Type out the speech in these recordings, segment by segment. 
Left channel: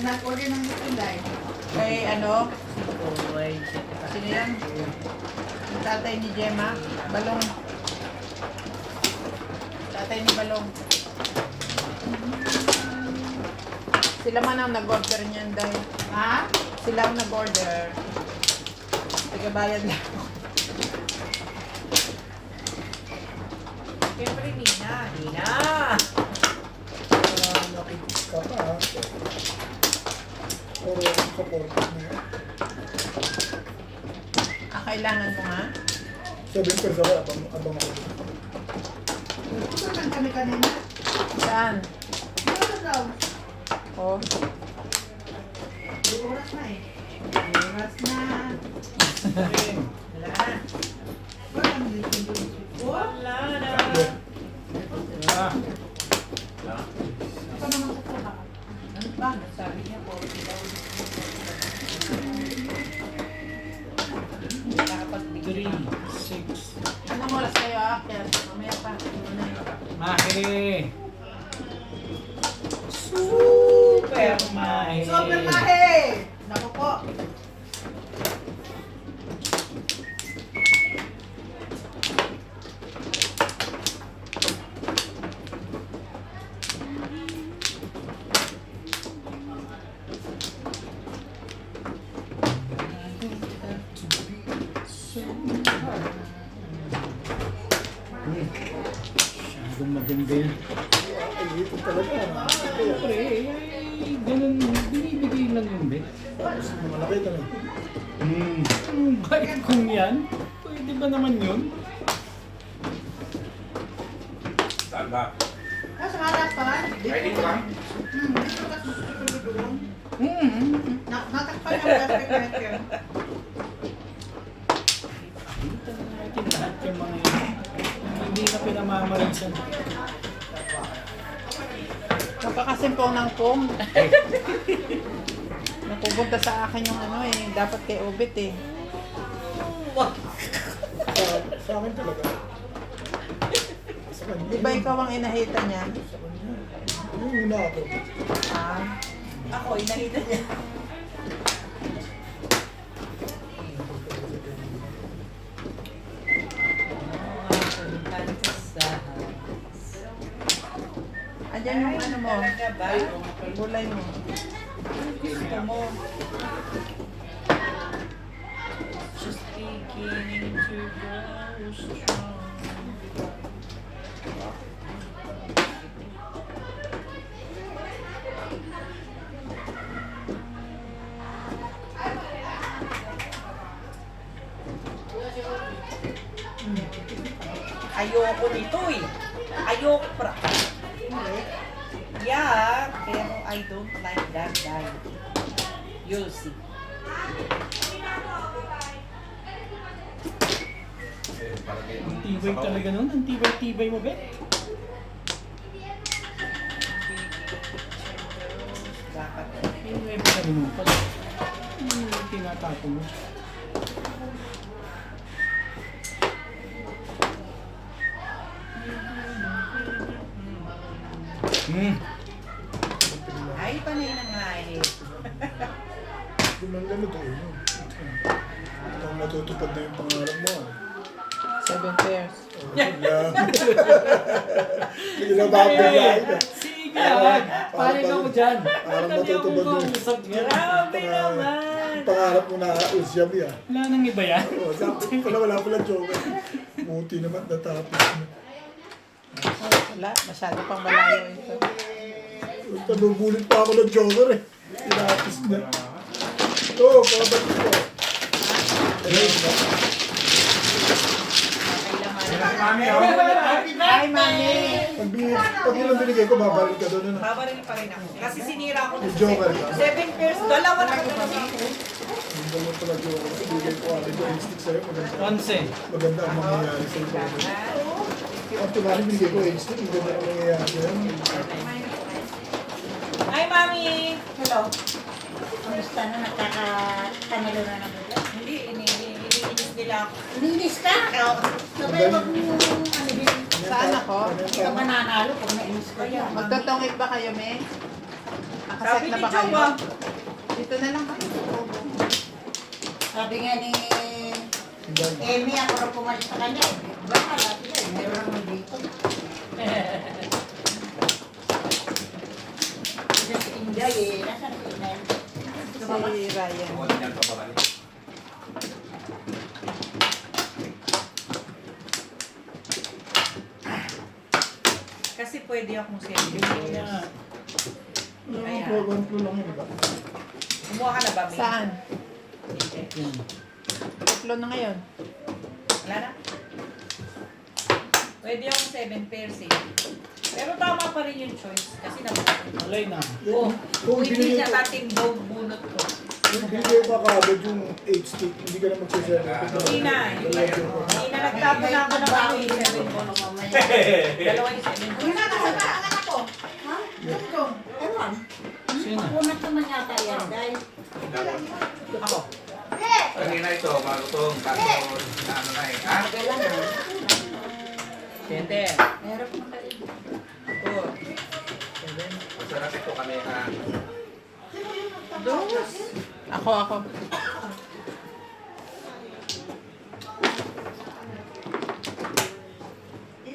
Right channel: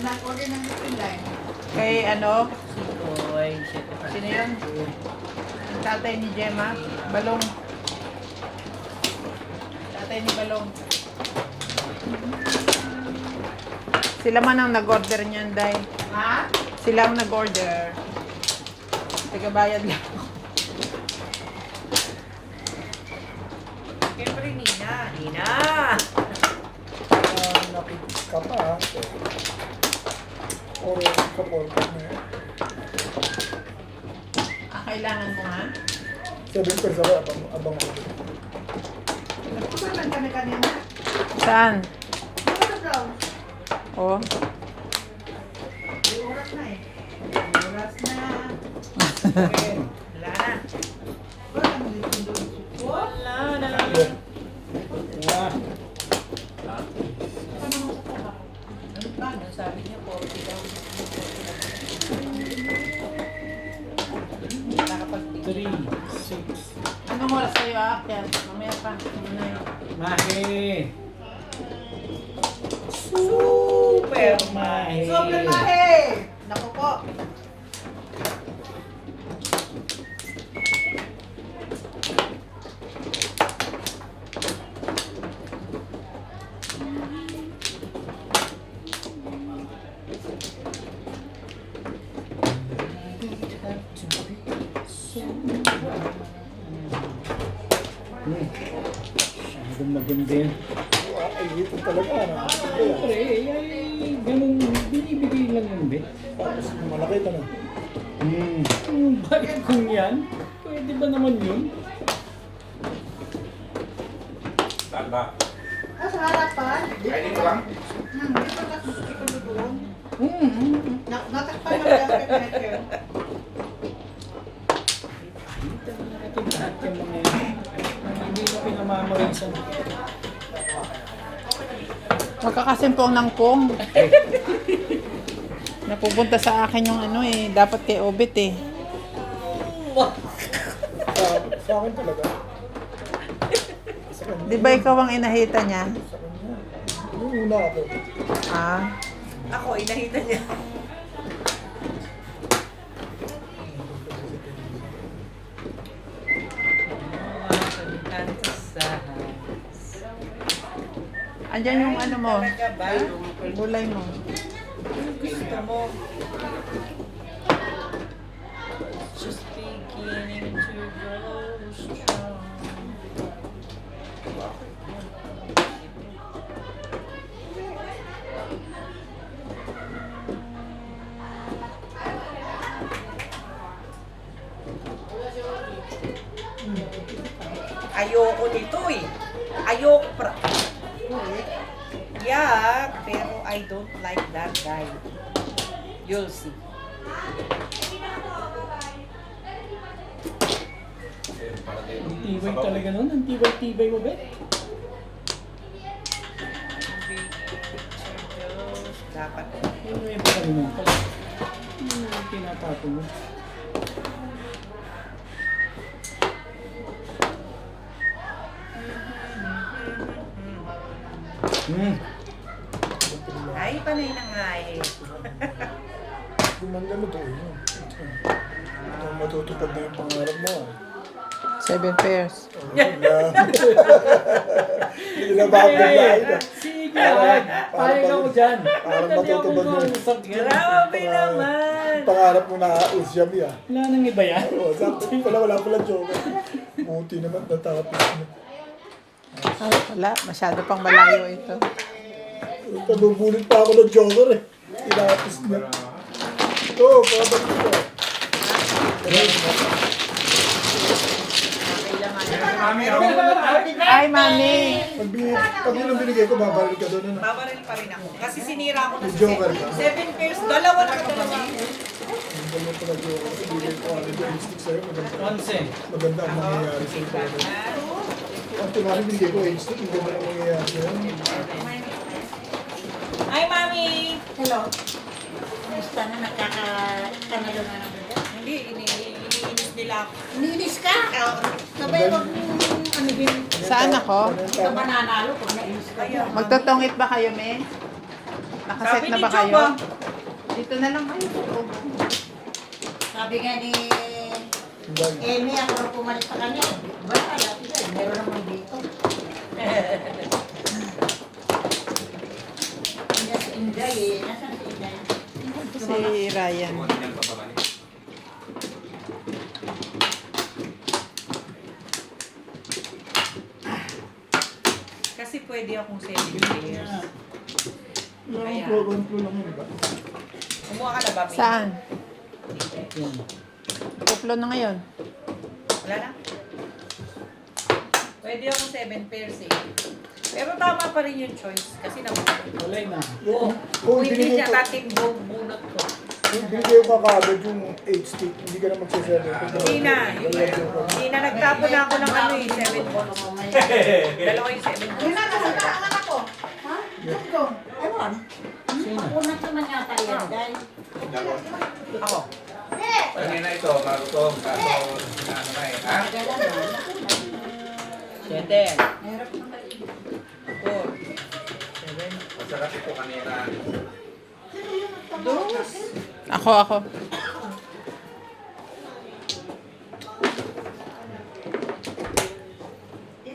Nag-order ng Pinday. Kay ano? Sino yan? Yung tatay ni Gemma? Balong. Tatay ni Balong. Sila man ang nag-order niyan, Day. Ha? Sila ang nag-order. Tagabayad lang. Siyempre, Nina. Nina! Nakikita ka pa ha. Puro support na yan. Kailangan mo nga? 7 pesos ako, abang ako. Nagpusan lang kami kanina. Saan? Ano daw? Oh. May oras na eh. Oras na. Wala na. Wala nang dito. Wala na. Ano naman sa trabaho? Ano sabi niya po? Nakapag-3, 6. Anong oras kayo aakyat? Mamaya pa. Mahe! Super Mahe! Sobrang lahi! Naku po. Masyadong maganda yun. Ay, ito talaga. Siyempre, ay, ganun, binibigay lang yun, be. Tapos malaki ito na. Bakit kung yan? Pwede ba naman yun? Saan ba? Nasa harapan. Ay, dito lang. Dito ka susunod doon. Natakpan yung gasket na ito. Dito na natin lahat yung mga yun. Hindi na pinamamarisan. Magkakasimpong ng pong. Napupunta sa akin yung ano eh. Dapat kay Obit eh. Sa akin talaga. Sa kanya. Di ba ikaw ang inahita niya? Sa kanya. Yung una ako. Ah. Ako, inahita niya. Andyan yung ano mo. Talaga ba? Gulay mo. Gusto mo? Just beginning to grow strong. Ayoko nito eh. Ayoko pra. Yeah, pero I don't like that guy. You'll see. Ang tibay talaga nun. Ang tibay-tibay mo, be. Dapat. Ay, pa rin mo pala. Tinatato mo. Ay, panay na nga eh. Gumanda na to. Yun. Ito matutupad na yung pangarap mo. 7 pairs. Oh, wala. Hindi na babigay na. Sige, paano ka mo dyan? Parang matutupad na yung Grabe naman. pangarap mo na usyam ya. Wala nang iba yan. Oo, sabi pala wala pala joke. Buti naman natapos na. Oh, wala. Masyado pang malayo ito. Talubulit pa ako ng joker eh. Tinapos na. Ito, pabalik ko. Hi, Mami! Pag yun ang binigay ko, babalik ka doon. Ano? Babaril pa rin ako. Kasi sinira ko. May joker ka. 7 pairs. Dalawa na ko naman. Ang dalawa pala joker. Binigay ko agad yung instinct sa'yo. Once. Maganda ang mangyayari sa'yo. Ang tumaling binigay ko instinct. Maganda ang mangyayari sa'yo. Hi, Mami! Hello. Kamusta na? Nakakakanalo na naman dyan? Hindi, iniinis nila ako. Ninis ka? Sabay mo ano din. Saan ako? Hindi ka mananalo pag nainis ka dyan. Magtotongit ba kayo, Me? Nakaset na ba kayo? Dito na lang kayo. Sabi nga ni Yan. Amy, ako rin pumalit sa kanya. Basta, lahat na, meron naman dito. Nasa Inday eh. Nasaan si Inday? Si Ryan. Kung ano yan sa balay. Kasi pwede akong 7 years. One floor lang yun, di ba? Kumuha ka na ba, May? Saan? Yan. Tutlo na ngayon. Wala na? Pwede akong 7 pairs eh. Pero tama pa rin yung choice. Kasi naman, Tuloy na. Kung hindi ibinigay niya ko, natin bunot ko. kung ibinigay ko kagad yung 8 stick, hindi ka na magsiserve. Hindi na. Hindi na nagtapo na ako ng ano yung 7 balls. Dalawa yung 7 balls. Yun na, nasa ang anak ko. Ha? Tungtong. Ewan. Sino? Unat naman yata yan, guys. Ako. Kanina ito, bago ito, bago ano na eh. Ha? Dala na. 7. Meron na kayo. 4. Masarap ito kanina. Dos. Ako.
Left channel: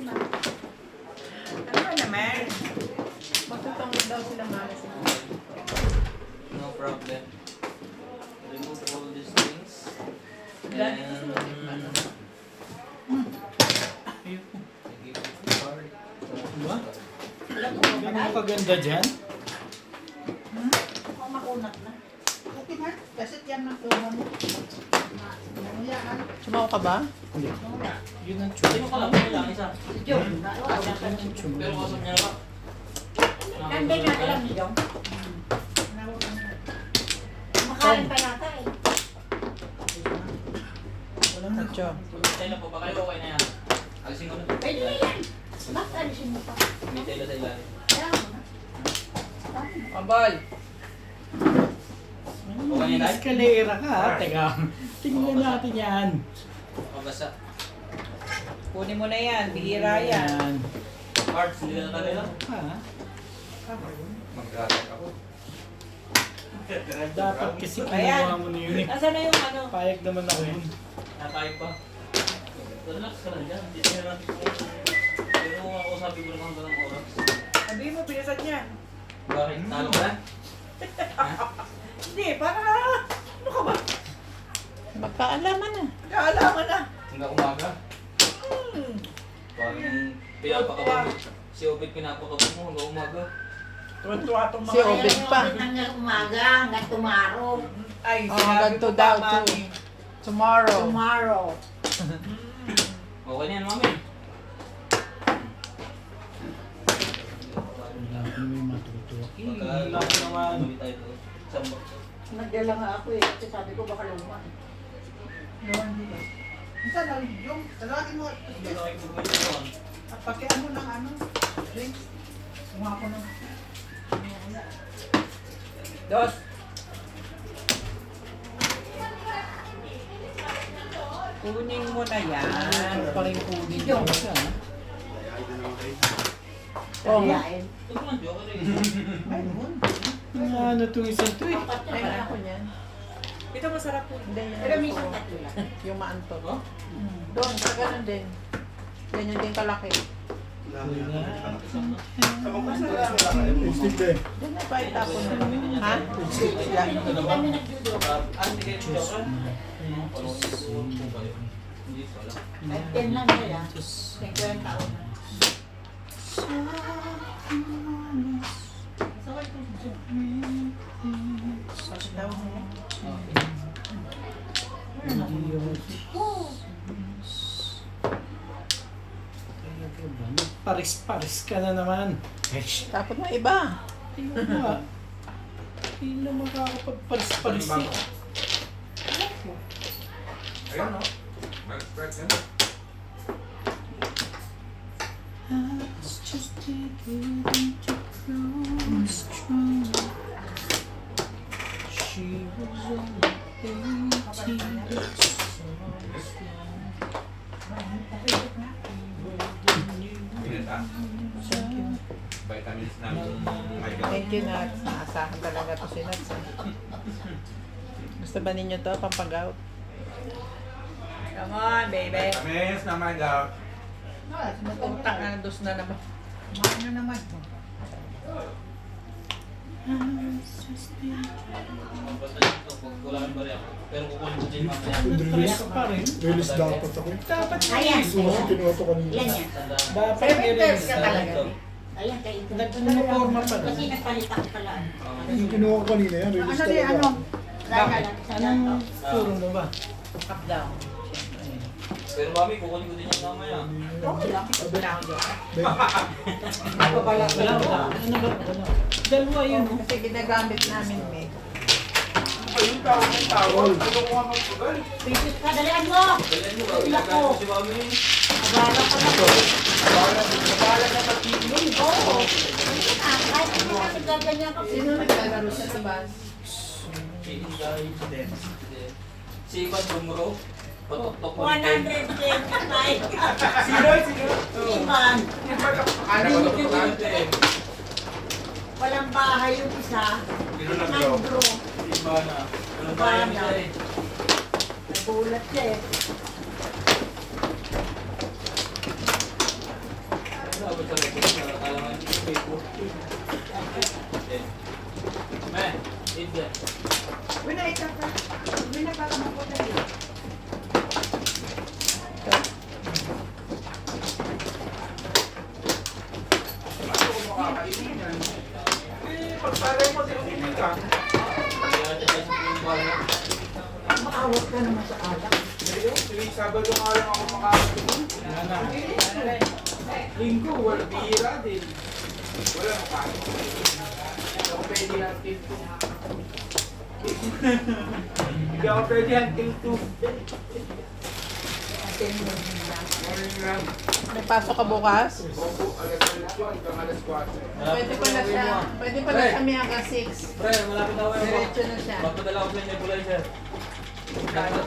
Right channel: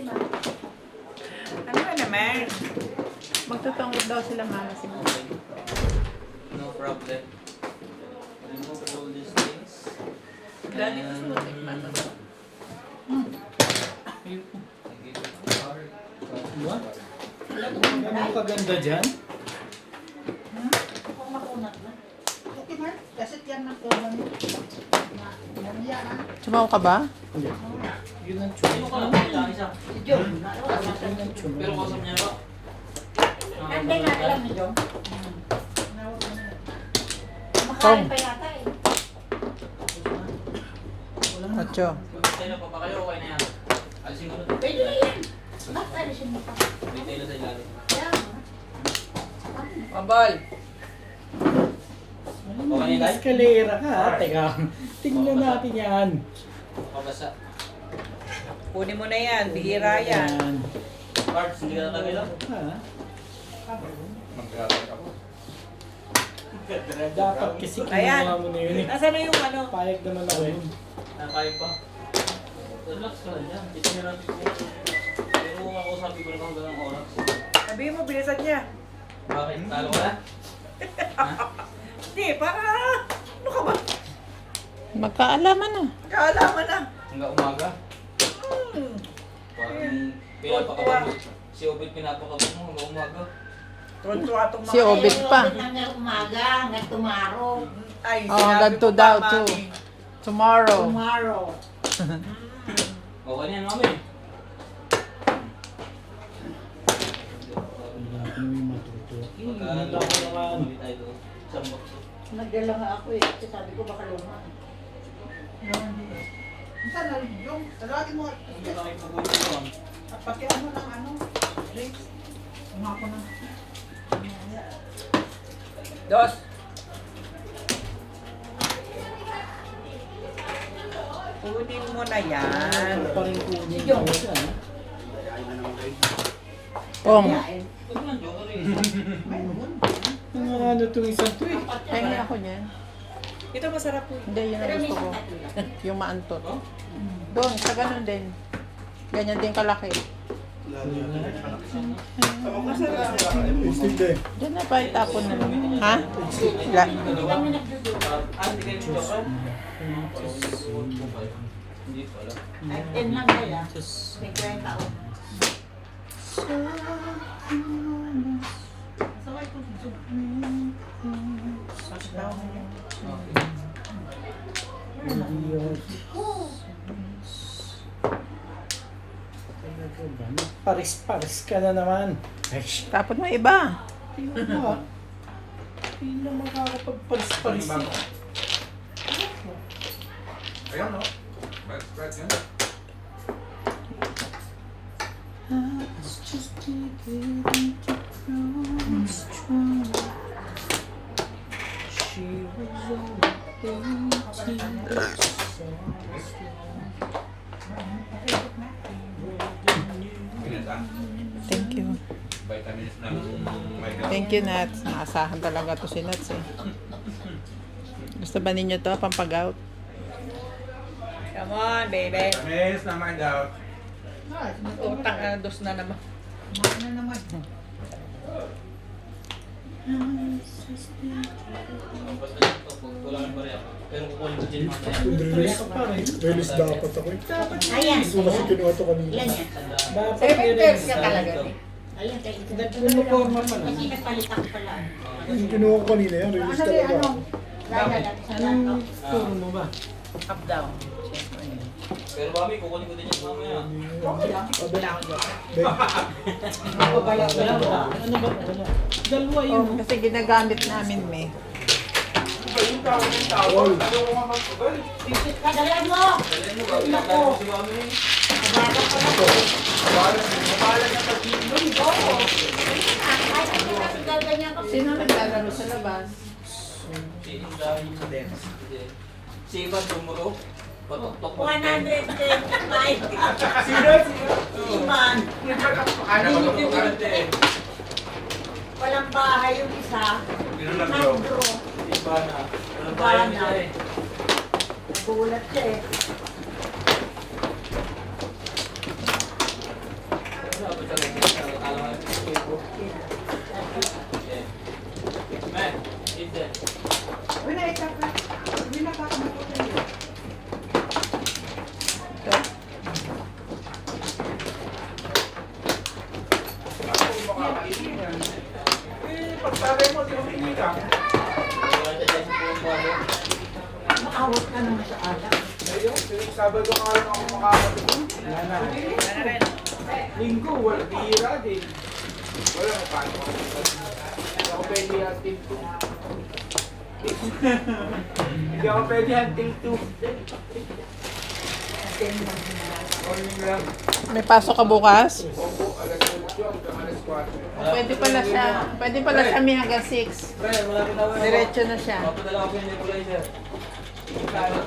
Ano ba naman? Magtutungod daw sila mama siguro. No problem. Remove all these things. Dami ko sa What? Ganun kaganda dyan? Kung makunat na. Okay na. Kasi yan ng program mo. Sumaw ka ba? Hindi. Yun ang Hindi tune. mo lang kailangan isa. Si Jom. Yun ang tune. Pero kasam niya ba? Kanda nga alam ni Jom. Makain pa yata eh. Nacho. Tayo pa ba kayo? Okay na yan. Alisin ko na. Pwede na yan. Bakit alisin mo pa? May tayo sa ilalim. Yan. Pambal. Okay na, Escalera ka, ha? Teka. Tingnan natin yan. Pabasa. Kunin mo na yan. Bihira yan. Parts, hindi na tayo lang. Ha? Mag-graduate ako. Dapat kasi Ayan. kinuha mo na yun eh. Nasaan na yung ano? Payag naman ako yun. Nakain pa. Relax ka lang dyan. Titiniran ko. Pero kung ako sabi ko lang hanggang ng oras. Sabihin mo, bilisan niya. Bakit? Talo ka na? Hindi, para... Ano ka ba? Magkaalaman na. Kaalaman na. Hanggang umaga. Parang pinapakabag mo. Si Obit pinapakabag mo hanggang umaga. Tuwan-tuwa itong mga... Si Obed pa. Hanggang umaga, hanggang tomorrow. Ay, Oh, sinabi ganito ko daw, pa, too. Mami. Tomorrow. Tomorrow. Okay na yan, mami. Wala akong yung matuto. Wala ko naman. Bumili tayo doon. Isang box. Nagdala nga ako eh, kasi sabi ko baka luma. Saan na yung tawagin mo. Hindi na kayo pagawin doon. Pagkit ano ng ano. Drinks. Umako na. Dos. Kunin mo na yan. Ano pa rin kunin ko siya, ha? Kung. Huwag naman, joke ka eh. Yung ano itong isang to eh. Kaya ako niyan. Ito masarap po. Hindi, yun Pero ang may gusto ko. isang tatlo. Yung maantot. Doon, sa ganun din. Ganyan din kalaki. Stick eh. Diyan na pa itapon na. Ha? Sila. Hindi kami nagdudulo. Hindi kayo joke ka? Parang tutuon po kayo. Hindi ko alam. Kahit 10 lang nila. Thank you, tao. Masaway ko si Jom. Paris-paris ka na naman. Eish. Tapon mo iba. Tingnan mo ah. Hindi na nakakapagparis-paris eh. Ayun, no? Right yan. It's just taking into close true. She was only 18. Pinita. Thank you. Vitamins ng my God. Thank you, Nats. Naasahan talaga to si Nats. Eh. Gusto ba ninyo to, pampag-out? Come on, baby. Vitamins ng my God. Utang na, dos na naman. Ano naman? Basta ito, kukulangan pa rin ako. Pero kukunin ko din mamaya. Release. Release dapat ako eh. Ayan. Hindi ko kasi kinuha to kanina. Yan yan. Tandaan. Seven years ka talaga. Ayan, kayo. Nagpuno-forma pa lang. Kasi nagpalit ako pala. Yung kinuha ko kanina yan, release Ano di, talaga. ano? Lala lang sa Yung laptop. puno mo ba? Up, down. Pero mami, kukunin ko din yan mamaya. Wala ba? Ano ba? Wala. Dalawa yun. Kasi ginagamit namin, May. All. Kadalian mo! Dalayan mo ba? Pinagano si mami. Sino naglalaro sa labas? Hihintayin sa demo. Si Ivan Dumuro. Patok-tok mo din. 125. Sino? Iman. Ano ba ito? Walang bahay yung isa. Sino nag-grow? Nag-grow. Ivan na. Walang bayan nila eh. Nagulat siya eh. Wala ba sa loob? Akala nga yung Facebook. Man, eat that. Uy, naita ka. Uy, nakakamakutan yun. Pagpalay mo, di mo ka. Wala siya dyan sa puro bayan. Maawat ka naman sa alak. Ngayon, tuwing Sabado nga lang ako makakatulog. Linggo, wala bihira din. Wala mo paano. Ako pwede until 2. Hindi ako pwede until 2. May pasok ka bukas? Opo, alas 8 hanggang alas 4. Pwede pala siya. Pwede pala siya may hanggang 6. Pre, malapit ako. Diretso na siya. Papadala ko yung nebulizer. Sa'yo.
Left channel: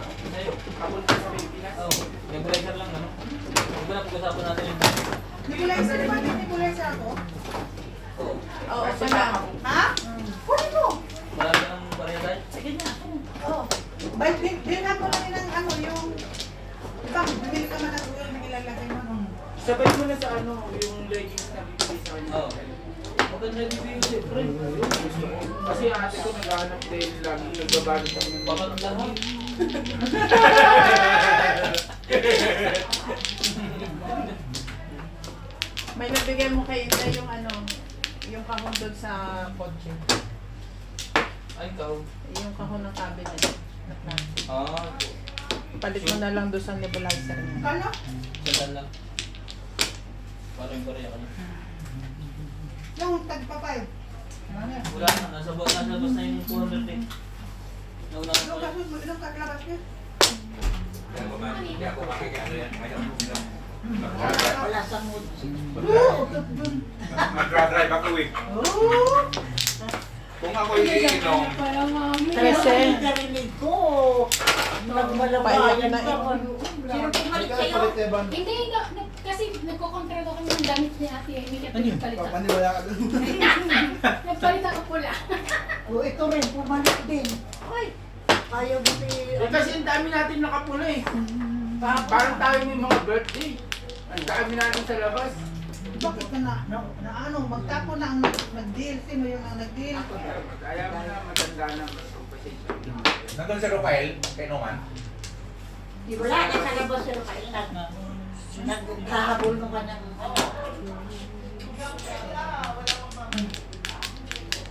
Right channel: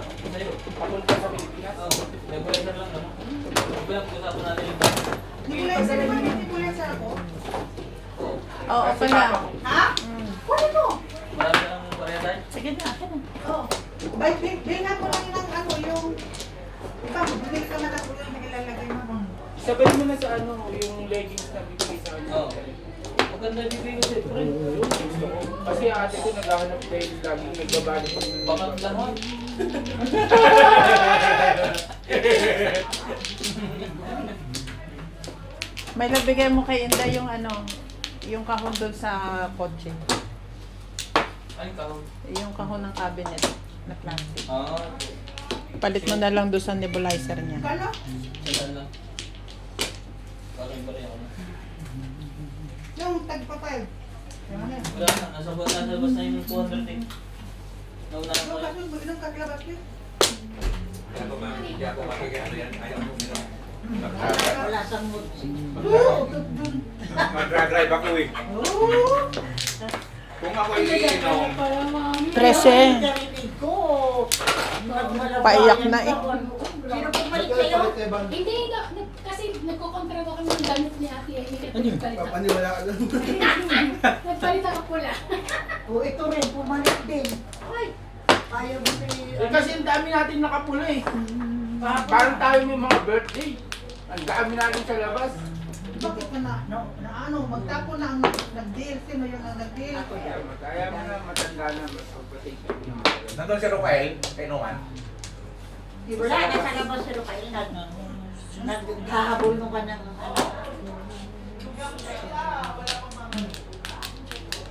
Papunta sa Pilipinas. Oo, nebulizer lang naman. Pinag-usapan natin yung Nibulesa naman yung nibulesa ako. Oo. Oo, okay na. Ha? Kunin mo. Marami ng variedad. Sige na. Oo. Bilhan ko lang ng ano, yung... Ikaw, bibili ka man ako yung ilalagay mo. Sabay mo na sa ano, yung leggings na bibili sa ano. Oo. Maganda yung bibig ko siyempre. Gusto ko. Kasi ate ko naghahanap dahil lagi nagbabalik pa ng Bakit lahat? May nabigay mo kay Inda yung ano, yung kahon doon sa kotse. Ay, ikaw. Yung kahon ng cabinet na plastic. Ah, Palit mo na lang doon sa nebulizer niya. Kano? sandal lang. Parang bari ako na. Yung tagpapay. Ano? Wala na, nasa labas na yung 200 eh. Nauna na Yung pala. kasi, ilang kaklaras yun? Hindi ako makikita yan. Wala sa mood. Nag-drive ako eh. Kung ako iinom, 13. Narinig ko. Nagmalabayan Paiyak na eh. pa. Sino pumalit sa'yo? Hindi, kasi nagkokontra ko kami ng gamit ni Ate Amy kaya nagpalit ako. papaniwala ka doon. Nagpalit ako pula. O ito rin, pumalit din. Ay, ayaw mo Kasi ang dami natin nakapula eh. Parang tayo may mga birthday. Ang dami natin sa labas. Bakit ka na ano, magtapo na ang nag-deal. Sino yung nag-deal? Kaya mo na matanda na. Nandun si Rafael, kay Noman. Wala na sa labas pero kayo naghahabol mo ka ng ano.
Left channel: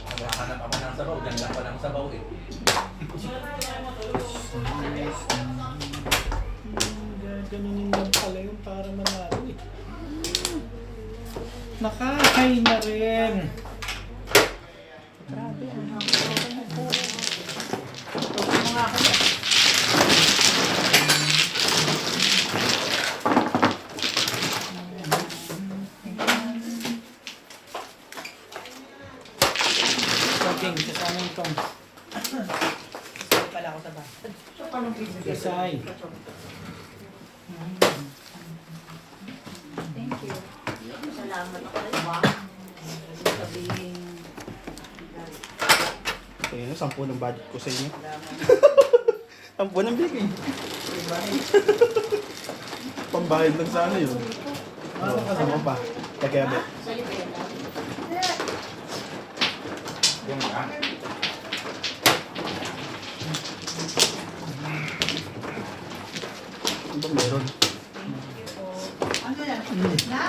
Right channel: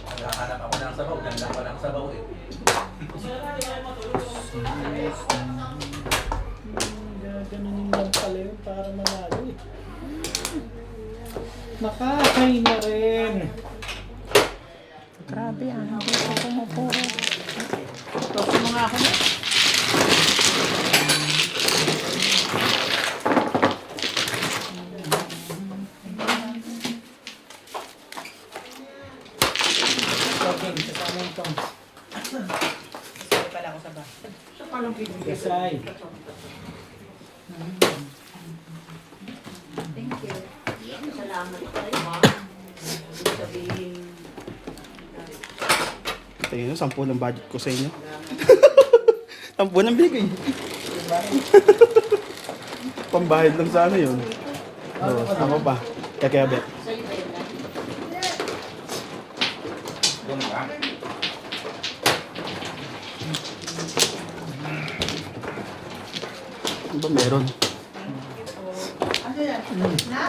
Naghahanap ako ng sabaw, ganda pa ng sabaw eh. Ganun lang pala yun para manalo eh. Nakakay na rin. Grabe ah. Talking, kasama yung pang. Pala ako sa bus. Kasay. Thank you. Salamat ako. Sabihin. Ito yun, 10 ng budget ko sa inyo. 10 ng bigay. Pambayad lang sa ano yun. Oo, ano pa? Kaya ba? Yung ba? Ano ba meron? Ano yan? Na?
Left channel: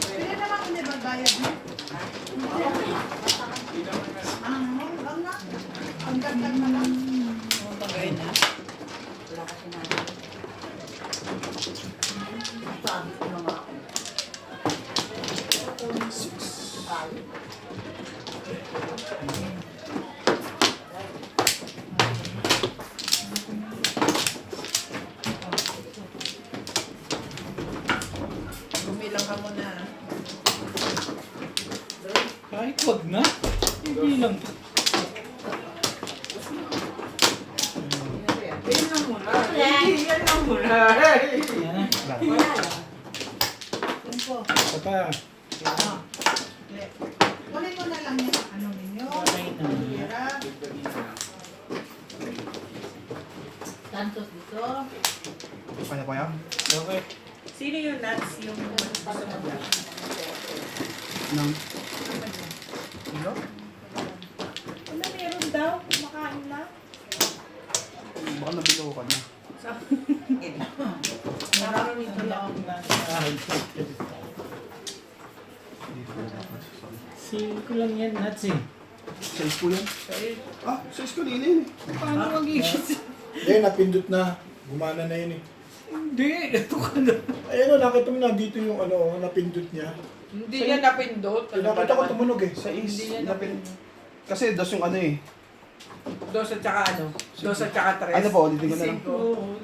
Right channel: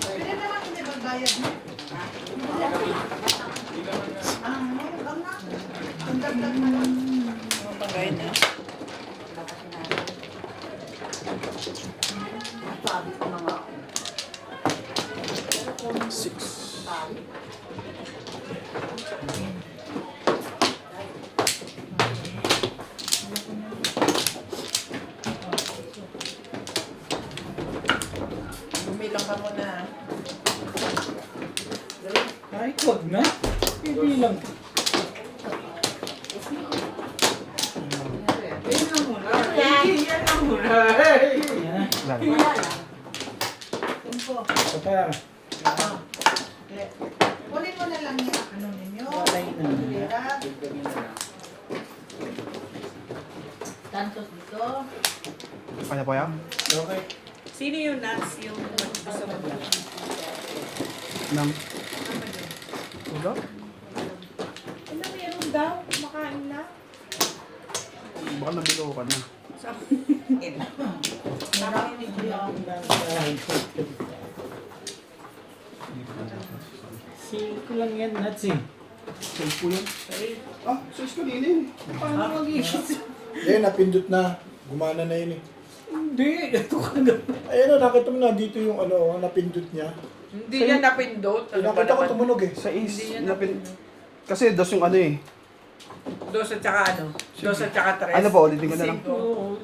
Pwede naman hindi magbayad na. Ang na. Ang dagdag na lang. Ano bang gawin na? Wala kasi natin. Sabi ko na nga. 6. Bumilang ka muna. Kahit wag na. Hindi lang. Yan lang muna. Yan lang muna. Hey! Wala lang. Ito pa. Kunin mo na lang yung ano ninyo. Okay na. Pera. Santos dito. Kaya po yan? Okay. Sino yung nuts? Yung gusto mo ba? Nang... Ano meron daw? Makain na. Baka nabilo ka na. Nakarinig ko lang. Singko lang yan, nuts eh. 6 po yan. Ah, 6 kanina yun. Paano mag-iisip? Hindi, napindot na. Gumana na yun eh. Hindi, ito ka na. Ayun o, nakita mo na dito yung ano, napindot niya. Hindi niya napindot. Nakita ko tumunog eh. Sa Hindi is. niya napindot. Kasi dos yung ano eh. Dos at saka ano? Dos at saka tres. Ano pa, ulitin ko na lang. Oo,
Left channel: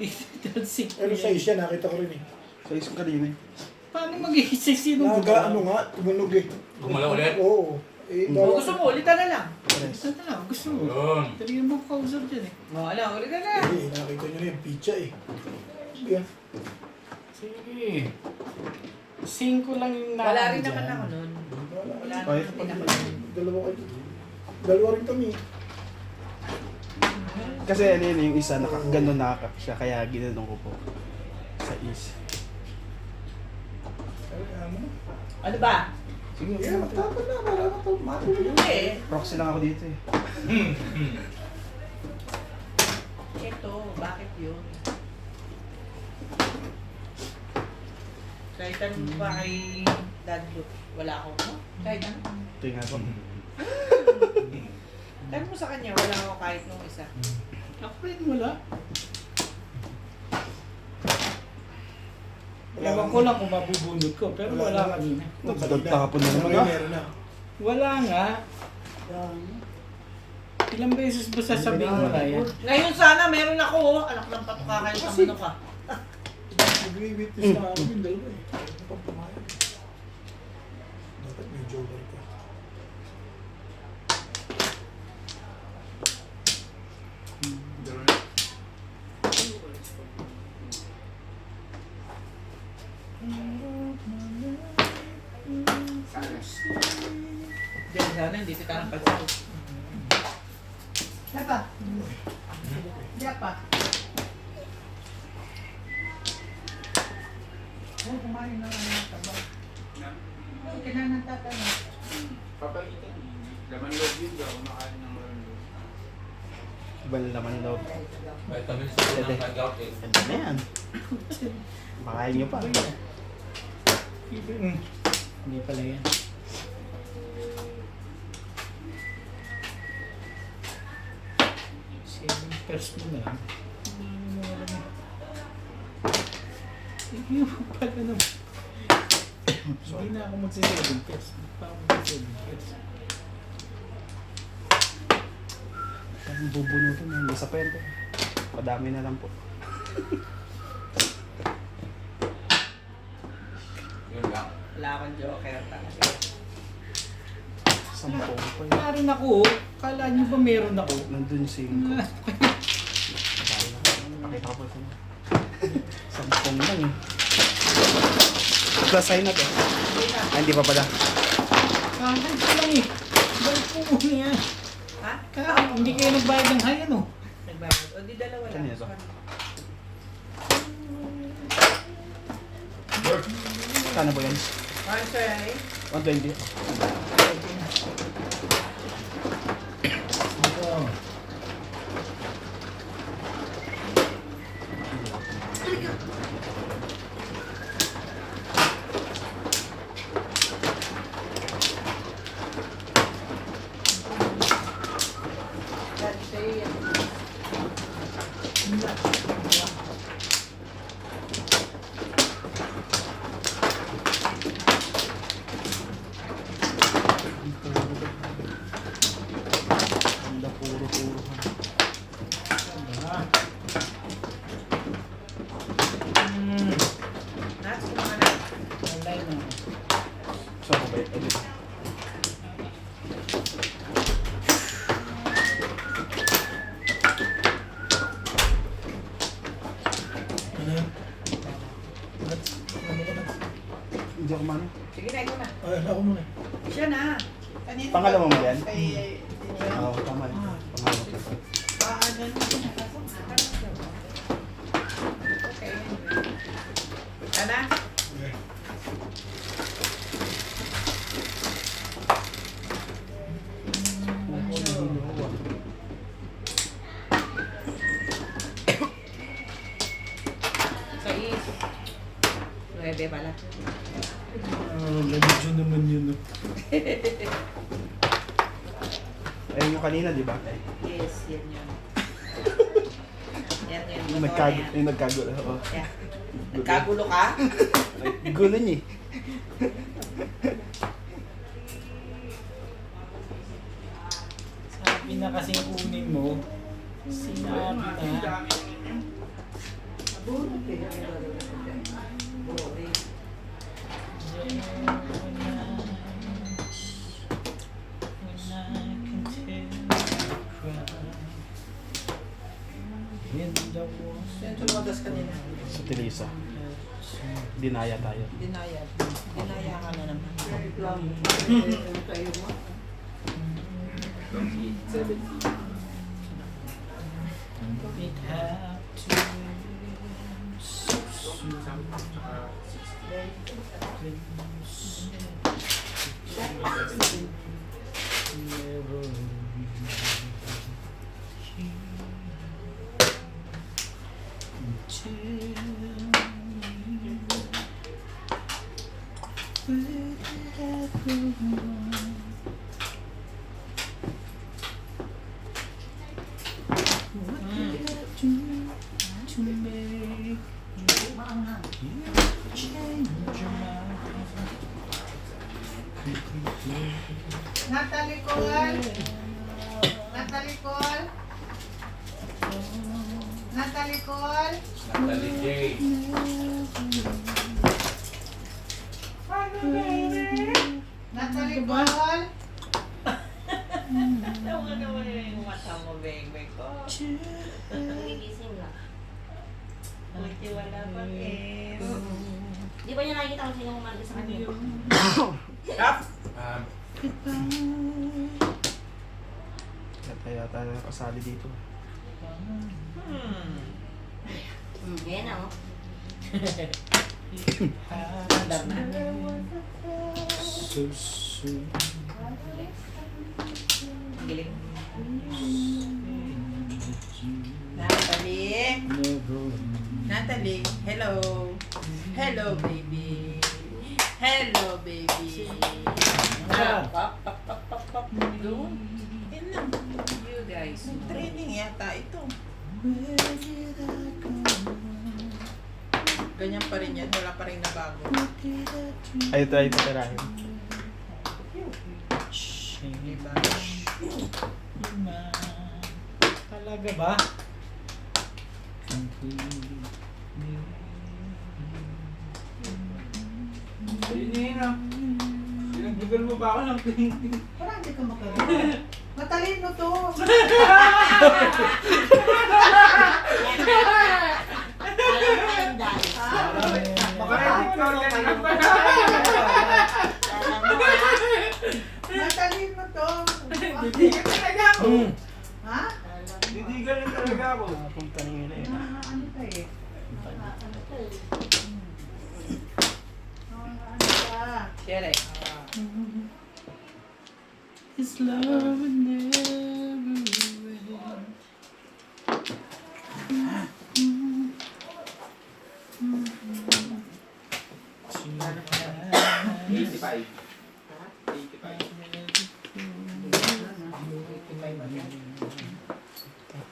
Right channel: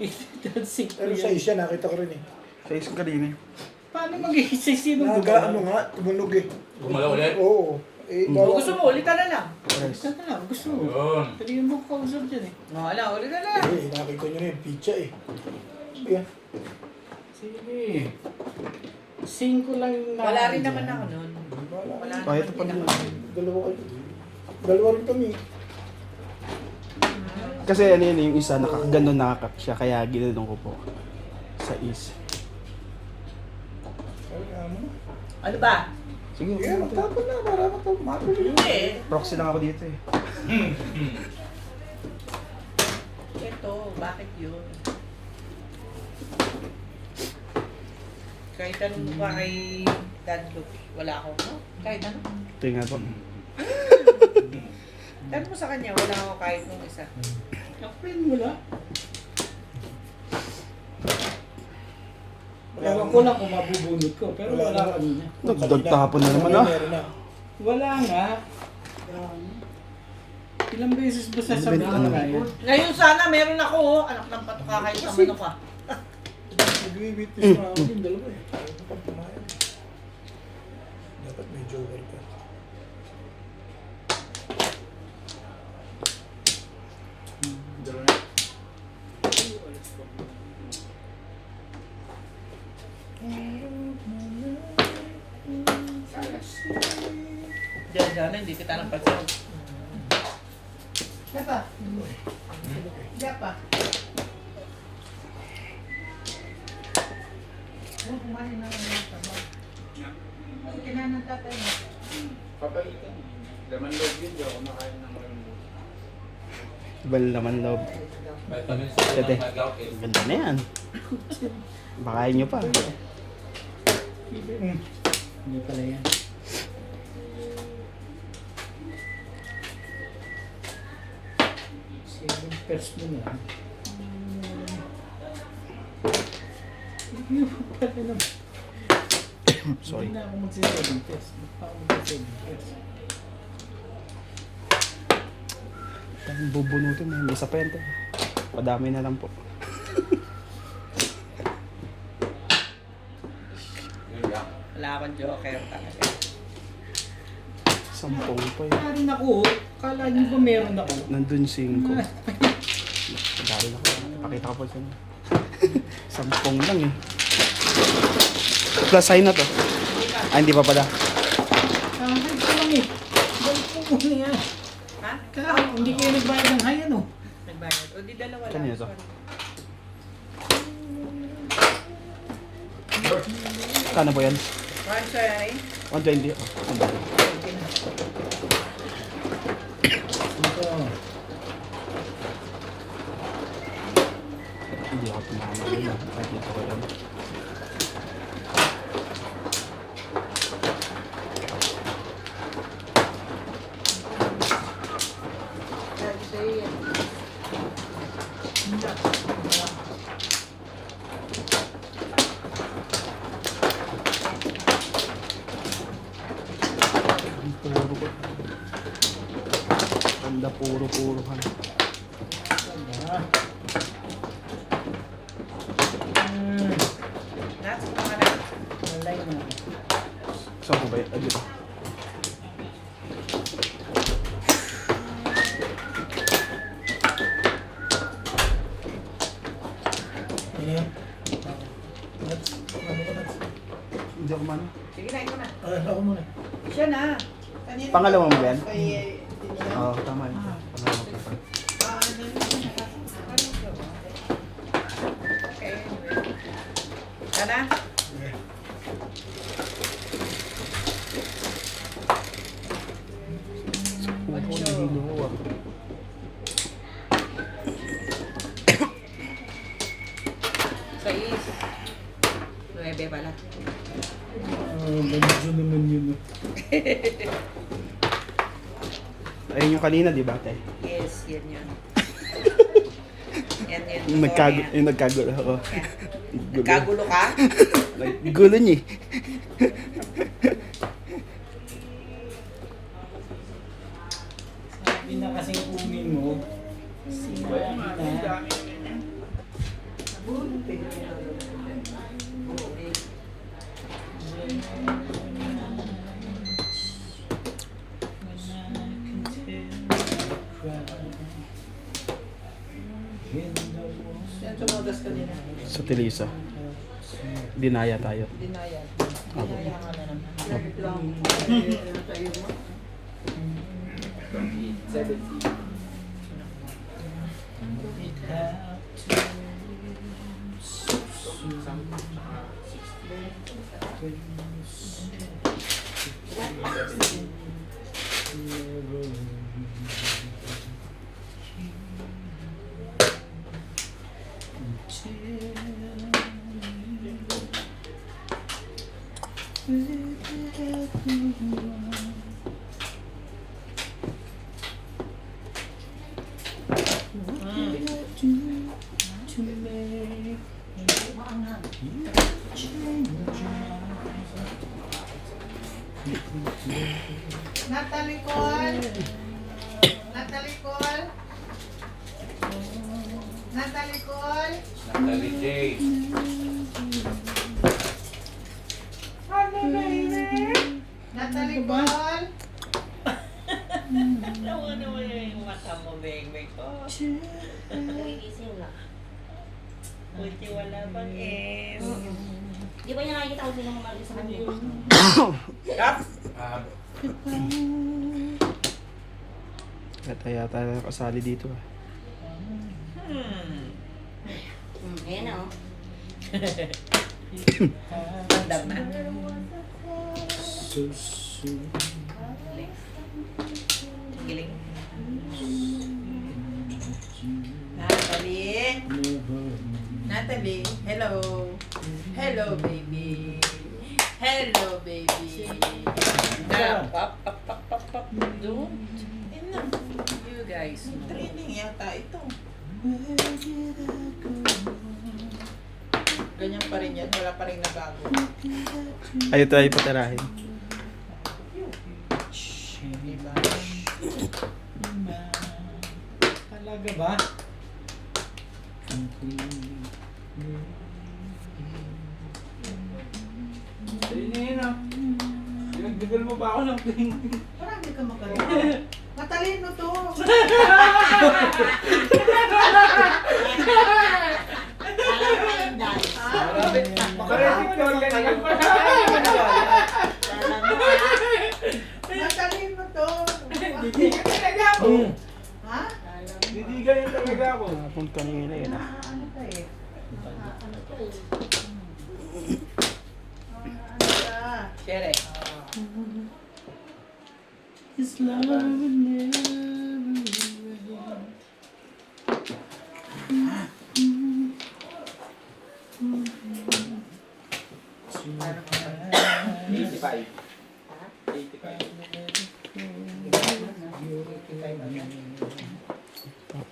singko Pero sa yan. is yan, nakita ko rin eh. Sa is kanina. Paano mag-iisip? Sino Naga, ano nga, tumunog eh. Gumalaw ulit? Oo. Eh, Kung bawal. gusto mo, ulit ka na lang. Gusto na, gusto mo. Yun. Pwede mo kausap dyan eh. Wala, ulit ka na. Eh, nakita nyo na yung pizza eh. Yan. Sige. Singko lang yung Wala rin dyan. naman ako nun. Wala Kahit naman pa din naman. ako. Dalawa kayo. Dalawa rin kami. Kasi ano yun, yung isa nakaganon nakakap siya, kaya ginanong ko po. Sa is. Kaya mo na. Ano ba? Sige, magtapon na para matulog. Hindi. Proxy lang ako dito eh. Ito, bakit yun? Kahit anong ba kay Dad Luke, wala ako, no? Kahit ano. Ito yung nga po. Tanong mo sa kanya, wala ako kahit nung isa. Ako rin wala. Ewan ko lang kung mabubunot ko, pero wala kanina. Nagtapon na naman ah. Wala nga. Ilang beses ba sasabihin mo na yan? Ngayon sana meron ako, oh. Anak ng patuka kayo sa ano ka. Nag-witness na ako yung dalawa eh. Ayaw mo pang pumayag. Dapat may joker ka. Dalawa na. Diyan, sana, hindi kita ng pasal. Diba? Diba? Ano kumain na lang ng tabak? Kinain ng tatay mo. Papalitan. Laman loob yun, di ako makain ng laman loob. Ibang laman loob. Vitamin C ng nag-out eh. Ganda na yan. Makain nyo pa. Hindi pala yan. First mo na lang. Yung pala naman. Sorry na ako mag-7 first. Hindi pa ako mag-7 first. Ang bubunutin mo. Isa pa yan to. Padami na lang po. Yun lang. Wala akong joker talaga. 10 pa yun. Meron ako. Kala nyo ba meron ako? Nandun 5. Dahil pakita ko pa sa mga. 10 lang eh. Plus sign na to. Ah, hindi pa pala. Hundred ko lang yan eh. Dahil po muna yan. Ha? Kaya hindi kayo nagbayad ng high ano. Nagbayad. O di dalawa lang. Kanina to? Kano ba yan? One try. 120. Ito. Ganda puro-puro. Nats, kumakas. Online na. Saan ko ba yun? Ayun. Ano? Nuts? Ano ko nuts? Hindi ako mana. Sige na, ikaw na. Ay, ako muna. Siya na. Kanina Pangalawa mo yan? Kay Tinian. Oo, tama yun. Pangalawa ko pa. Okay. Ana? Sais. 9 pala. Medyo naman yun. No? Ayun yung kanina, di ba? Yes, yan yun. Yan yun. Yung nagkagulo ako. Yan. Nagkagulo ka? Gulo niya eh. Sabi na kasing kunin mo. Sinabi na. Yan sumagas kanina. Sa Tilisa. Dinaya tayo. Dinaya. Dinaya ka na naman. Natalie Cole. Natalie Cole. Natalie Cole. Natalie J. Natalie Cole. Tawa naman yung mata mo, beng-beng ko. Nagigising na. Buti wala pang S. Di ba niya nakikita ko sino kumalit sa kanya? Yup. Yata nakasali dito. Ayan na oh. Andam na. So soon. Giling. Natalie. Natalie. Hello. Hello, baby. Hello, baby. Na, pop, pop, pop, pop, pop. Doon. Yun lang. You guys. Training yata ito. Ganyan pa rin yan. Wala pa rin nabago. Ayaw tayo patarahin. Diba? Talaga ba? Ayun na yun ah. Pinagdugal mo ba ako ng painting? Parang hindi ka magaling. Matalino to. Alam mo na yung dahil. Credit card ka na. Matalino kanina yun ah. Ano ka eh? Ano to eh. Ano ka? Shere. His love will never end. 85.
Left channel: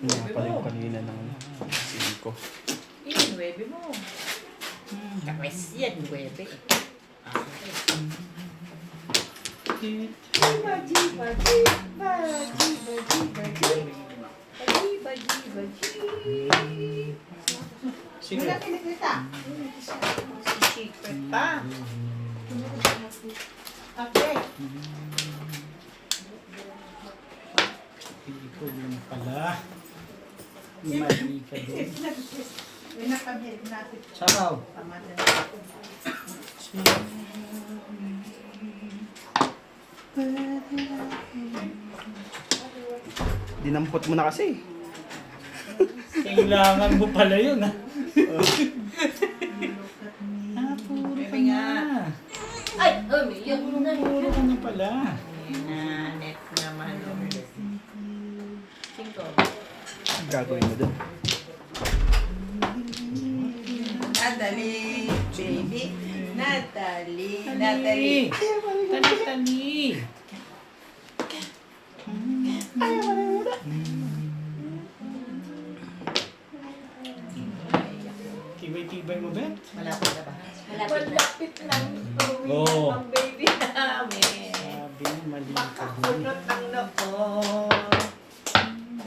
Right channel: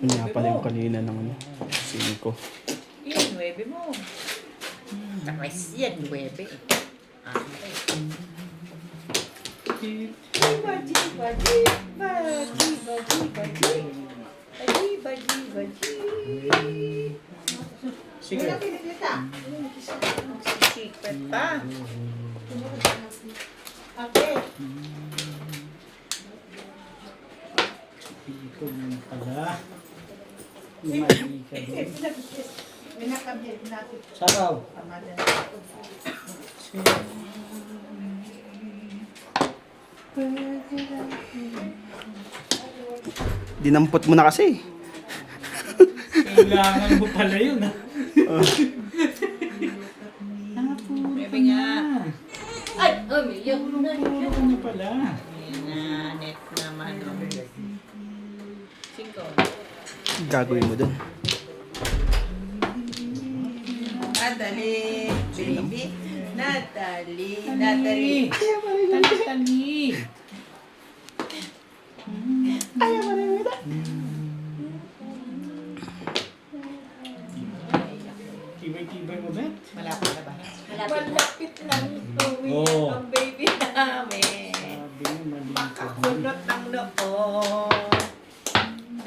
Nga pala yung kanina ng 5. Yung 9 mo. Tapos yan, 9. Sige. Wala pinipita. Secret pa. Okay. Hindi ko yun pala. Mali ka din. May nakabit natin. Sakaw. Tama din. Dinampot mo na kasi. Kailangan mo pala yun ha. Bebe nga. Ay, umiyak na. Ano pala? Ayan na, net naman. 5. Gagawin mo dun. Natalie, baby. Natalie. Tali. Tali. Tibay-tibay mo, Bet? Malapit na ba? Malapit na. Oo. Ang baby namin. Sabi mo, mali ka din. Kulot ng noo.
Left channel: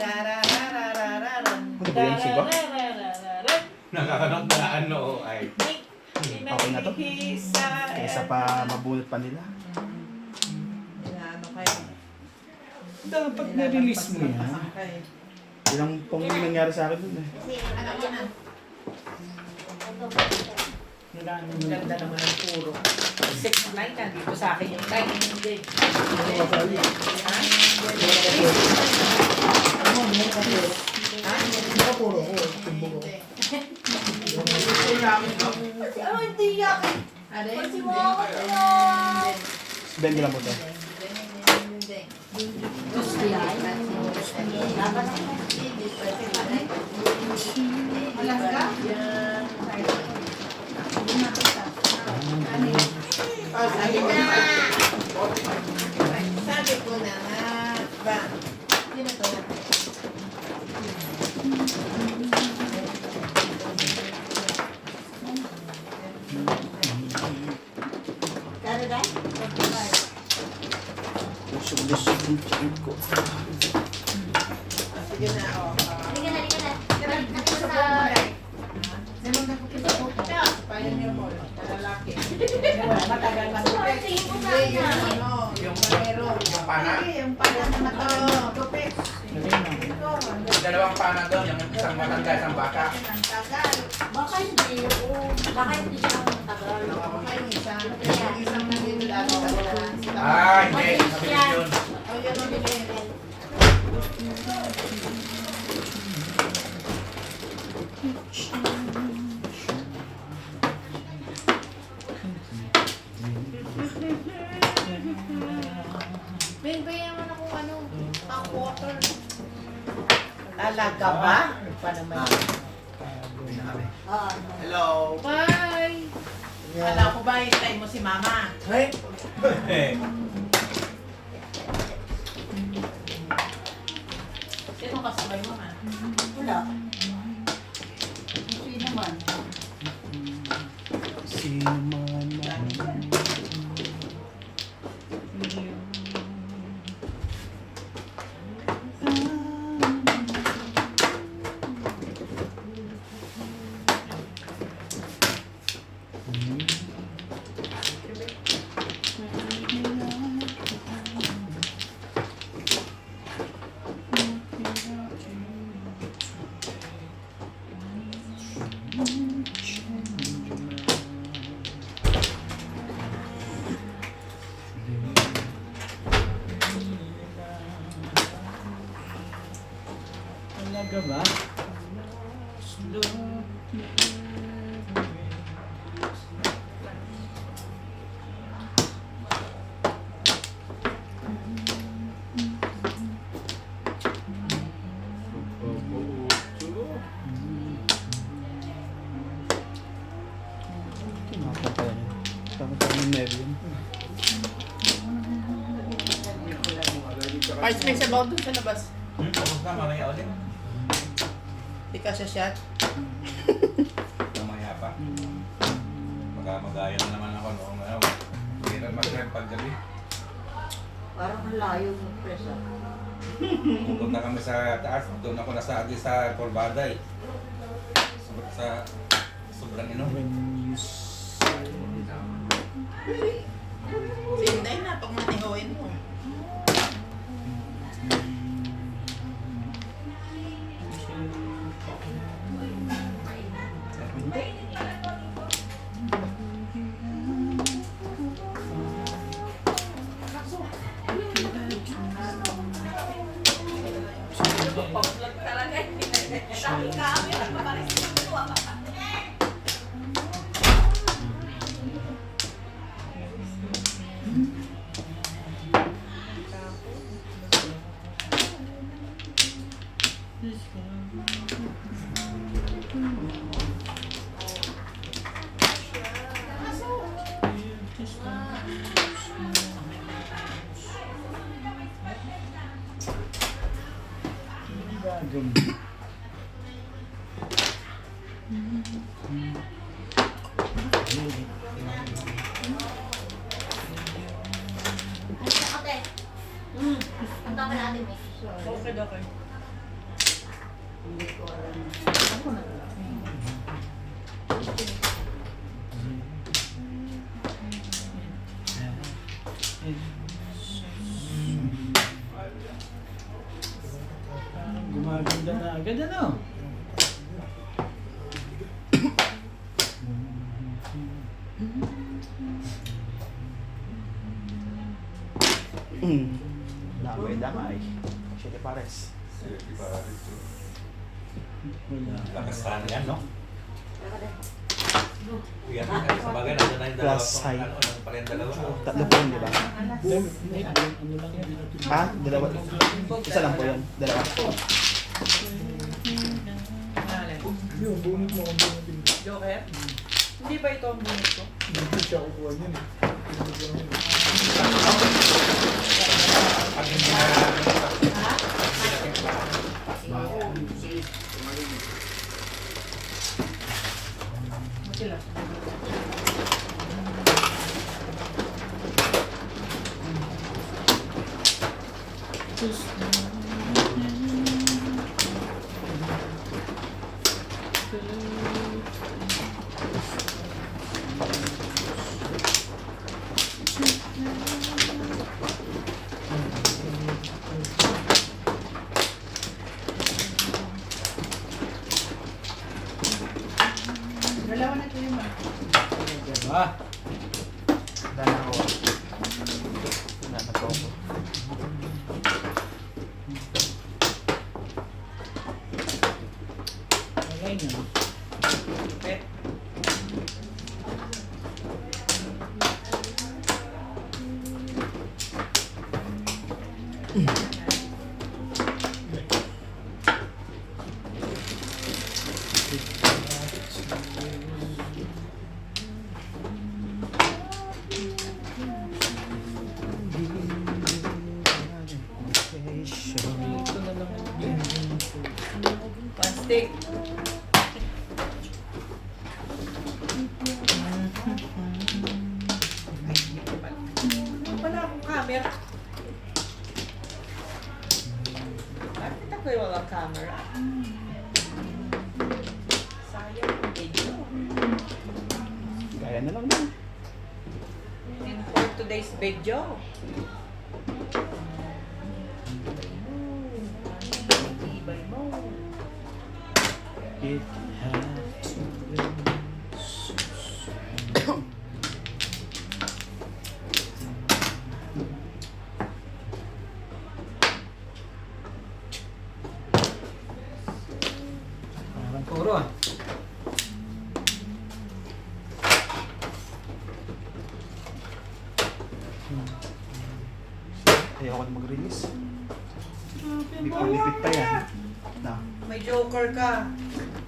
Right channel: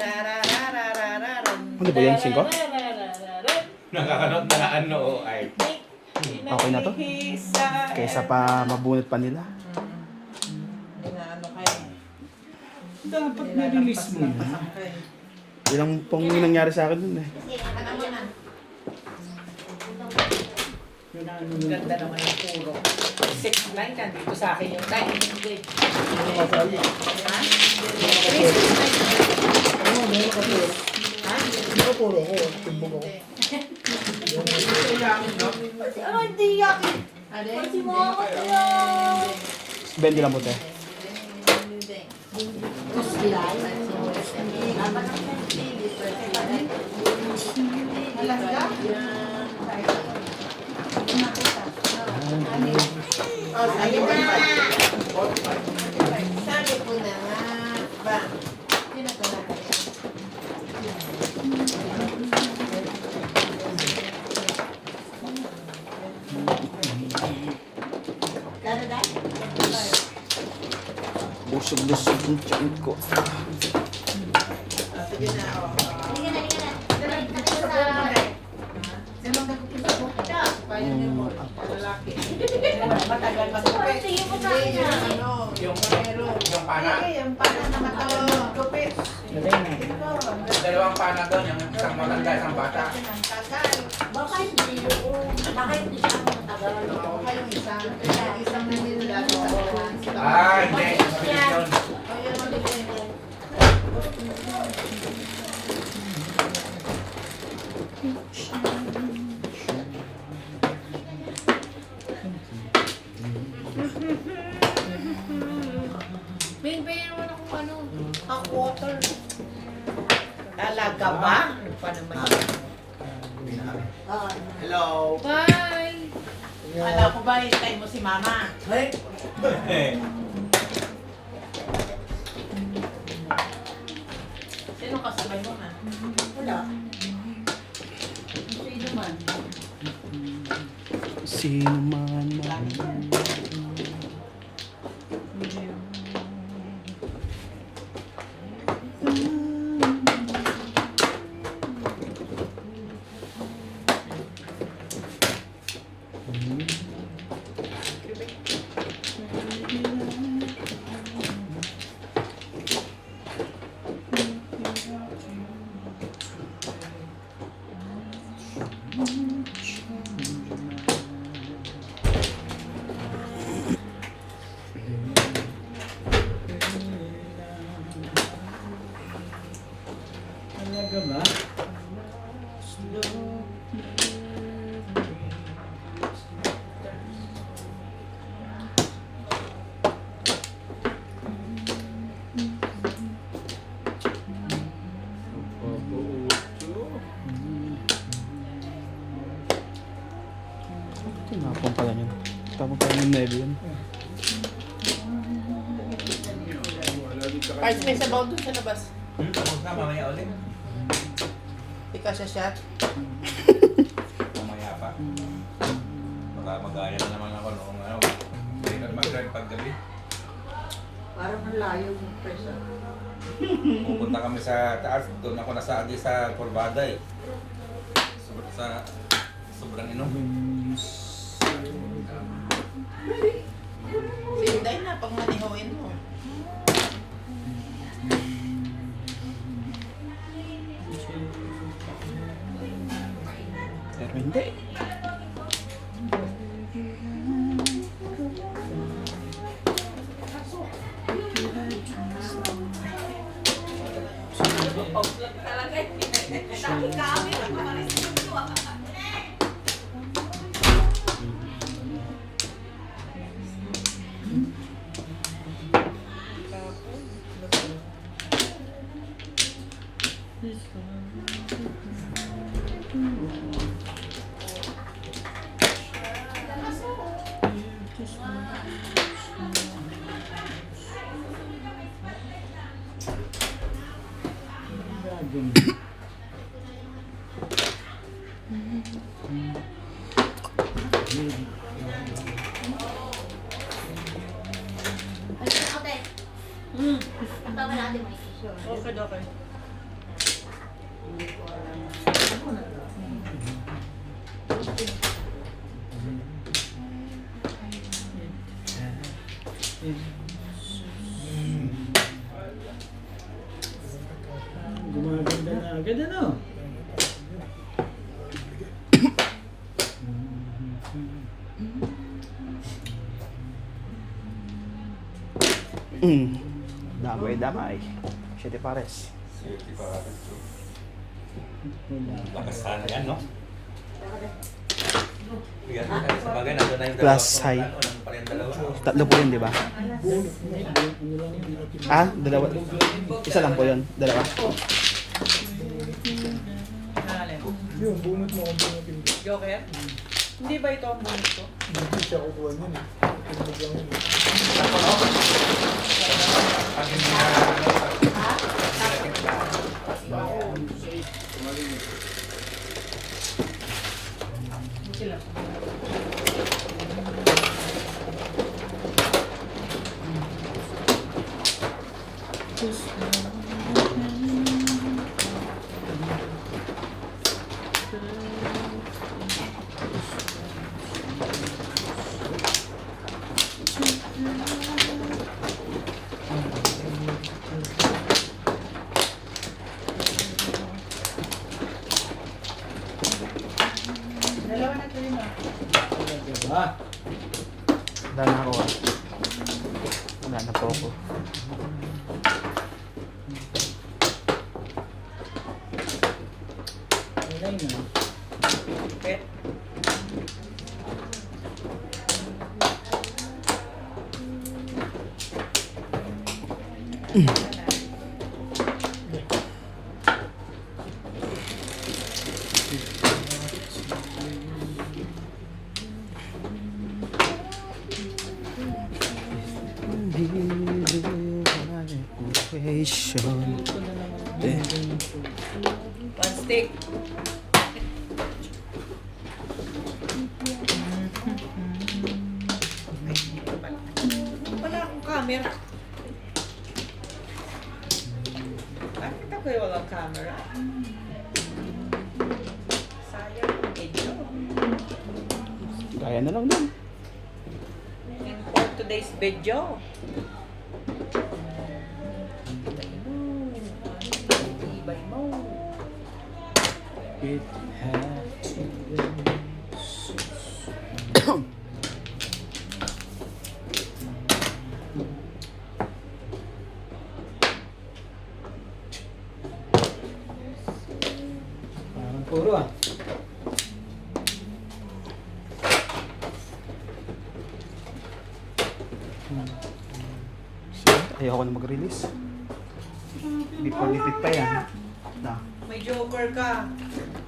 Tarararararan. Ano ba yun, singko? Nakakanot na ano ay. Okay na to? Kaysa pa mabunot pa nila. Ano kayo? Dapat na-release mo yan. Yan ang pong nangyari sa akin dun eh. Ano mo na? Nilano Ang mo. ganda naman ang puro. 6 line ka dito sa akin yung line. Hindi. Ano ka sali? Ano mo, meron ka puro. Hindi ka puro ko. Timbog ako. Ano, hindi yakin. Kasi mga katiyan. 20 lang po ito. Gusto yan. Dapat ako. Alam ka? Sabi ko na. Sabi ko na. Ba? Yun na to. Karo dahil? Busog-busog yung tiyan ko. Sige na. Awak ka. Halika na, halika na. Nakita sa... Pwede niyo mo. Lalaki. Matagal matupit. Hindi yung ano. Yung pero. Yung pana. Yung para na matagal magtupit. Lagay na. Dalawang pana doon. Yung isang matanda, isang bata. Ang tagal. Baka hindi yun. Baka hindi siya matagal. Baka yung isang. Isang nanila sa ulan. Ah, hindi. Sabi yun. O yun ang bilhin. Bingbayan mo na kung ano. Hot water. Talaga ba? Ano pa naman? Oo. Hello! Bye! Alam ko ba yung time mo si mama? Sino kasabay mo ha? Wala. Sino naman? Sino man Talaga ba? Tinapon pala niya. Tapos pala yung neve yun. Parts may sabaw dun sa labas. Tapos na, mamaya ulit. Di ka siya shot. Mamaya pa. Baka magaya na naman ako noong ano. Hindi na mag-rent pag gabi. Parang ang layo ng presa. Pupunta kami sa taas. Doon ako nasaagi sa Corbada eh. Sobrang inom. Sinday na pag manihoin mo. Pero hindi. Ate. Ang tama natin mo. Okay, okay. Gumaganda na agad ano? Damay. Siete pares. Lakas sana yan, no? Yan, sa bagay, nandun na yung dalawa. Plus high. Ano, nandun pa rin yung dalawa. Tatlo po yun, di ba? Ano lang yung natin. Ah, dalawa. Isa lang po yun. Dalawa. Yung bunot mo kung bunutin ko. Joker? Hindi ba ito ang bunot ko? Hindi siya kukuha niyan eh. Pinag lang yun. Pag hindi na Dalawa na kayo na. Diba? Dami na ko. Wala na po ako. Okay na. Okay. One stick. Wala akong camera. Bakit ako yung walang camera? Sayang ang video. Kaya na lang din. And for today's video. Ibay mo. It had to be. Parang puro ah. ako na mag-release. Before lipit pa yan. Na, May joker ka.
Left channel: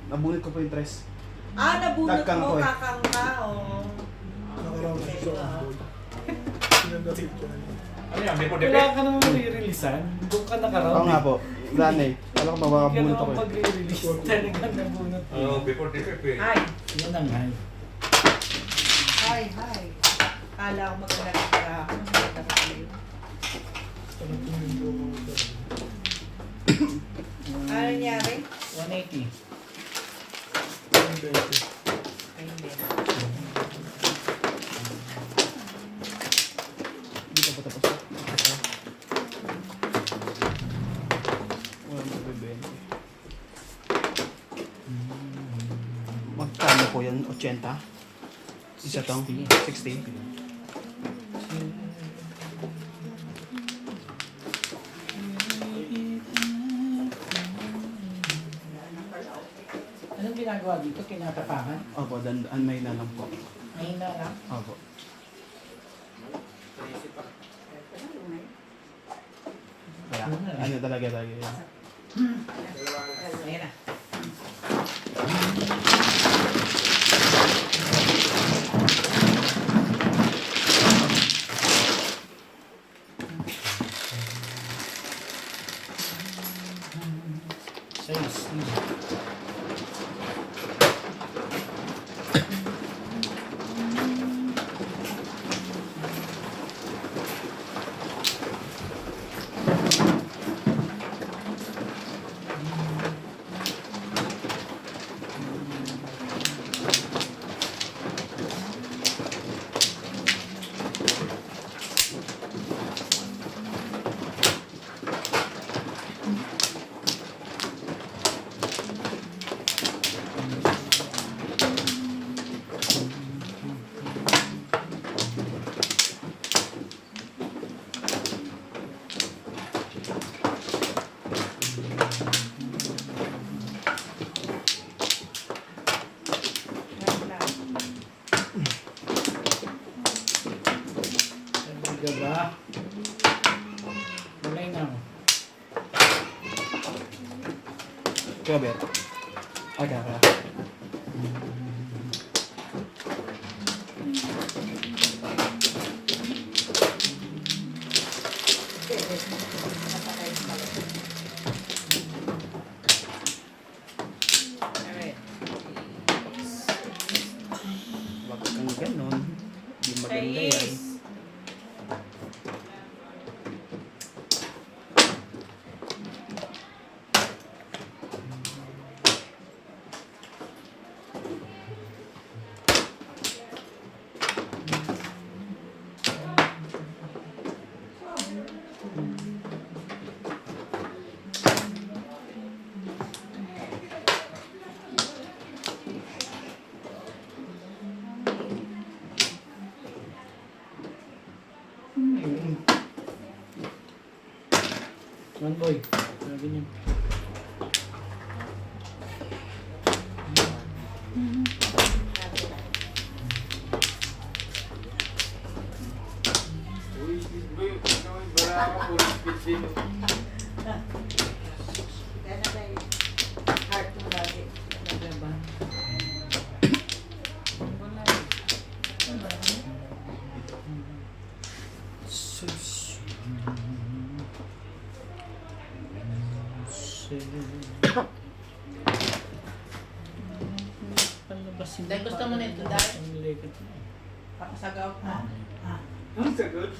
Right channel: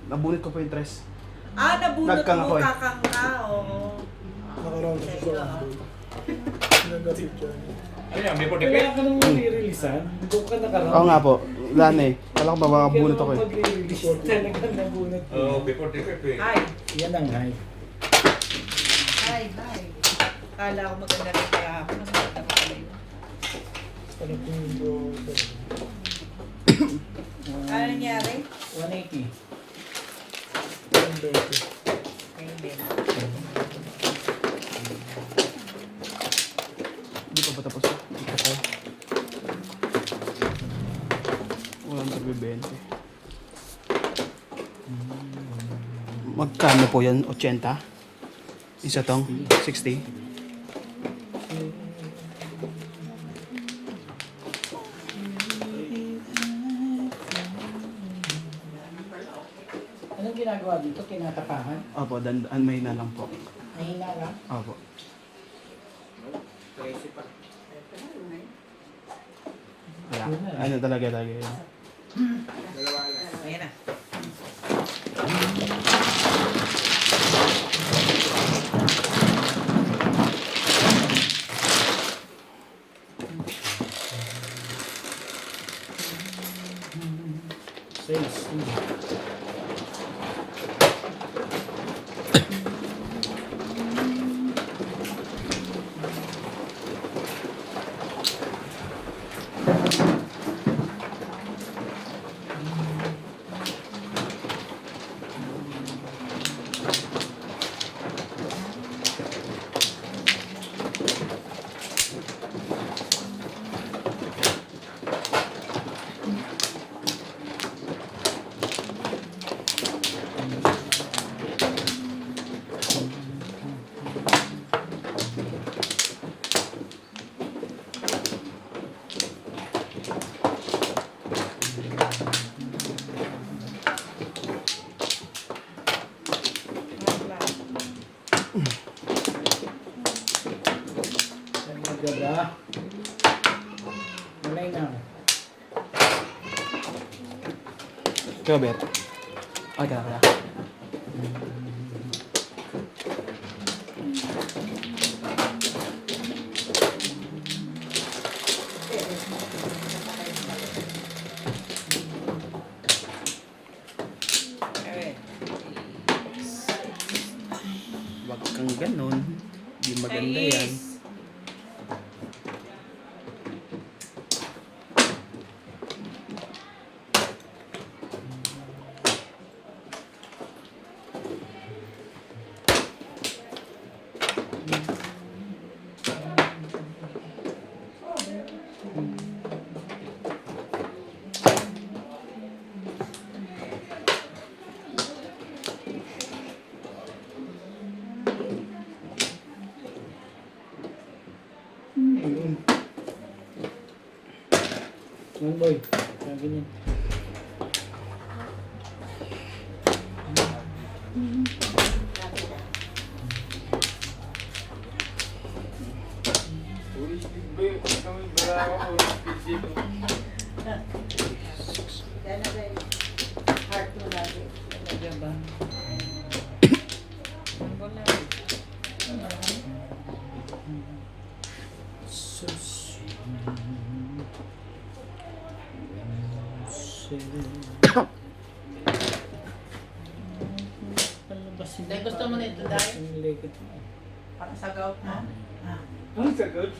nabunit ko po yung tres. Nabunot Nagkang mo, ko eh. kakang ka. Oo. Nakaraw na siya sa one boy. Sinagapit siya. Ano yan, before the Wala ka nang nare-releasean. Doon ka nakarami. Oo nga po. Wala na eh. Wala ko mabunot ako eh. Pag-release talaga nabunot. Oh, before the pepe. Hi. Yan ang high. Hi. Kala ko maganda ka kaya ako. Maganda ka kayo. Ano po yung Ano nangyari? 180. yung 20? Ayun din. Hindi pa ba tapos? Ito pa. Wala na bibente. Magkano po yan? 80? Isa tong? 60? Anong ginagawa dito? Kinatakahan? Opo, may na lang po. Mahina lang? Opo. Kaya, ano talaga yan. Ayun na. Sales. Diba? Malay na. Kaya bet. Aga. Alright. Wag kang ganon. Di maganda yan. Ayun. Man boy. Sabi niya. Heart mo natin. Talaga ba? Dahil gusto mo nito dahil para sa gout mo. Ang sagot.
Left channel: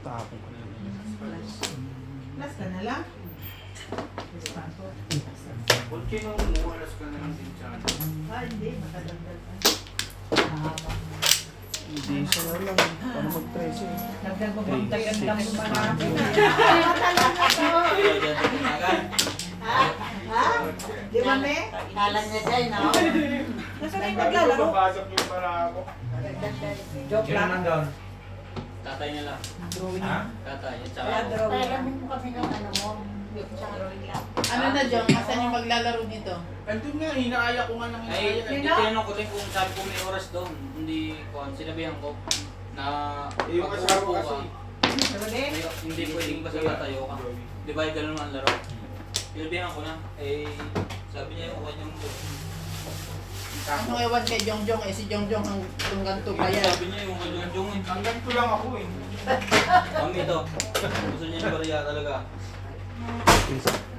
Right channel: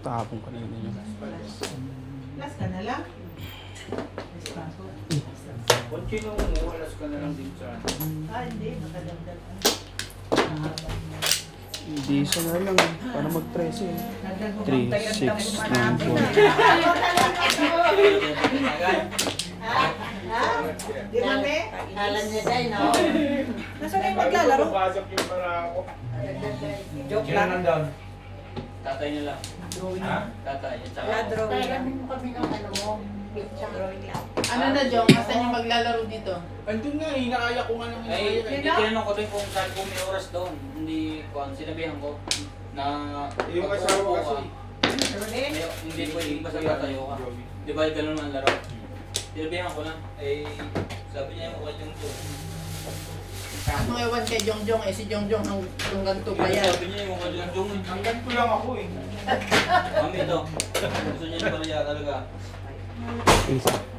Tapon ka na yun. Plus ka na lang. Kung sino umuulas ka na lang din siya. Hindi. Matagandal ka. Hindi isa na lang. Para mag-13. Nagdag mo 3, 6, 9, 12. Ha? Di ba, me? Kala niya dyan, no? Nasaan kayo maglalaro? Babasok yung pala ako. Joke lang. Tatay niya lang. Drawing Ha? lang. Tatay niya. Tsaka Wala, ako. drawing Kaya lang. mo kami ng ano mo. Drawing lang. Ano na, Jong? Asan yung maglalaro dito? Andun nga, hinakaya ko nga lang Ay, hinakaya. tinanong ko din kung saan ko may oras doon. Hindi ko, sinabihan ko na Yung pag asawa uupo kasi. ka, hindi pwedeng basta tatayo ka. Di ba, ganun ang laro. Sinabihan ko na, sabi niya okay yung to. Ano ewan kay Jongjong? Si Jongjong hanggang to pa yan. Sabi niya yung yung Hanggang ko lang ako eh. Mami ito. Gusto niya yung barya talaga.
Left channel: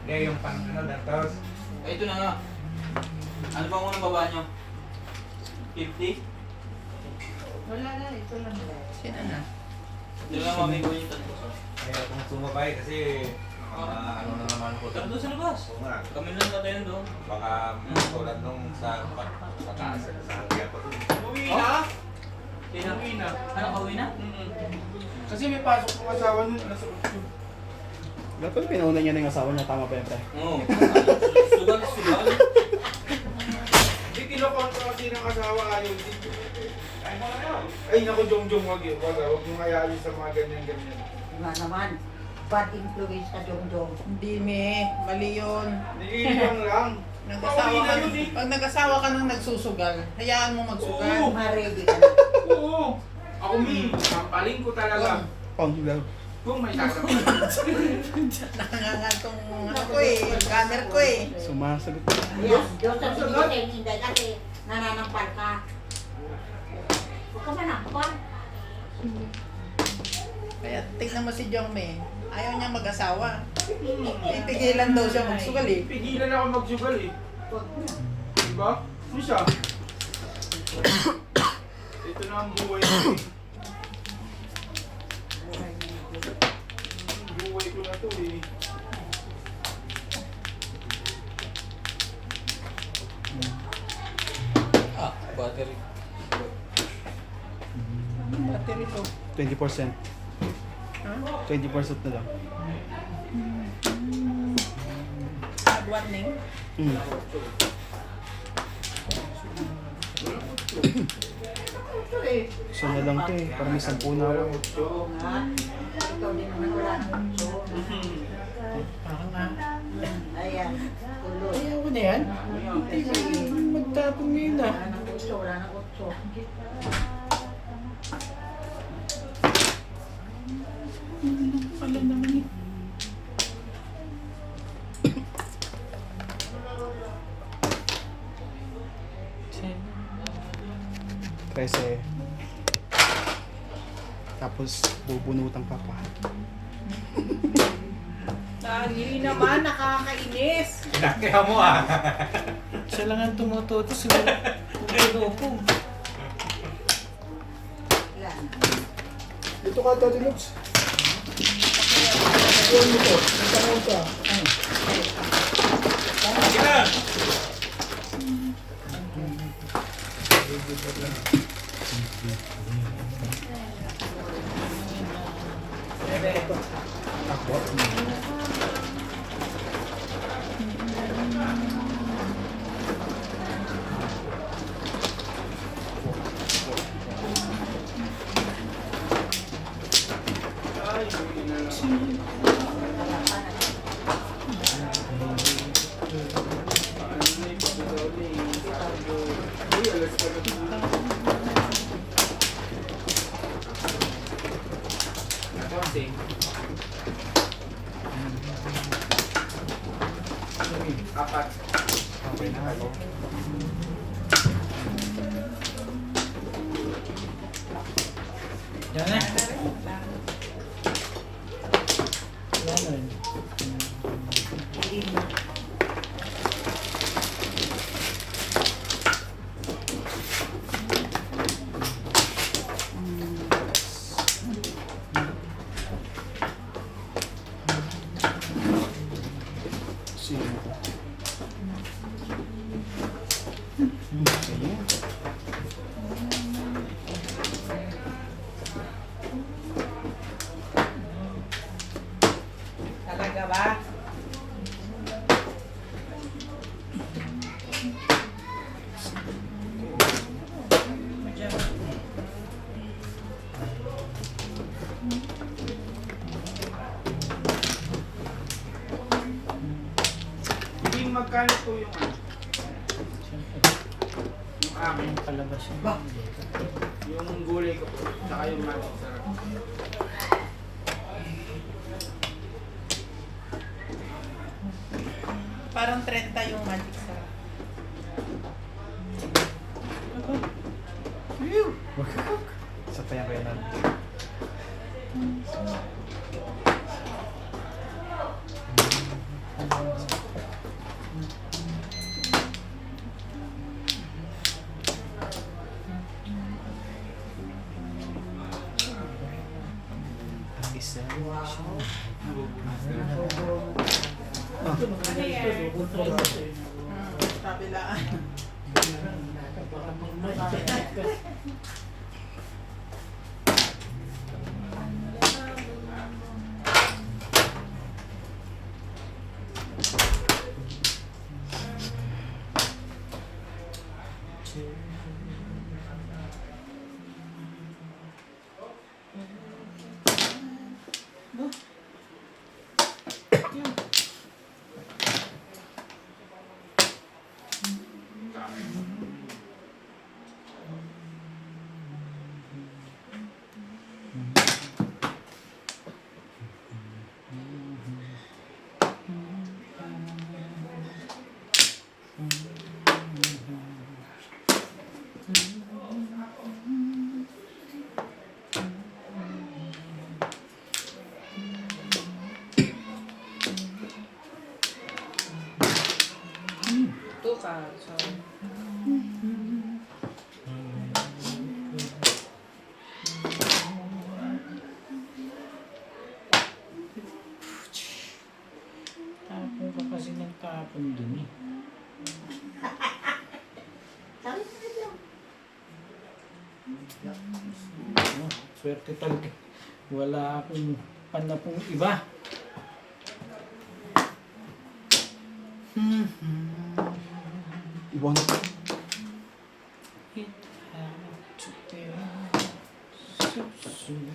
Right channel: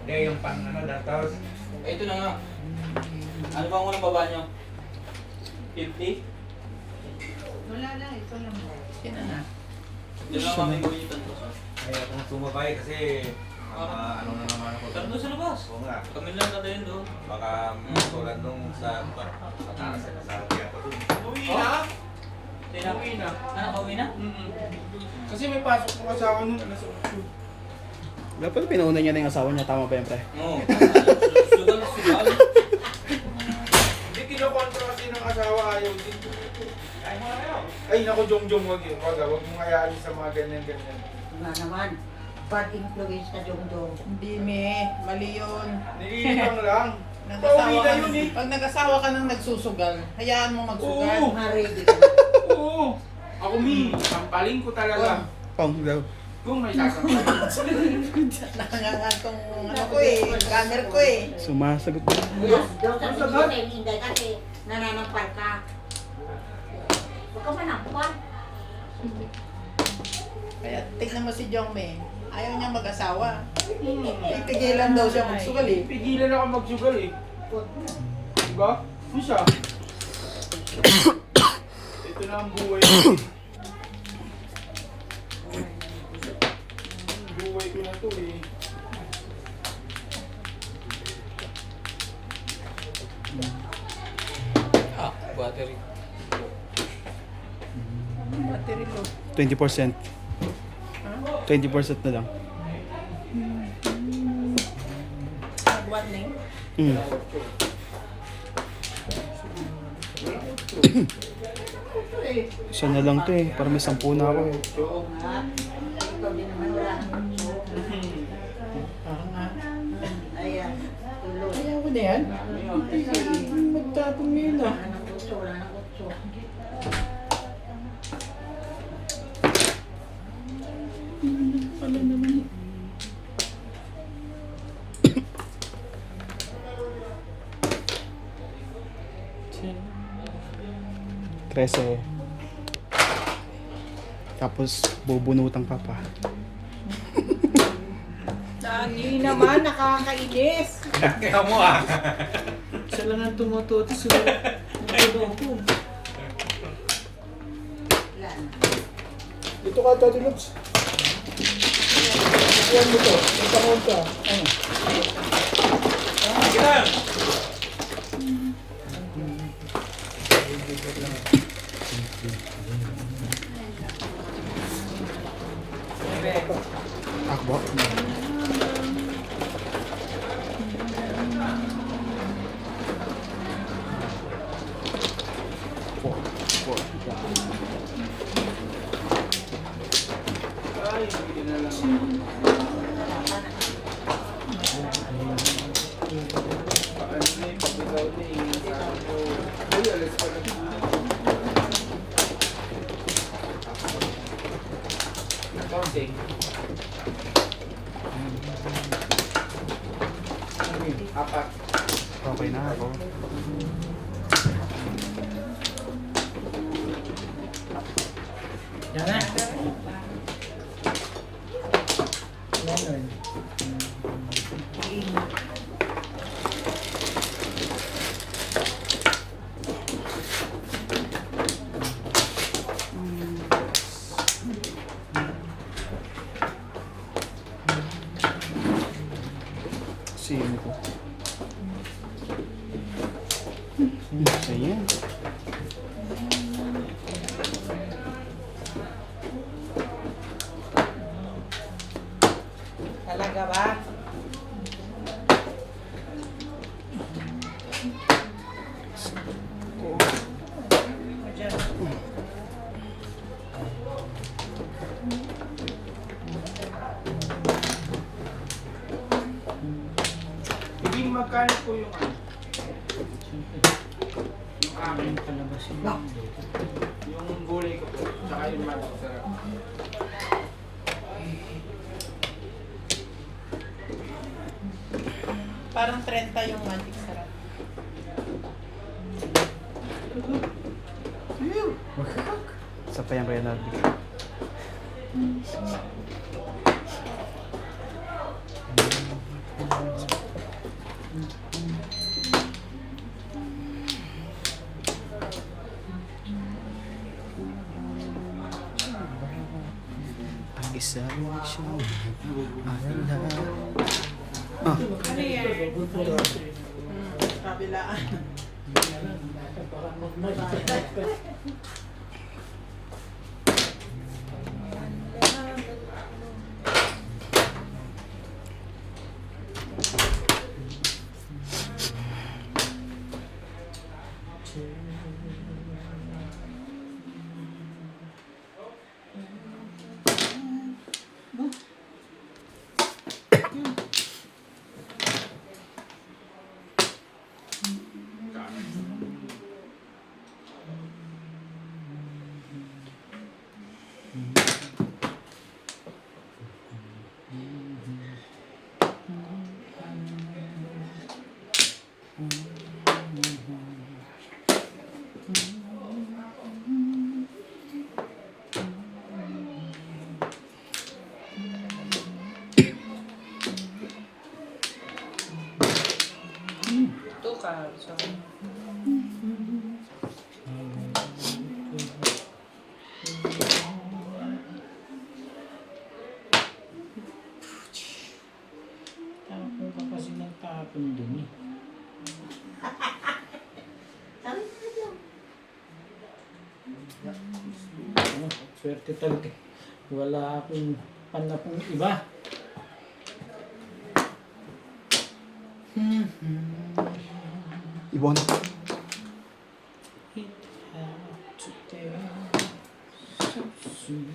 Yung pang ano, datos. Ito na nga. Ano ba ang unang baba niyo? 50? Wala na, ito lang. Sino na? Doon lang mami ko yung tanto. Kaya akong sumabay kasi ano na naman ako. Tara doon sa labas. Oo nga. Kami lang natin doon. Baka tulad nung sa taas sa kaya ko dun. Uwi na. Sino? Uwi na. Nakauwi na? Kasi may pasok kong asawa nun. Nasa YouTube. Pero pinauna niya na yung asawa niya, tama ba yan, pre? Oo. Sugal. Hindi kinokontra kasi ng asawa ayaw din. Ay naku, Jong, wag yun. Wag mong hayaan sa mga ganyan-ganyan. Diba naman? Bad influence ka, Jong. Hindi, me. Mali yun. Niilang lang. Nag-asawa Pauwi ka na yun eh. Pag nag-asawa ka nang nagsusugal, hayaan mo magsugal. Oo. Ma-ready ka na. Oo. Ako sampaling ko talaga. Kung may sasabihin. Nakangangantong ano ko eh, camera ko eh. Sumasagot. Yes, Diyos ang sinigay, hindi kasi nananampal ka. Huwag ka manampal. Kaya tignan mo si Jongme, ayaw niya mag-asawa. Ipigilan daw siya magsugal eh. Pigilan ako magsugal eh. Huwag mo. Diba? Isa. Ito na ang buhay ko. Buhay ko na to eh. Battery. Anong battery to? 20%. Ha? 20% na lang. Nagwat na yun? Isa na lang to eh. Para may 10 na ako eh. Oo nga. Ikaw din naman wala nang utso. Ayan, tuloy. Ayaw ko na yan. Magtapon mo yun ah. Wala nang utso, wala nang utso. Pala naman eh. Kasi tapos bubunutan ka pa. Lagi naman, nakakainis. Kaya mo ah. Siya lang ang tumututo sa ulo ko. Yan. Dito ka, Tati Lutz. Kuhan mo to. Nagtangon ka. Ay, hindi na lang. Ano na yung pagkakaw na yung sabi ko, ay, alas pa na. Konting. Apat. Okay na ako. Yan na. Wala na yun. Sino to? Sa'yo. Talaga ba? Magkano po yung ano? Siyempre. Yung aking palabas yun. Yung gulay ko po, tsaka yung manok sa... Parang 30 yung magic sarap. Sa pa yan kaya namin. Ang isa siya. Ano yan? Kabilaan. Two cards. So. Tapon ka kasi ng tapon dun eh. Oh, swerte talaga. Wala akong panapong iba. Ibang na po. It had to tell so soon.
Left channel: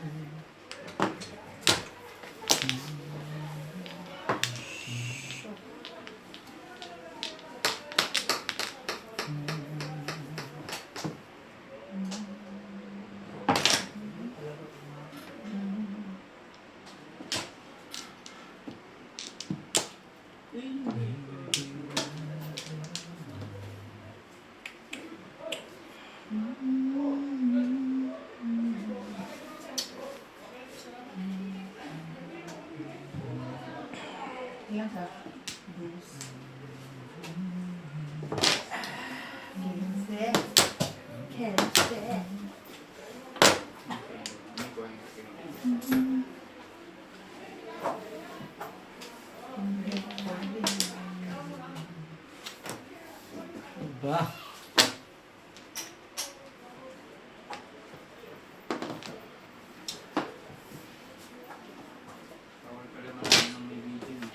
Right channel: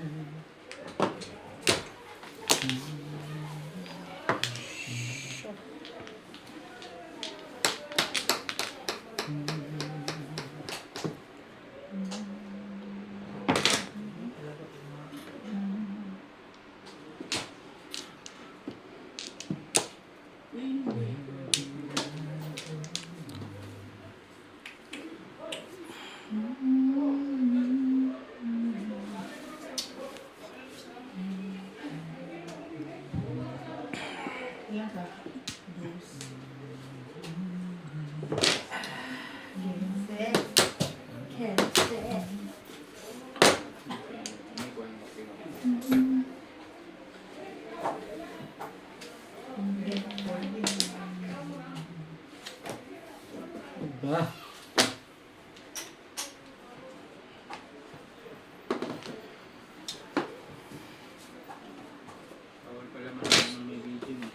Ilang ka? Ba? Bawal pala maraming ng may video eh.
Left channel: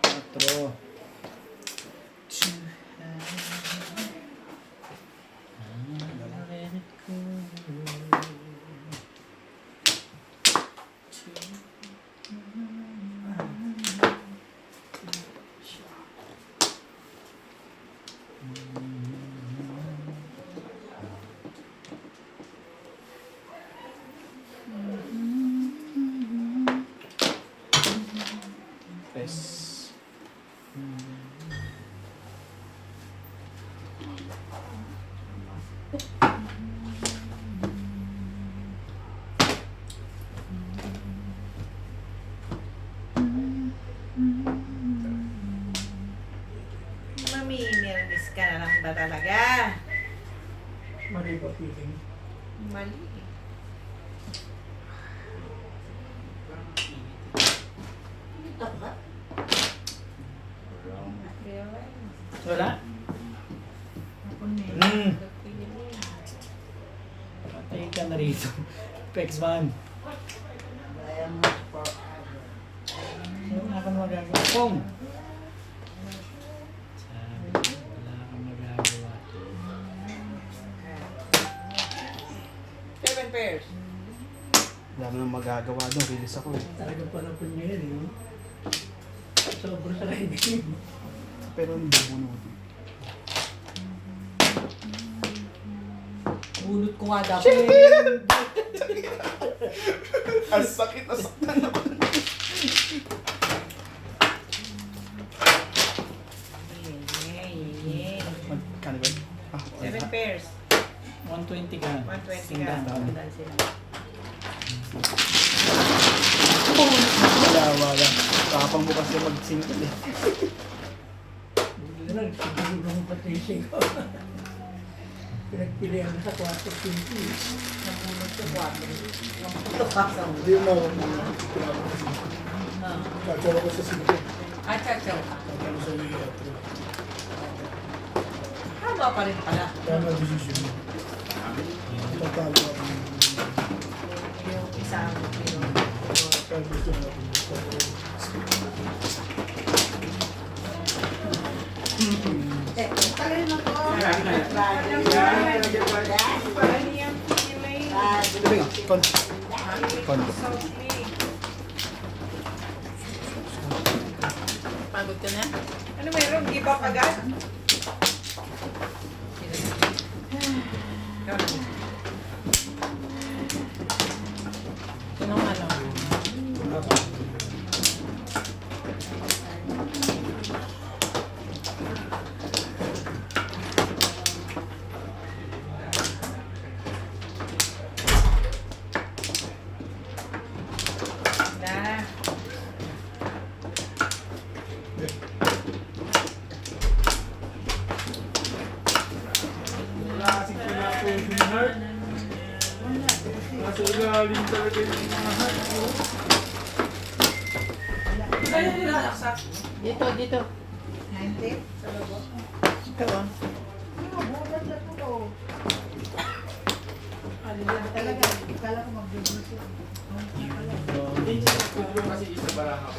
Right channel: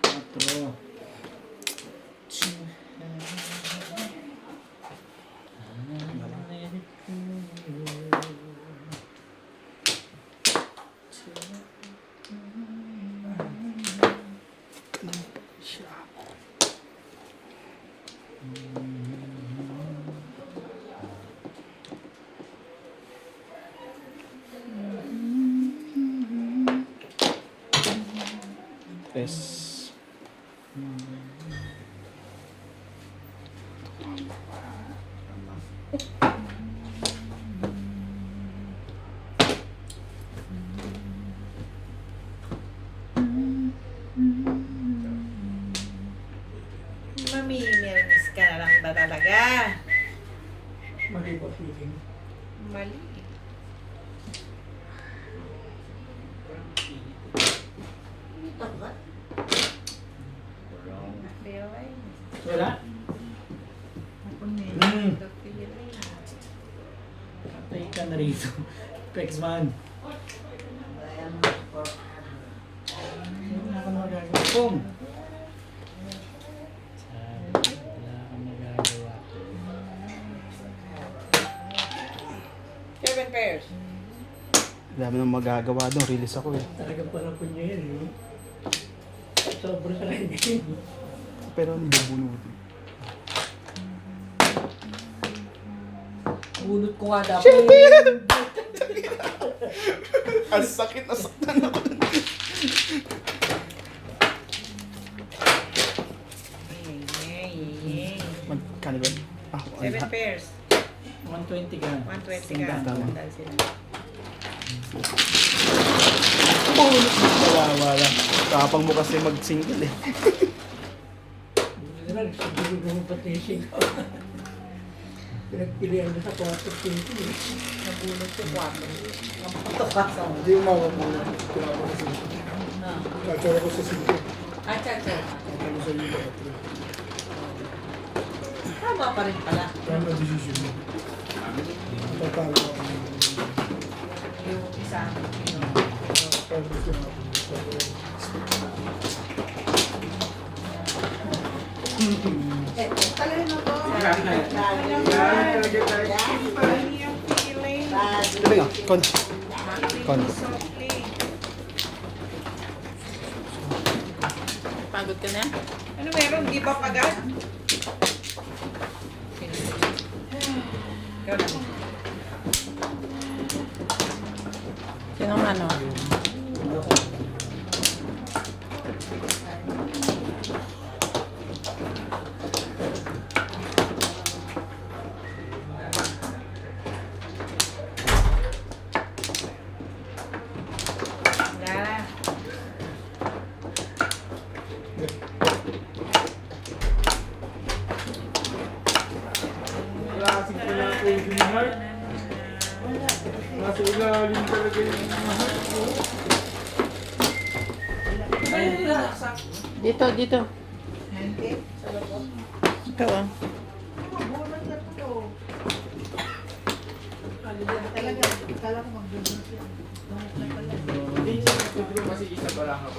Cuatro. Tres. Mamimiss ka na lang ba talaga? Mali ba feeling? Mali. Wala? Patay ka na rito. Pexman. Wala ka na magagawa. Pong! Sabi, wala kang magagawa. 7 pairs. Dami nang magagawa doon. Release ako eh. Talaga parang kunya yan eh. Sobrang talaga. Pero ano bubunutin? Bunot ko nga dapat. Ang sakit na saktan na. Magkano ba? Ah, 7 pairs. 120 ka. 120 ka. Dahil sila. wala. Kapang mo kasi mag-single eh. Wala, siguro naman patising ko. Pinagpilihan mo sa kwarto pinto eh. Nabunot ko 4. Kapatapasa mo. Hindi umawag mo na. Kaya ako kasi. Kachara ko sa sinto. Cha-cha. Kakalo sa iyo atro. Haba pa rin pala. Tama decision mo. Tatalo ako. Yung isang kilo. Kaya gusto mo. Talino ko. Kon. Pagod ka na? Ano meron? Give up agad? Ikaw na. Sinong ano? Yeah. Wala kasing pinapos yung heart. Nasa ilalim talaga yung mga heart. Dito. 90? Ikaw ah. Mabunot na ito. Palilan talaga. Kala ko magbunot yan. Hindi siya nagtuturo kasi isa barahaw.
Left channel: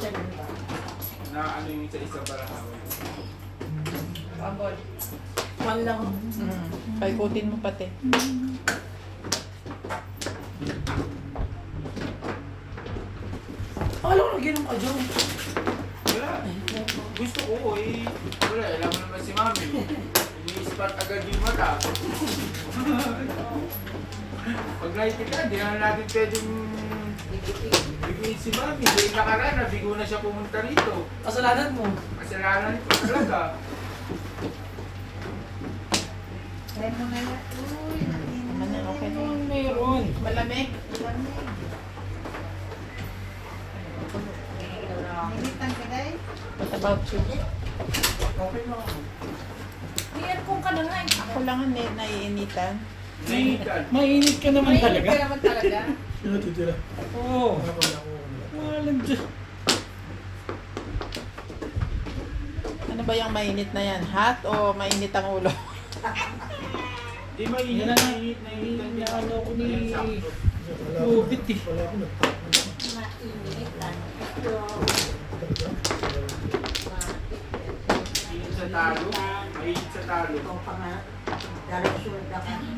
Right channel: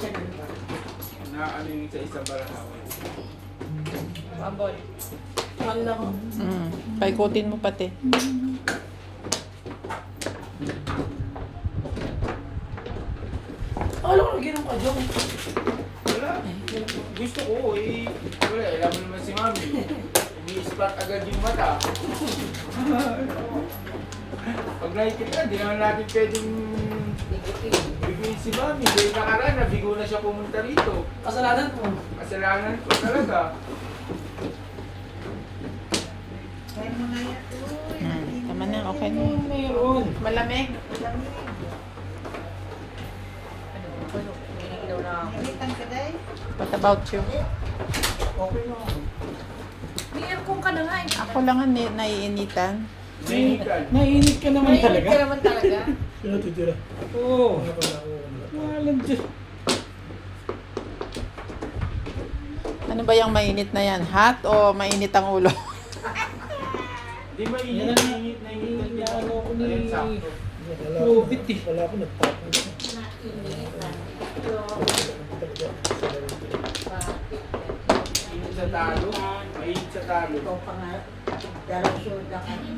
Na ano yung isa barahaw. Bambol. Paikutin mo pati. Alam ko na ginong ka, Jong. Wala. Gusto ko eh. Wala, alam mo naman si Mami. Ini-start agad yung mata. Pag nakikita, di naman natin pwedeng bigyan si Mami. Dahil nakaraan, nabigo na siya pumunta rito. Kasalanan mo. Kasalanan ko talaga. Kaya mo na yan. Uy, Tama na, okay na. Mayroon. Malamig. lamig. Nilitan ka day? What about you? Okay lang ako. May aircon ka na nga. Ako lang ang naiinitan. Nahihitan. Mainit ka naman May talaga. ka naman talaga. Sino titira? Oo. Wala ko na ako. Walang Diyos. Ano ba yung mainit na yan? Hot o mainit ang ulo? Di Yan mainit. na Nahihitan din ano ko ni... Ayan, sakto. Wala ako. Lubit eh. Wala ako nagtapon. Mainit sa talo. Mainit sa talo.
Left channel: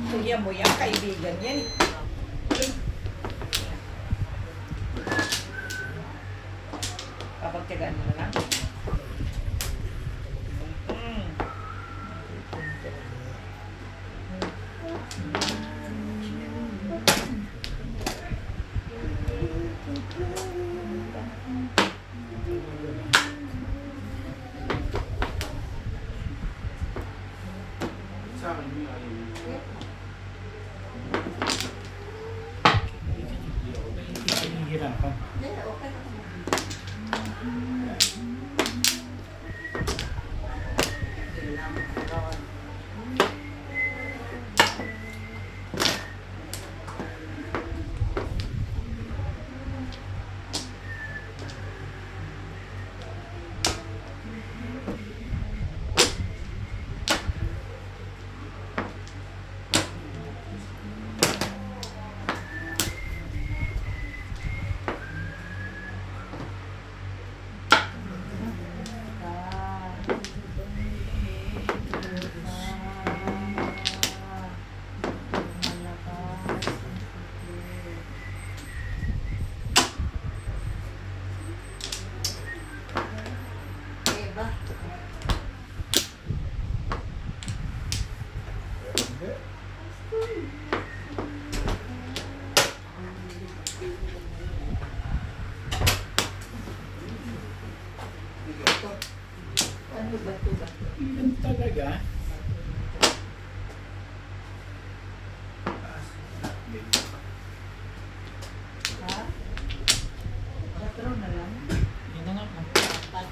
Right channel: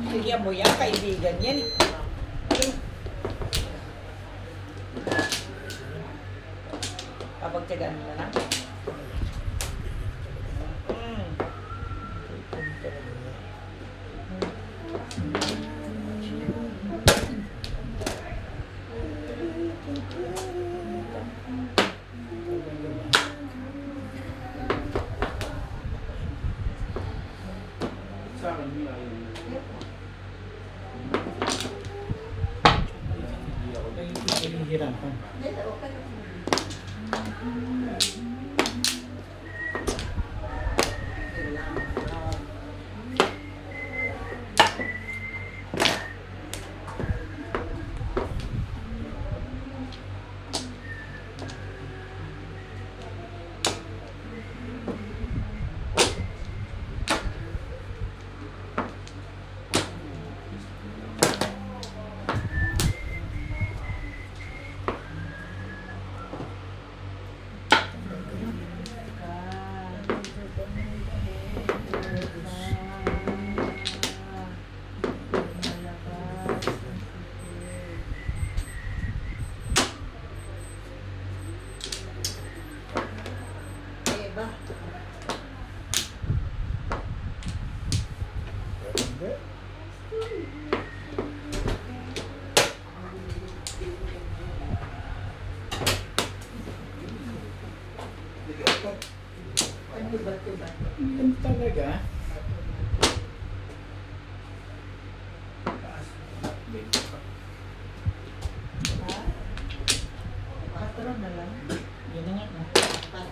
Kuya mo yan, kaibigan yan. Kapag tiyagaan mo na lang. Sa akin yun, ayun. Nahihirapan.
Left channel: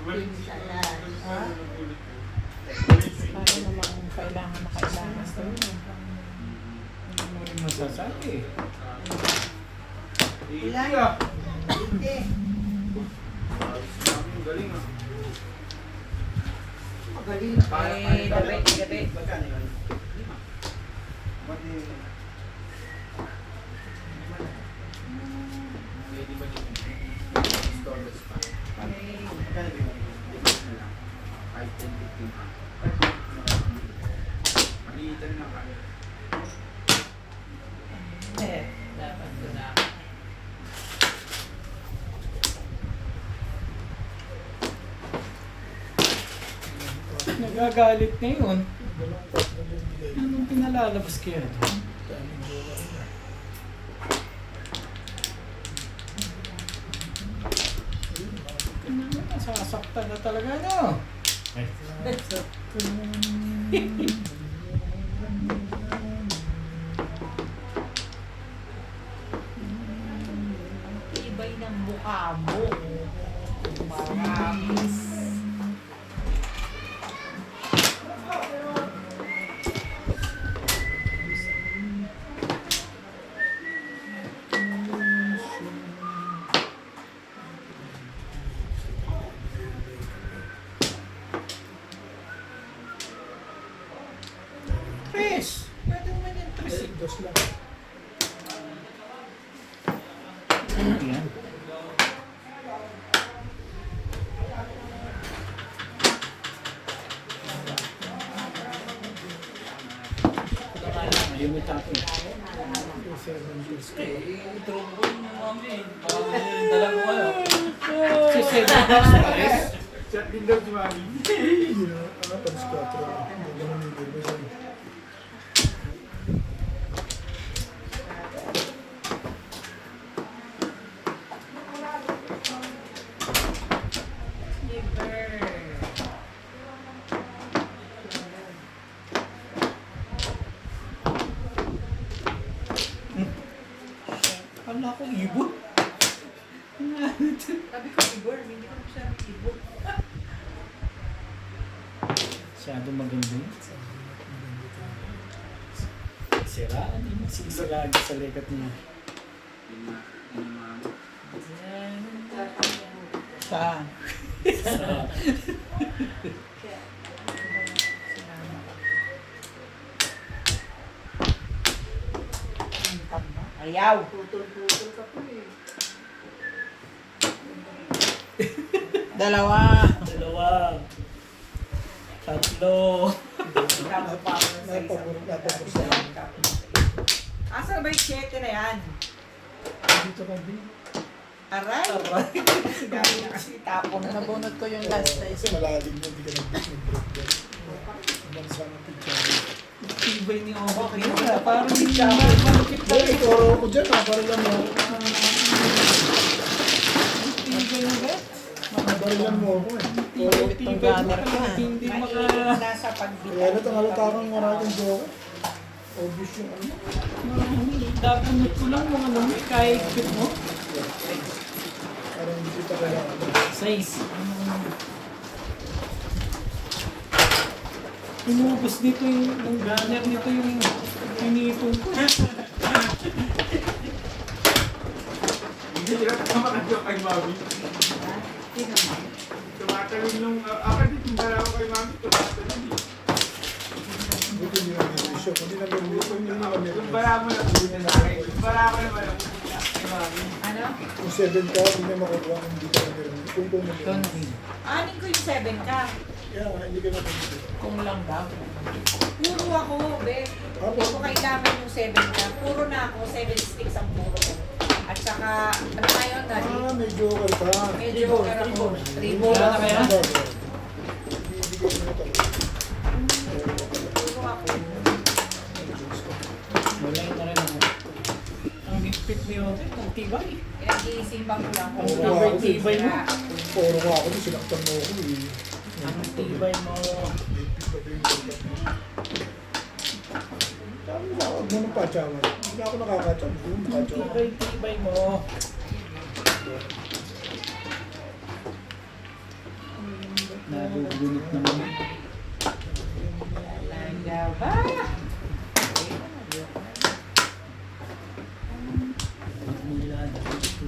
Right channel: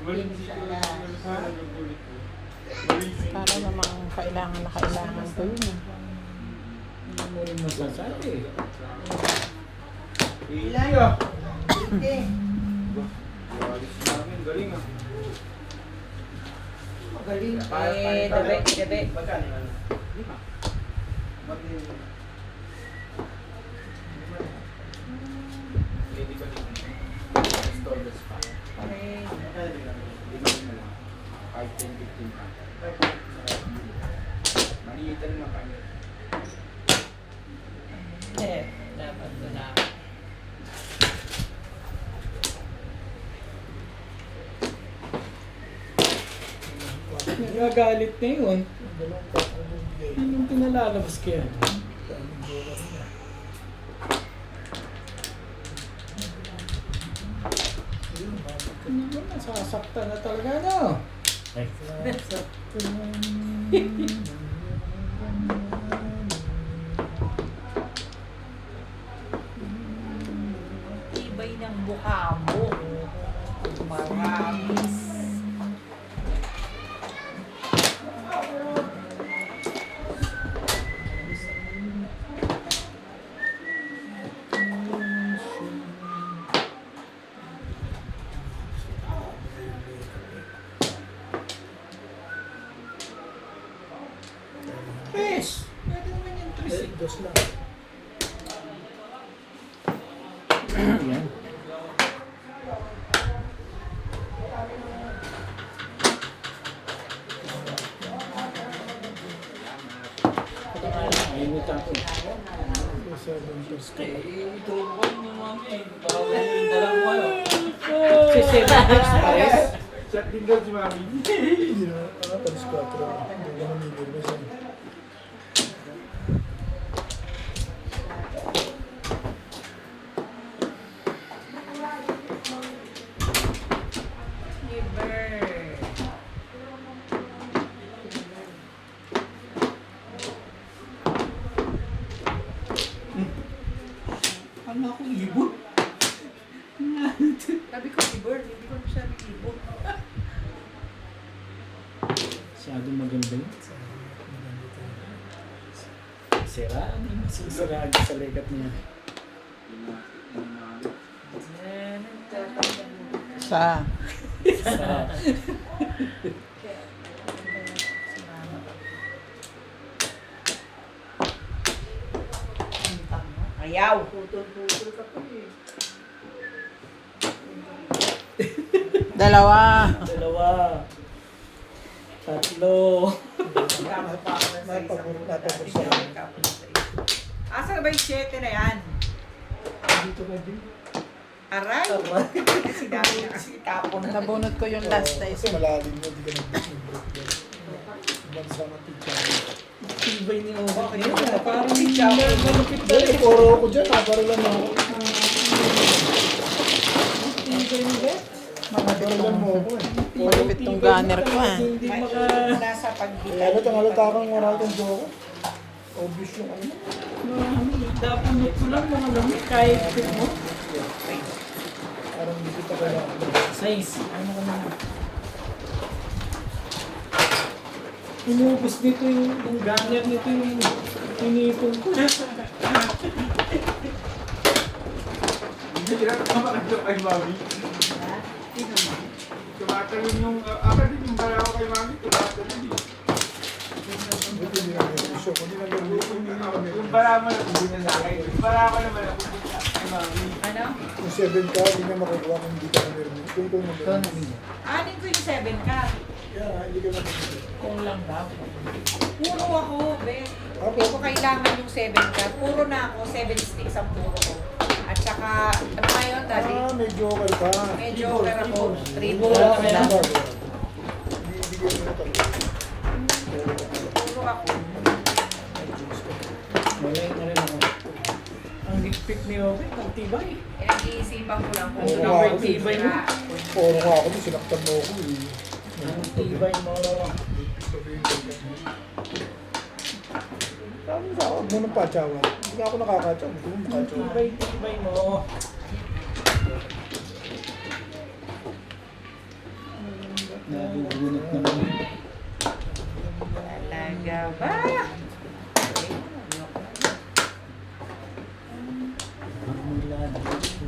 Para namang kailangan to yun. Ano mo rin masasabi? Ilang? Sige. Galing ah. Magaling. Gabi. Pwede ba naman? Installers pa. Kahit 10-15 pa. Maliitan lang kami. Dapat ko na. Nagagalit ngayon. Dalawang pack na din bigay. Anong pinalalabas kaya doon? Daming joker niya. Ayun, bakit ka? Nasasaktan na talaga, no? Ibay ng mukha mo. Maraming. Chris! Pwede naman yung Chris. Dos lang. Ayan. Ayaw mo tapon. 7 years ka. Ito ko yung mami. Dalawa ko ano. Si Seven Hills Pares. Chat din daw si Mami. Hindi na, palis 4 na. Hindi ka namigil. May saan. Wala akong ibon. Sabi ko si Bird, hindi ko siya ibo. Masyadong maganda yun. Sira, hindi masisiraan sa legat niya. Sa Ayaw. dalawa. Dalawa. Tatlo. Napapur sa lang. Asa na ba yung 7 na yan? Dito ka din. Aray! Sinabi na kasi tapon na. Nabunot ko yung last na Kasi malalim yun, hindi ka nag-break doon. Bansa ng pizza. Tibay ni Oba. Kaya parang malupit na Hindi, toro ko dyan para lang ako. Tibay ni Oba. Barilan mo ako eh. Malupit tong gunner ko, ha? Hindi maka... Nasa pagbigay. Kaya na halata kang maraming joker. Obvious yung ano. Dapunot ko lang mga lumi kahit fit mo. Parang hindi kita kailangan. Size. Inubos nito yung gunner nito yung inipon ko. Hindi ka makakadyo kay Mami. Tumatalon nung... Akad yung bala ko kay Mami, tumatalon eh. Buti hindi na meron. Hindi na meron. Yung bala mo na hindi na nakay. Yung bala ko naman ako kay Mami. Ano? Kung 7 ka, hindi na makukuha kung hindi ka na meron. Kung na meron. Anin ko yung 7 ka. Kaya nga, hindi ka na pagkita. Kung lang ba? Puro ako, be. Apo. Hindi ko kailangan yung 7 ka. Puro na ako, 7 sticks ang puro ko. At saka, ano tayo ng daddy? May joker ka. May joker ako. Tribo. Tribo. Ibigay mo na talaga. Puro ako. Wala na rin ako. Ang higpit ni Obe, ang tibay. Pinag-iisipan ko lang kung Oo, ano ako din. tibay na. Puro nga ako, sinaktan mo ako eh. Ang tibay mo. May pit pa ba yung balikat mo? Sabi mo sa ako, huwag mo nang patsawan. Hindi na ako nakakatsawan. Gusto mo makatsawan. Tibay mo. Nagugunot naman. Talaga ba? Magmula dito.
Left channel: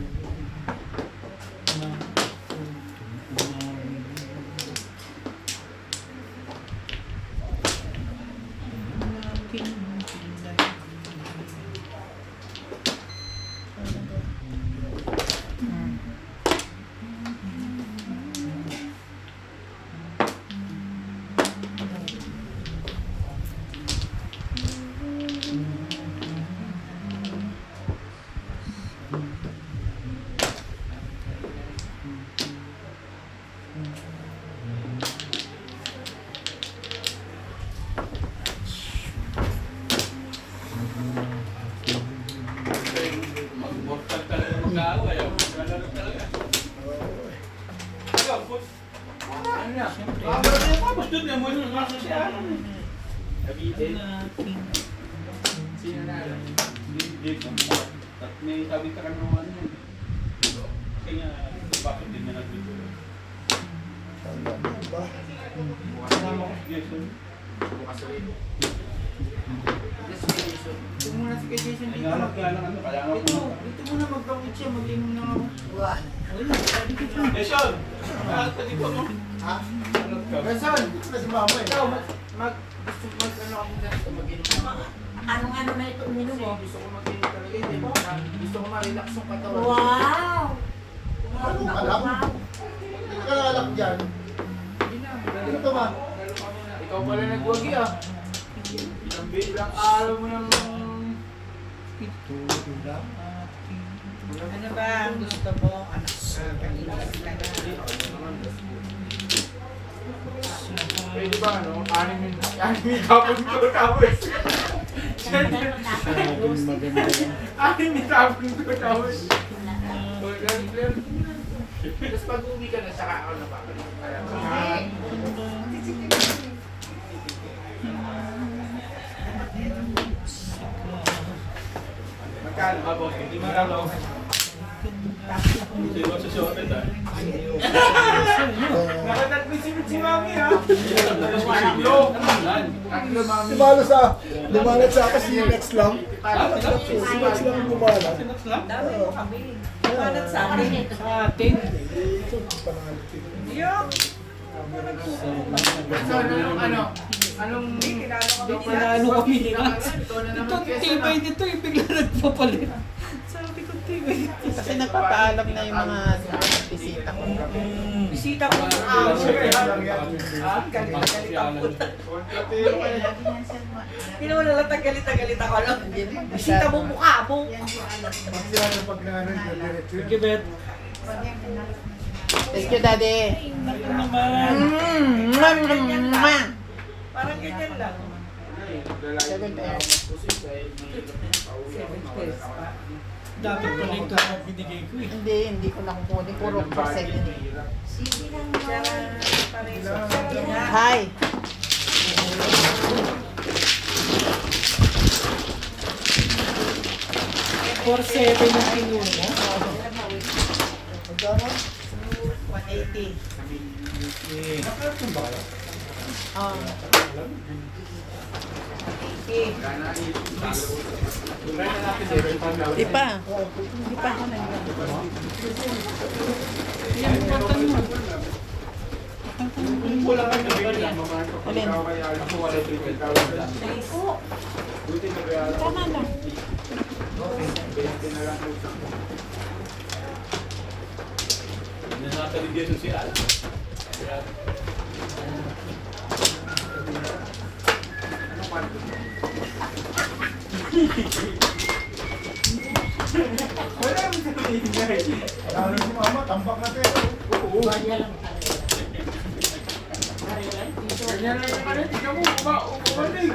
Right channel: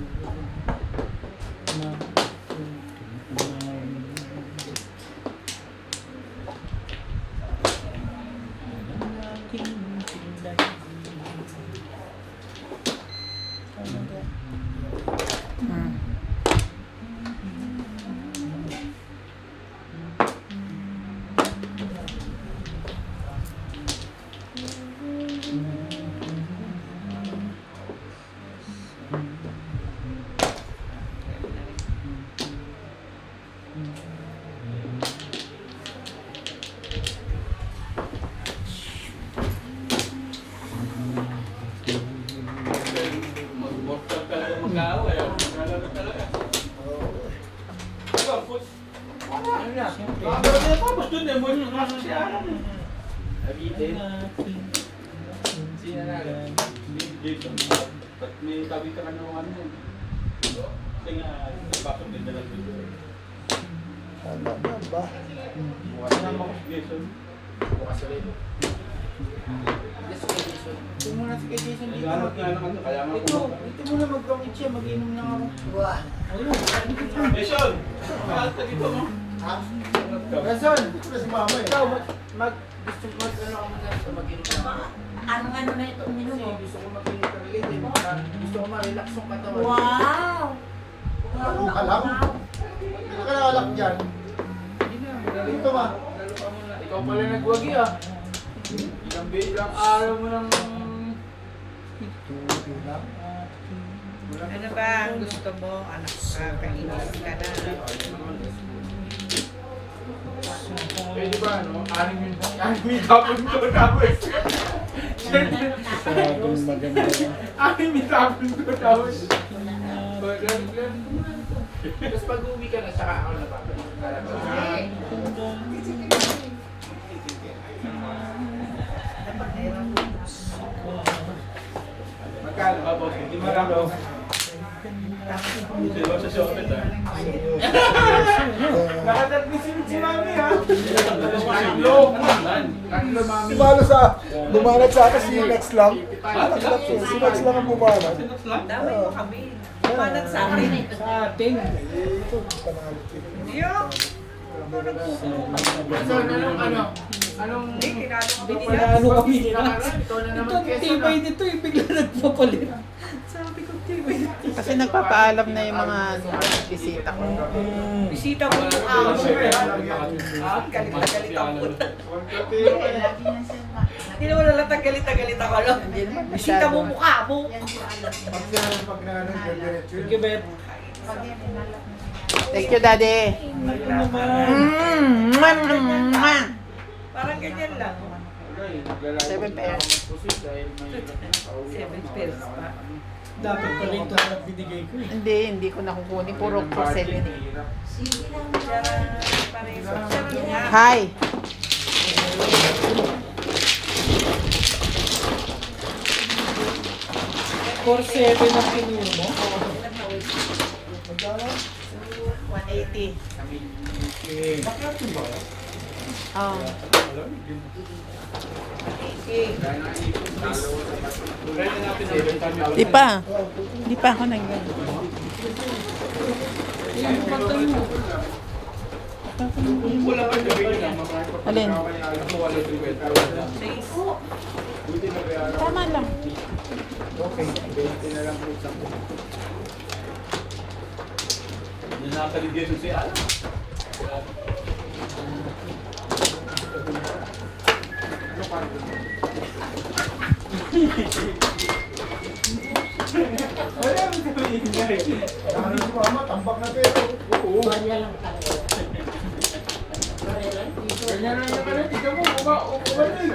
Mag-mortal talaga mag-aaway. Maglalaro talaga. Ikaw, put. Ano na? Bakit tapos dun eh, mo yung nasa si Alan. Abitin. Sino na alam? Dito. Ba't may sabi ka ng ano yun? Kasi nga, bakit din na lang dito? Ano na ba? Bukas na ako si Jason. Bukas na rin. Ito muna si Jason dito. Naghanap ka lang ano, kaya nga Ito muna mag-bangit siya, mag-inom lang ako. Ayun, Jason! Kahit na dito mo. Rason, dito na si mama eh. Ikaw, gusto mo ano ako ganito, mag-inom lang ako. Anong ano na ito uminom mo? Gusto ko mag-inom talaga, di ba? Gusto ko ma-relax yung katawan. Wow! Ano ka lang? Hindi ka nakalak dyan. Hindi na, Dito ba? lalo ka muna. Ikaw pala nagwagi ah. Ilang araw mo lang. Ano ba ang gusto mo? Ano kainis ka na? Eh di ba ano? Anim yung tapon ko tapos. Masyadong maganda yan. Anim yung tapon ko tapos. Tapos pag uwi ka na, saka ako na babalik. Magkano ba boss? Hindi marami. Hindi ba sa shopet ah? Nakatagpisin si mami ha. Si Malo bumalat sa akin, si Lex lang. Si Lex lang ang bumalat. Dami mo kami. Kumalat sa akin. Sa atin. Ito, panalo. So, anong Panalo kami nila. Ito ang tibay nito eh. Bigla nagpapalit. Sabi ko tibay nito. Kasi nagpapaalam na yung mga bisita ko. Bisita ko yung amo eh. Galit ako. Hindi naman nalatag galit ako lang. Bisita mo mukha mo. Sige, Bet. Thank you, Daddy. Ano naman? Parang ganyan lang. 7 pairs. 7 pairs pa. Dapat pala ito ang binigay ko eh. Hindi ko nakukunin. Puro for 7 eh. Sige lang Hi! For 7 ang pinuna. Magkano? 180. Okay. Di pa. Di pa ako nag Alin? Tama lang. Nakakaligyan si Alan. Ano si mama? Tambak na tayo. Banya lang talaga. Ganyan na yung ano. Tignan mo. Umanig.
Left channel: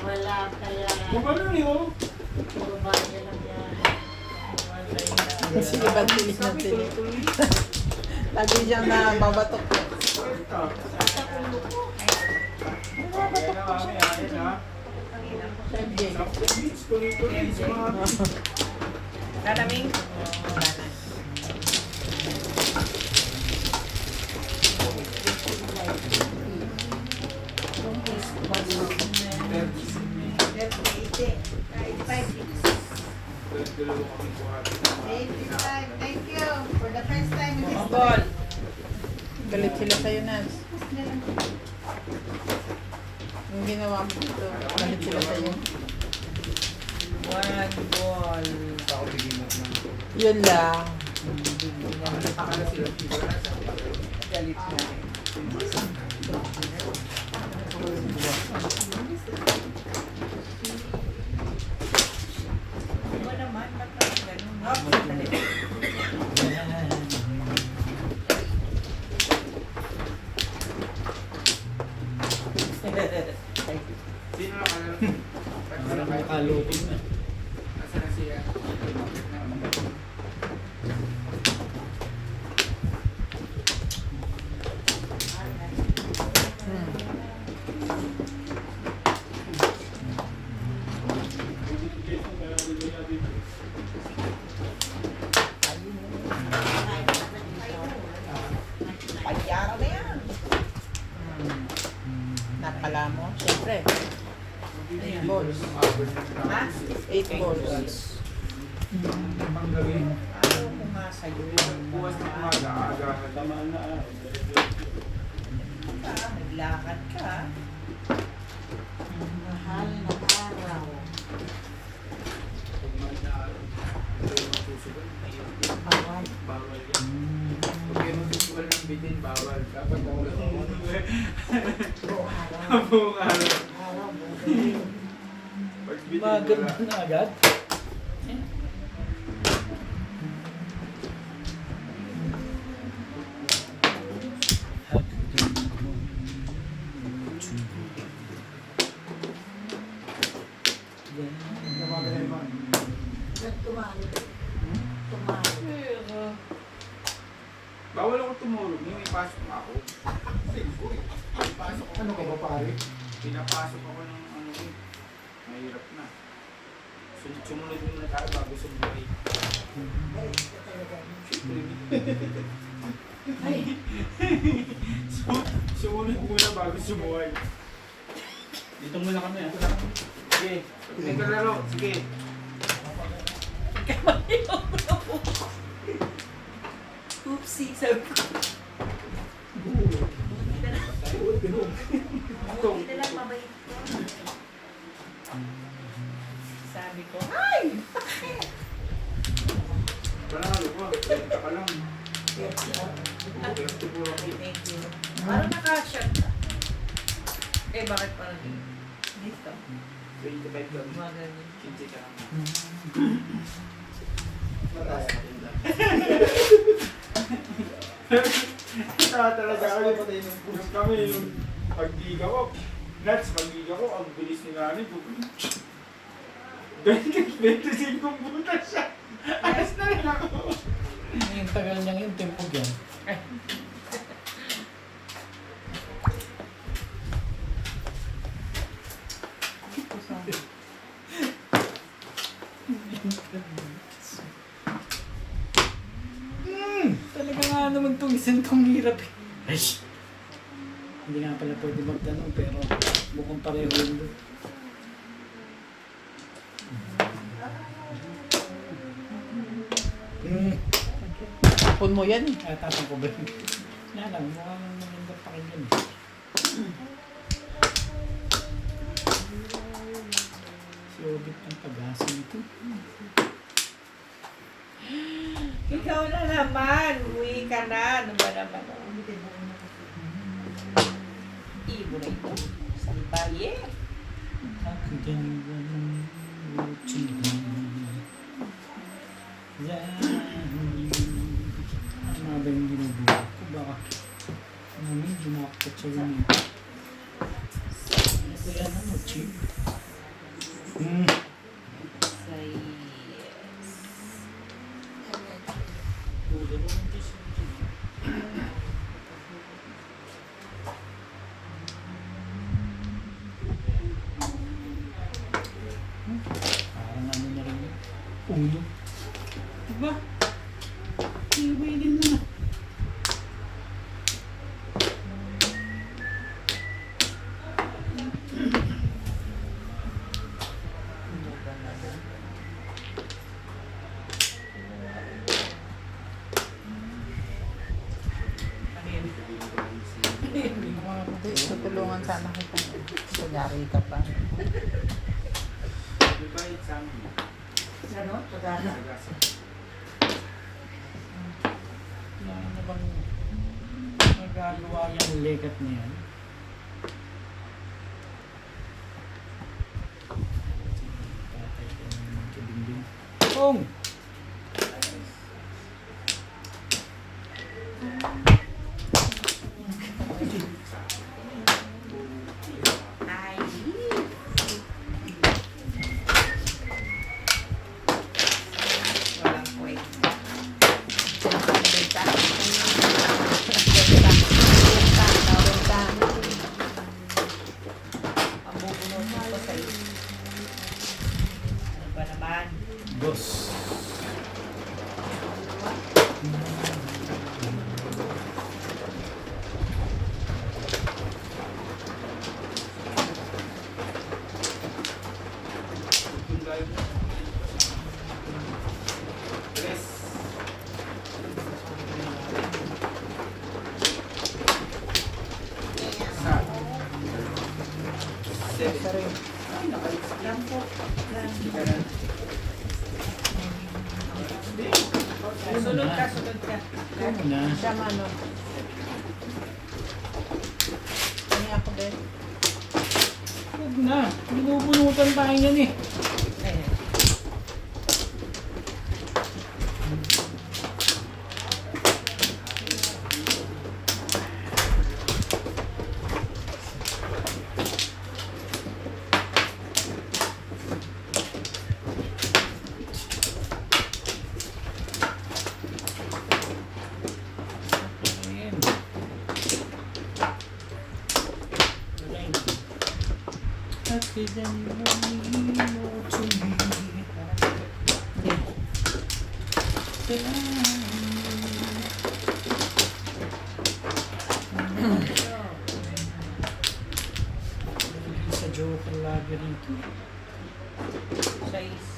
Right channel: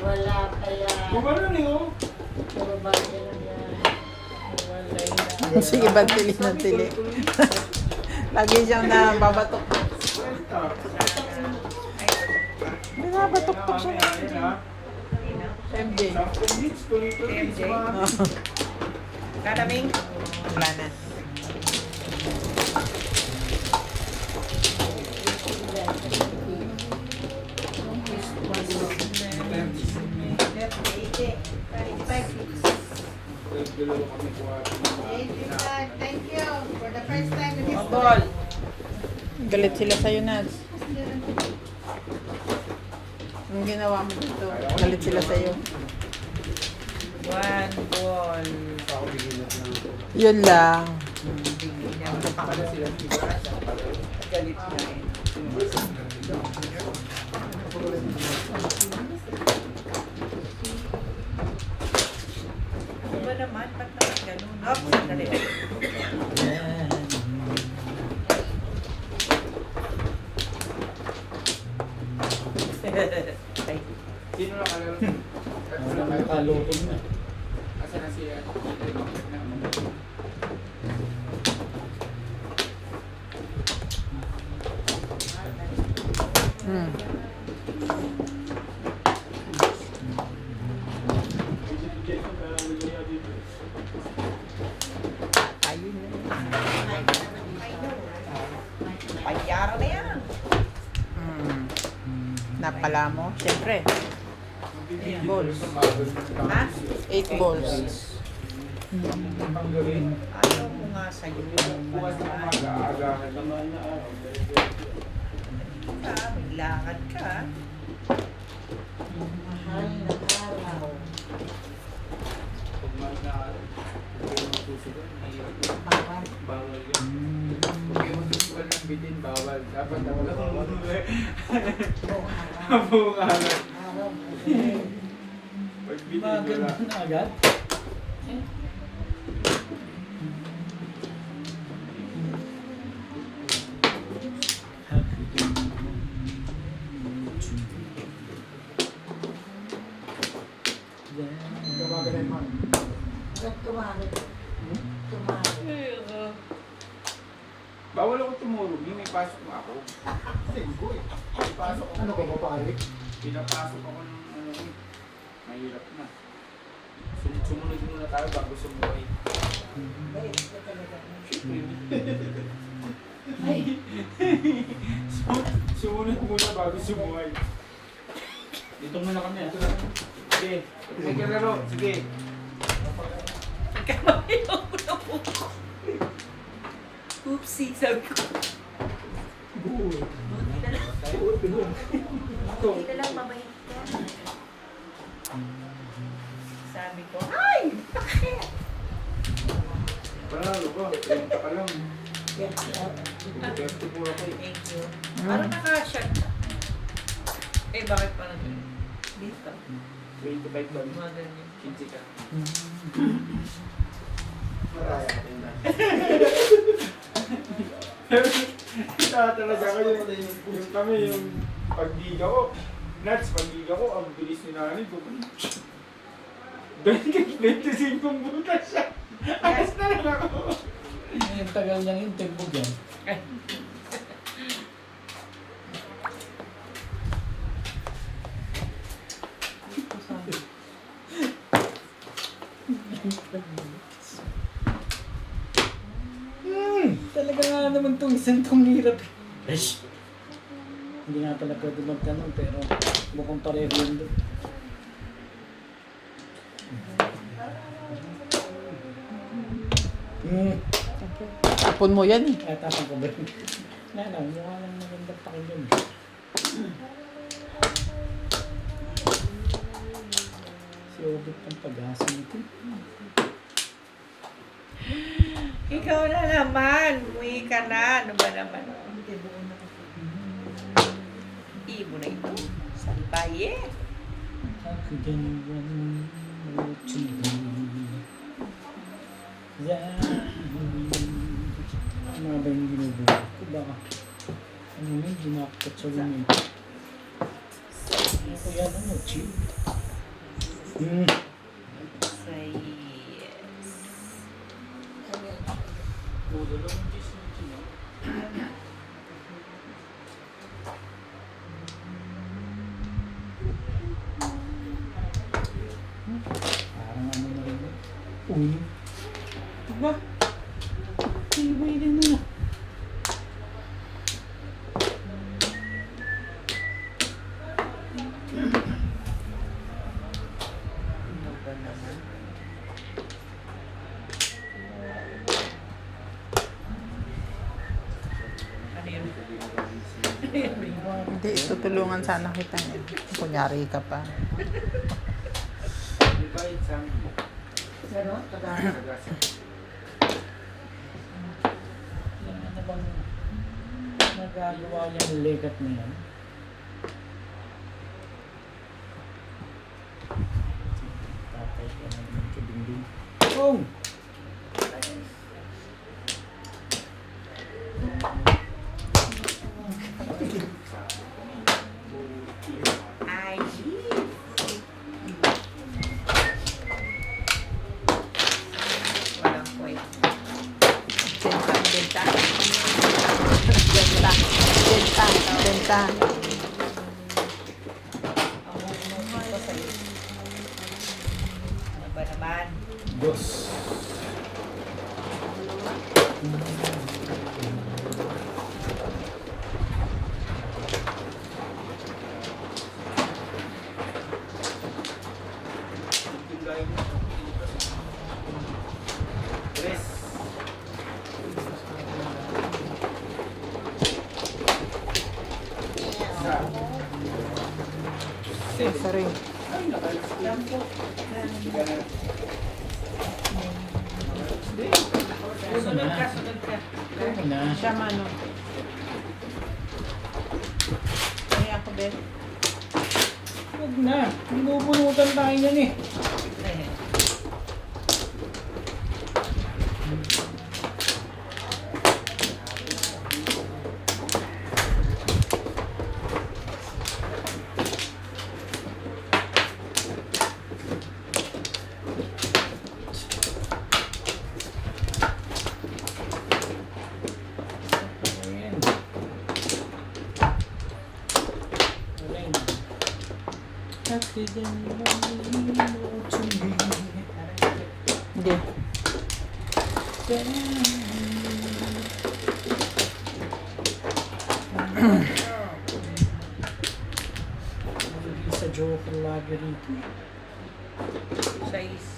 Wala kaya. Umanig oh. Puro banya lang yan. Sige, bantili ng tili. Lagi siyang nababatok. Nababatok siya. MJ. Kataming? Wala na. dalawa kami buhati. Thank you. For the first time in this Mabol. Galit sila sa'yo, Nats. Yung ginawa mo dito, galit sila sa'yo. One ball. Ako bigyan mo ng Yun lang. Pakala sila sila sa Galit na eh. Ano naman? Ba't naman ganun? Dali. Sino lang kalaro? Wala nakalupin na. Asa na siya? Hmm. Payara na yan. Hmm. Nakala mo? Siyempre. 8 balls. Ha? 8 balls. Tanggalin. Ayaw mo nga sa'yo. Bukas na umaga, agahan naman na araw. Maglakad ka. Mahal na araw. Pag man na araw, susugal, mahirap yun. Bawal. Bawal yan. Pag kayo magsusugal ng bitin, bawal. Dapat wala kang umuwi. Buong araw. Buong araw. Araw, buong. Pag bitin, Maganda wala. na agad. Tumalo. Tumalo. Bawal ako tumulog, yung may pasok na ako. Pasok ako. Ano ka ba pare? Pinapasok ako ng ano yun. Mahirap na. Sumunod muna tayo bago sumuhay. Sumunod muna bago sumuhay. Dito muna kami ah. Sige, may kalaro. Sige. Oopsie, sabi ko. Hindi lang mabait. Sabi ko, ay! Panalo ko. 30 ka lang. 34 ako. Thank you. Parang nakasya. Eh, bakit pa nag dito? 25 ka. Mother niya. 15 ka. Talaga kami yung pagdiga ko. Nuts, pagdiga ko, ang bilis ni nanay ko. 25 butas siya. Ayos na lang ako. Yung tagal niyang yung tempo yan. Talaga nga naman itong isang tong hirap eh. Eish! Hindi nga pala pwede magtanong pero mukhang pareho yun doon. Tapon mo yan eh. Tapang ko ba yun? Wala lang, mukha lang maganda pakinggan. Si Obit ng pag-asa nito. Ikaw na naman. Uwi ka na. Ano ba naman? Ibo na ito. Salbaye. Ang ganyan ano ba yung ginubuha ko? Baka ano yun, dumakot sa ganyan. Ano ko yan, ano, chip? Say yes. Parang ano na rin yun. Uno. Diba? Tibay din na. Tutulungan sana kita niya. Kunyari ka pa. Dito ay isang Ganon, kagana. Ano na bang magagawa yung legat na yan? Patay ka naman kabinding. Kung! Ay, Walang point. Benta. Ano ba naman? Dos. Tres. Sorry. yan po. Sunod ka, sunod ka. Ano na? Siya ano. Ano ako din? Huwag na. Binubunutan tayo yan eh. Ayan. Ayun. Wala yun. Happy than morning to me. Hindi. Sa Joker lagi rito. Size.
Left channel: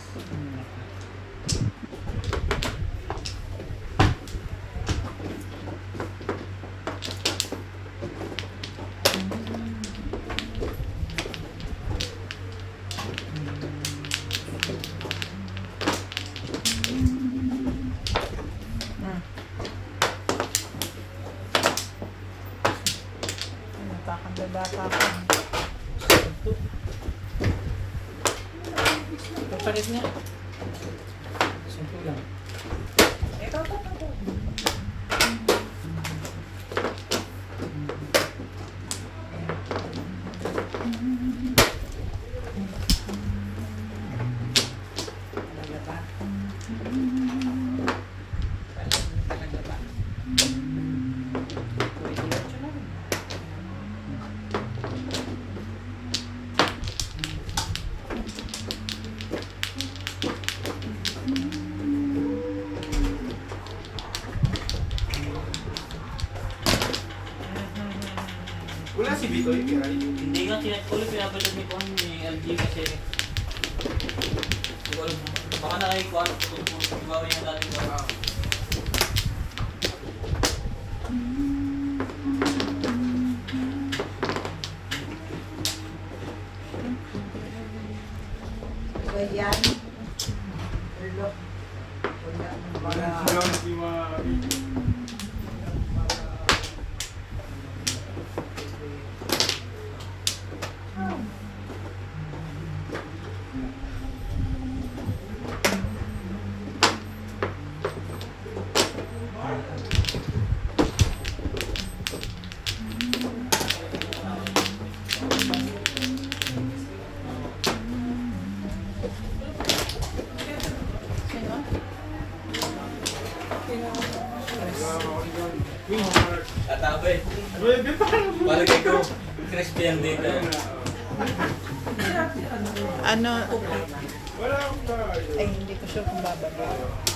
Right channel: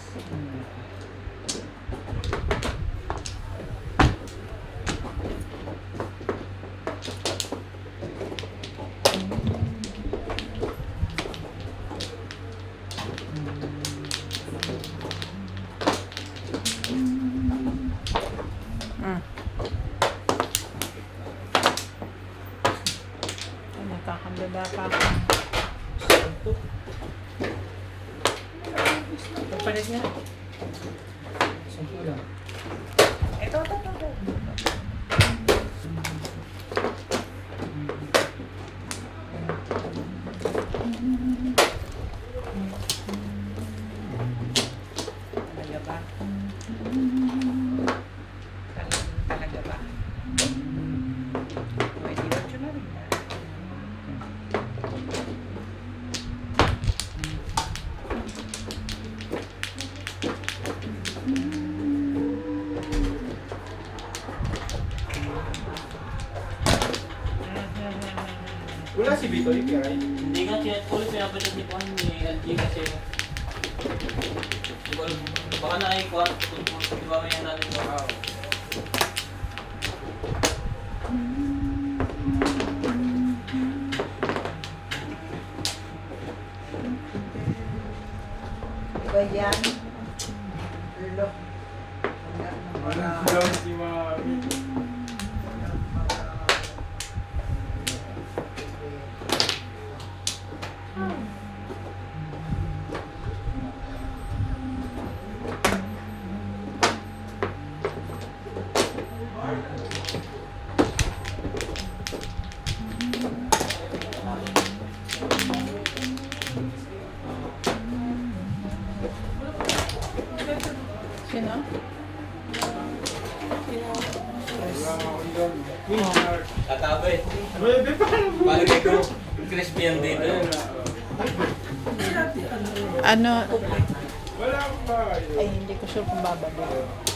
Nagkakandala pa ako. Ito. Pagpalit niya. Sampu lang. Ito. Talaga ba? Talaga ba? Pwede ba siya naman? Wala si Bitoy, right? Hindi nga, ulit pinapalit ni Juan ni LG kasi di ko alam, baka na ay Juan kung bawa niya natin yung Ba yan? Look. Wala naman. Wala si Mami. Sino? Katabi. Bebe, parang Palagay ko, crispy yan dito. Ano? wala akong bayo. Ay, hindi ko sure kung babalik.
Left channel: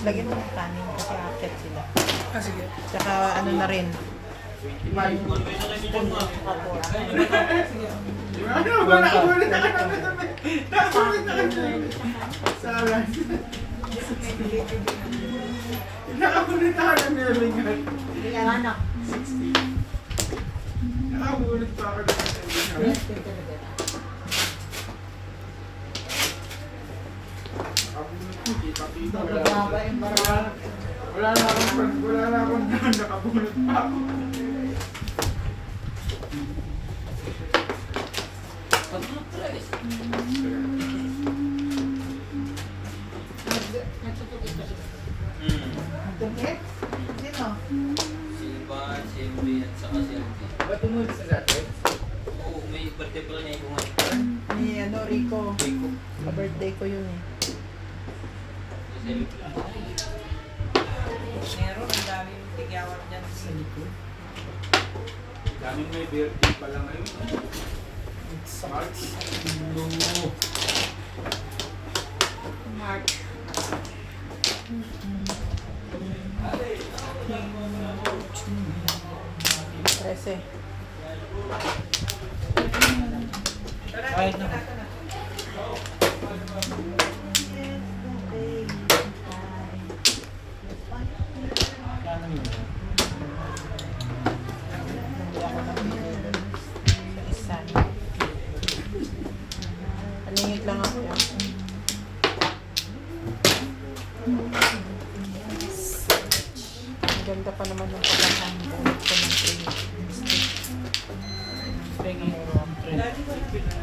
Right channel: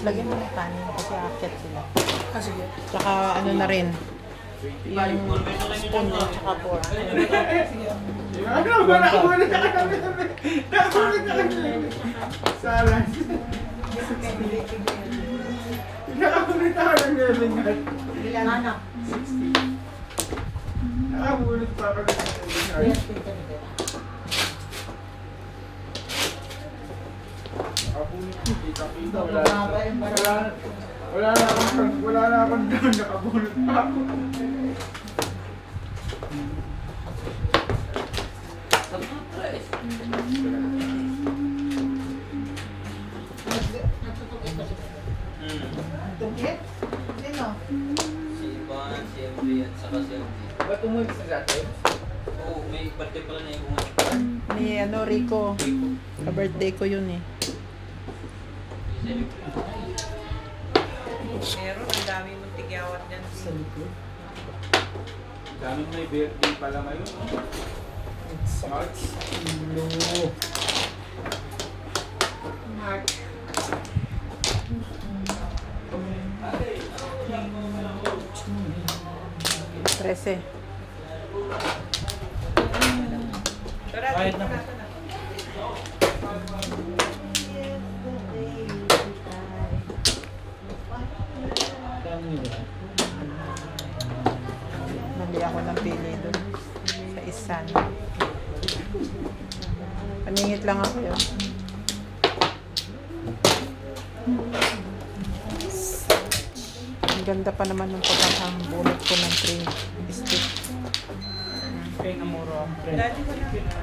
Lagyan mo ng kanin kasi akit sila. Ah, sige. Tsaka ano na rin. Wala ako na Salas. Nakapunita ka ng nervingan. Ilan ano? 60. Nakabunod pa ako ng nakabunod. Kita-kita. Wala na akong nakabunod pa ako. Tungkit? Sino? Si Ivan, si MB at saka si LD. Ba't tumunod sa dati? Oo, may particular na yung Ni ano, Rico. Ka-birthday ko yun eh. Meron, ang dami mong tigyawat dyan. Sa likod. Daming may birthday pala ngayon. March. March. Trece. Tara, Kahit dito na. ka na. Kano yun? Bumili ako ng pili doon. Sa isan. Paningit lang ako yun. Ang ganda pa naman yung pagkakang bunot ko ng cream stick. Kaya nga moro ang trend. Dati ko na.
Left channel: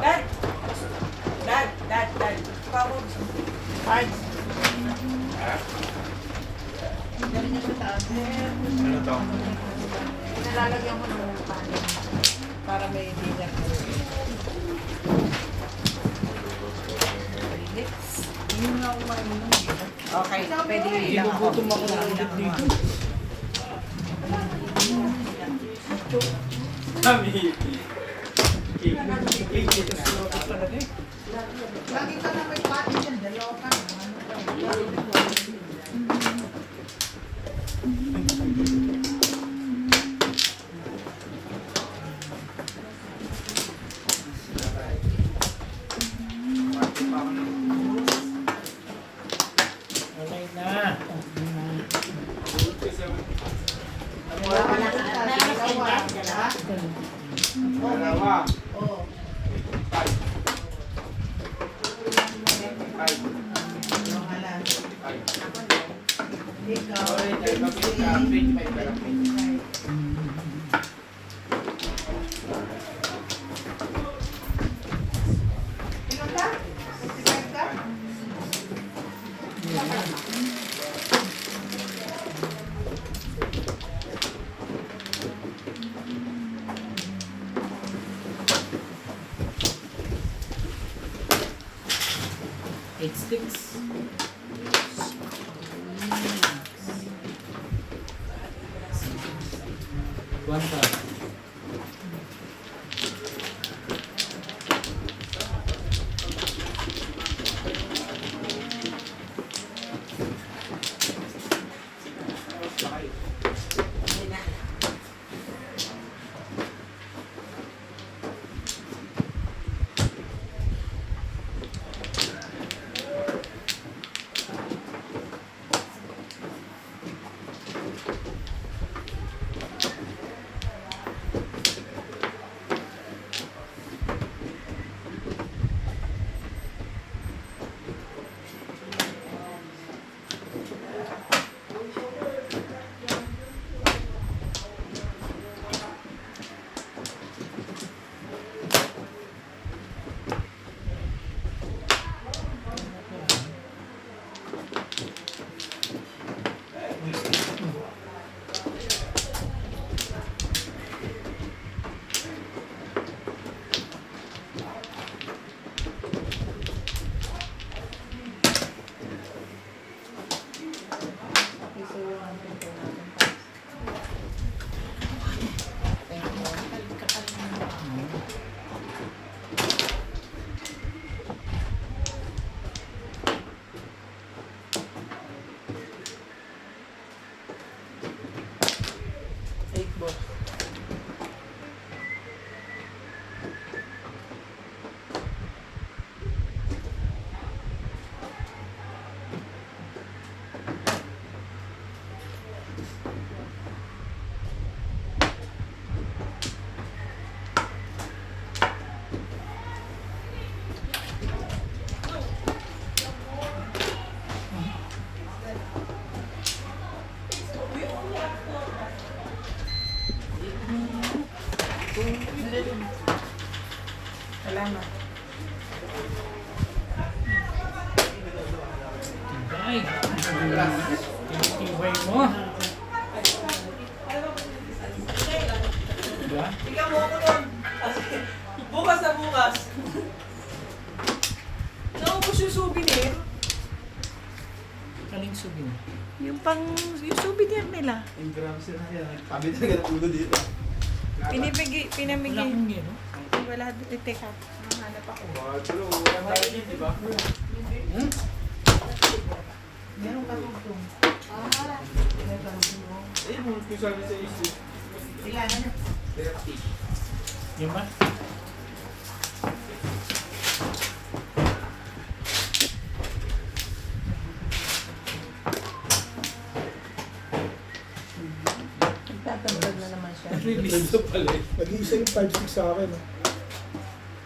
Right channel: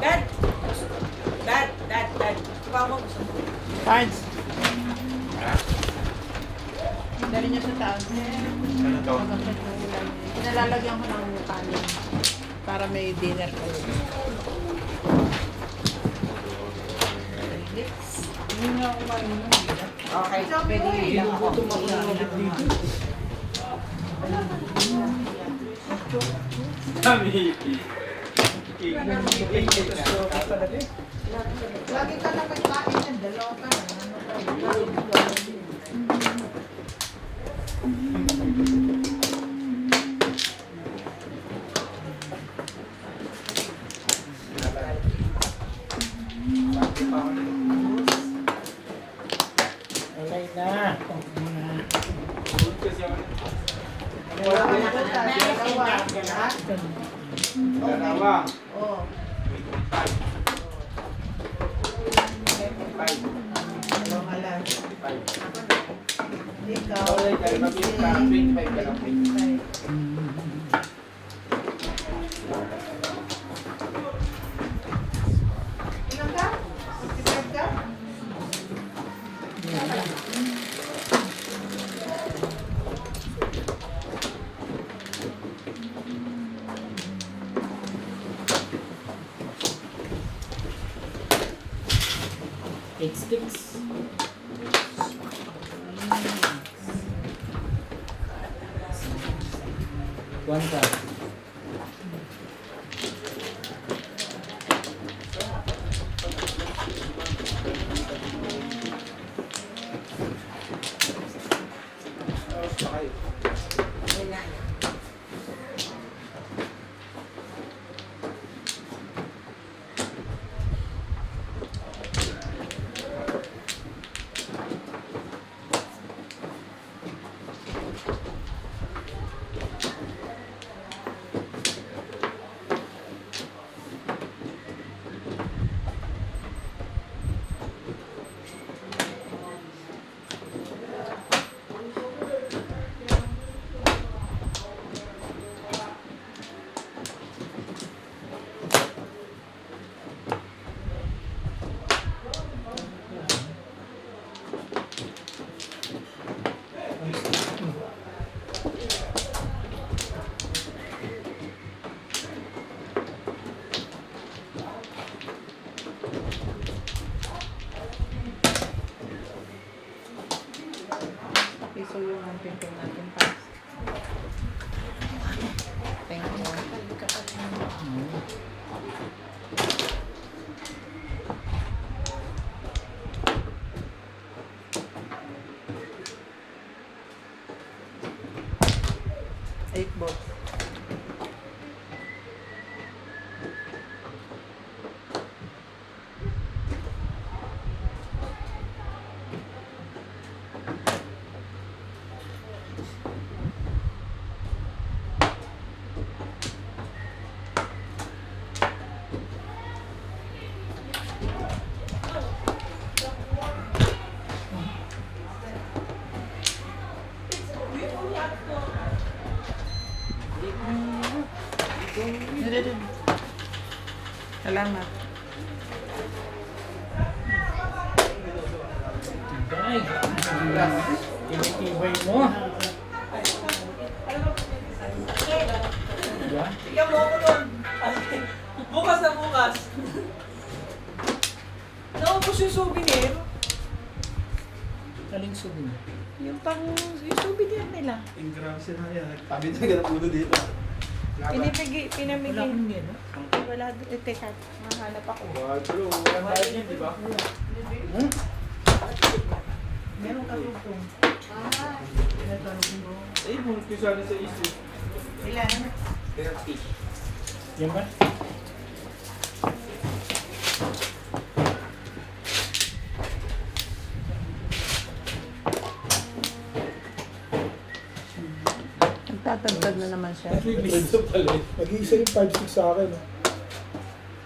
Dad. Tumawag. Cards! Dali niya sa taas. Ano to? Nalalagyan ko ng kanin para may dinner ko. Lips. Hindi nga ako maninom. Okay, pwede yun. Ginugutom ako ng ulit dito. Kami. Lagi ka na may kain yan. Dalaw ka. Ano pa? Okay na. Okay na. Wala ka na sa dalawa. Ha? Dalawa. Oo. Dalawa lang. Ikaw. Okay, dahil mabilis ka. 25 na lang. Ilan ka? 55 ka? Eight sticks. One cup. Ay, tinitibay mo. Diba? Bigyan mo ako nun. Bukas na bukas. Naubos yung souvenir. Aling sabi mo. Yung souvenir nila. Yung grounds na yan. Sabi talaga ng ulo dito. Pinamigay. Wala akong gano'n. Wala din. Teka, hahanap ako. Bro, wala tayo dyan, di ba? Meron ka rito. Eh, kung pisali sa isip. Ilan? 30. Yan ba? Nagtatandad na naman siya. Release pala. Nag-iisa yung 5-6 sa akin.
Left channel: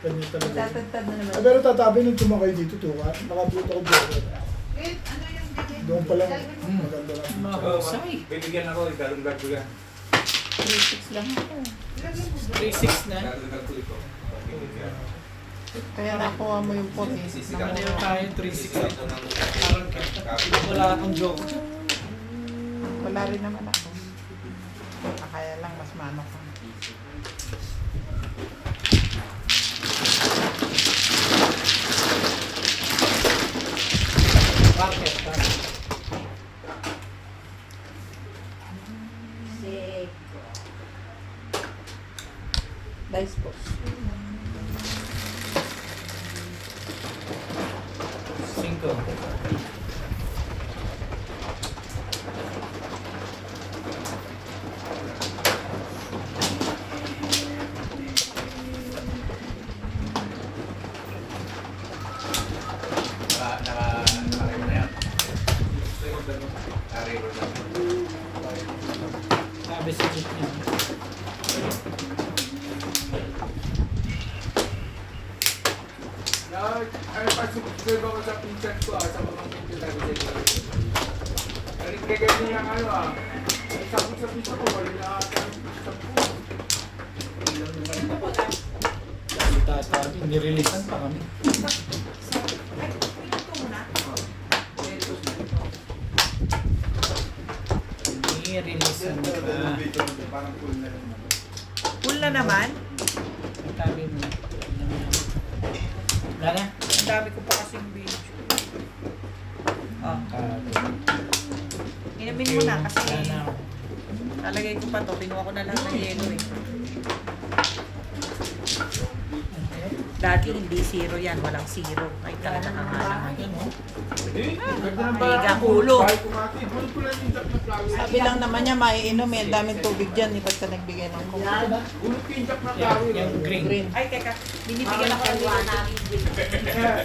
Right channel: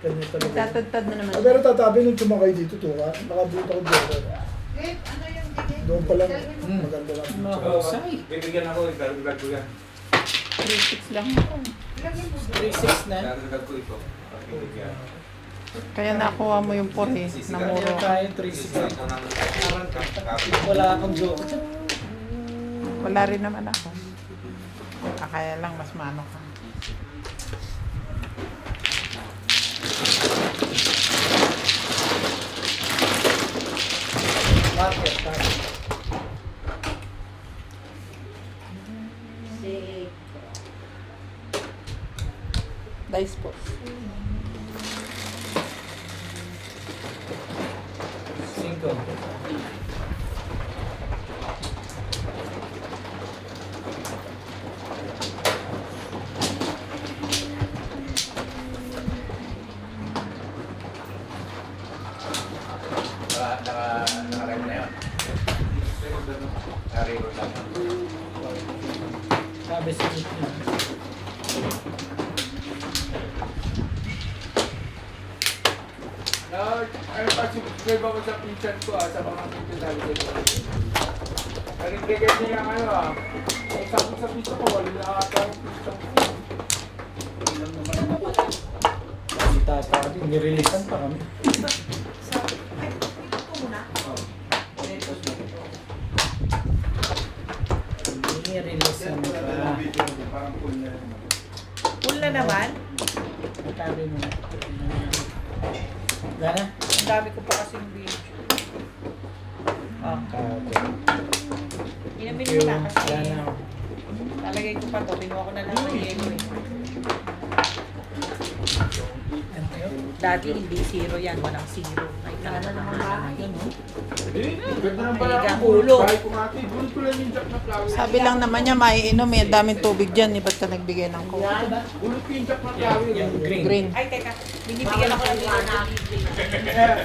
Ganyan talaga. Nagtatandad na naman Ah, pero tatabi nung tumakay dito, tuka. Nakabuta ko Joker. Wait, ano yung bigay? Doon pa lang, maganda lang. Mahusay. Bibigyan ako, darong-dag ko yan. 3-6 lang ako. 3-6 na. Darong-dag ko ito. Bibigyan. Kaya nakuha mo yung puti. Meron Namuro. tayo 3-6 na. Wala akong joke. Wala rin naman ako. Kaya lang mas mano ka. Dice po. 5. Nakarego na yun. Nakarego na. Sabi sa niya. Subscribe ako sa pinsan ko sa mga pinsan namin sa ito. Kaya niya ano ay sabi sa pinsan ko, wala na ata yung pinsan ko. Tatabi, nireleasean pa kami. Nireleasean pa. Parang full na rin. Full na naman. Sabi mo. Wala? Ang dami ko pa kasing video. Oh. Inamin mo na kasi nalagay ko pa to. Kinuha ko na lang ng yelo eh. Dati hindi zero yan. Walang zero. Ay, kala na naman bahay. Ganda ng Mega balak ko. ulo. Bahay ko nga ito. Bulog ko lang yung jack na flower. Sabi lang naman niya, maiinom. May daming tubig dyan. Ba't ka nagbigay ng coke? Bulog ko yung jack na flower. Yung green. Green. Ay, teka. Binibigyan ako ng Ayan.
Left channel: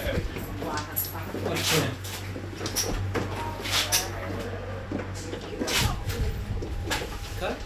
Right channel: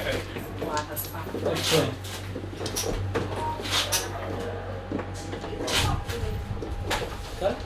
Cut.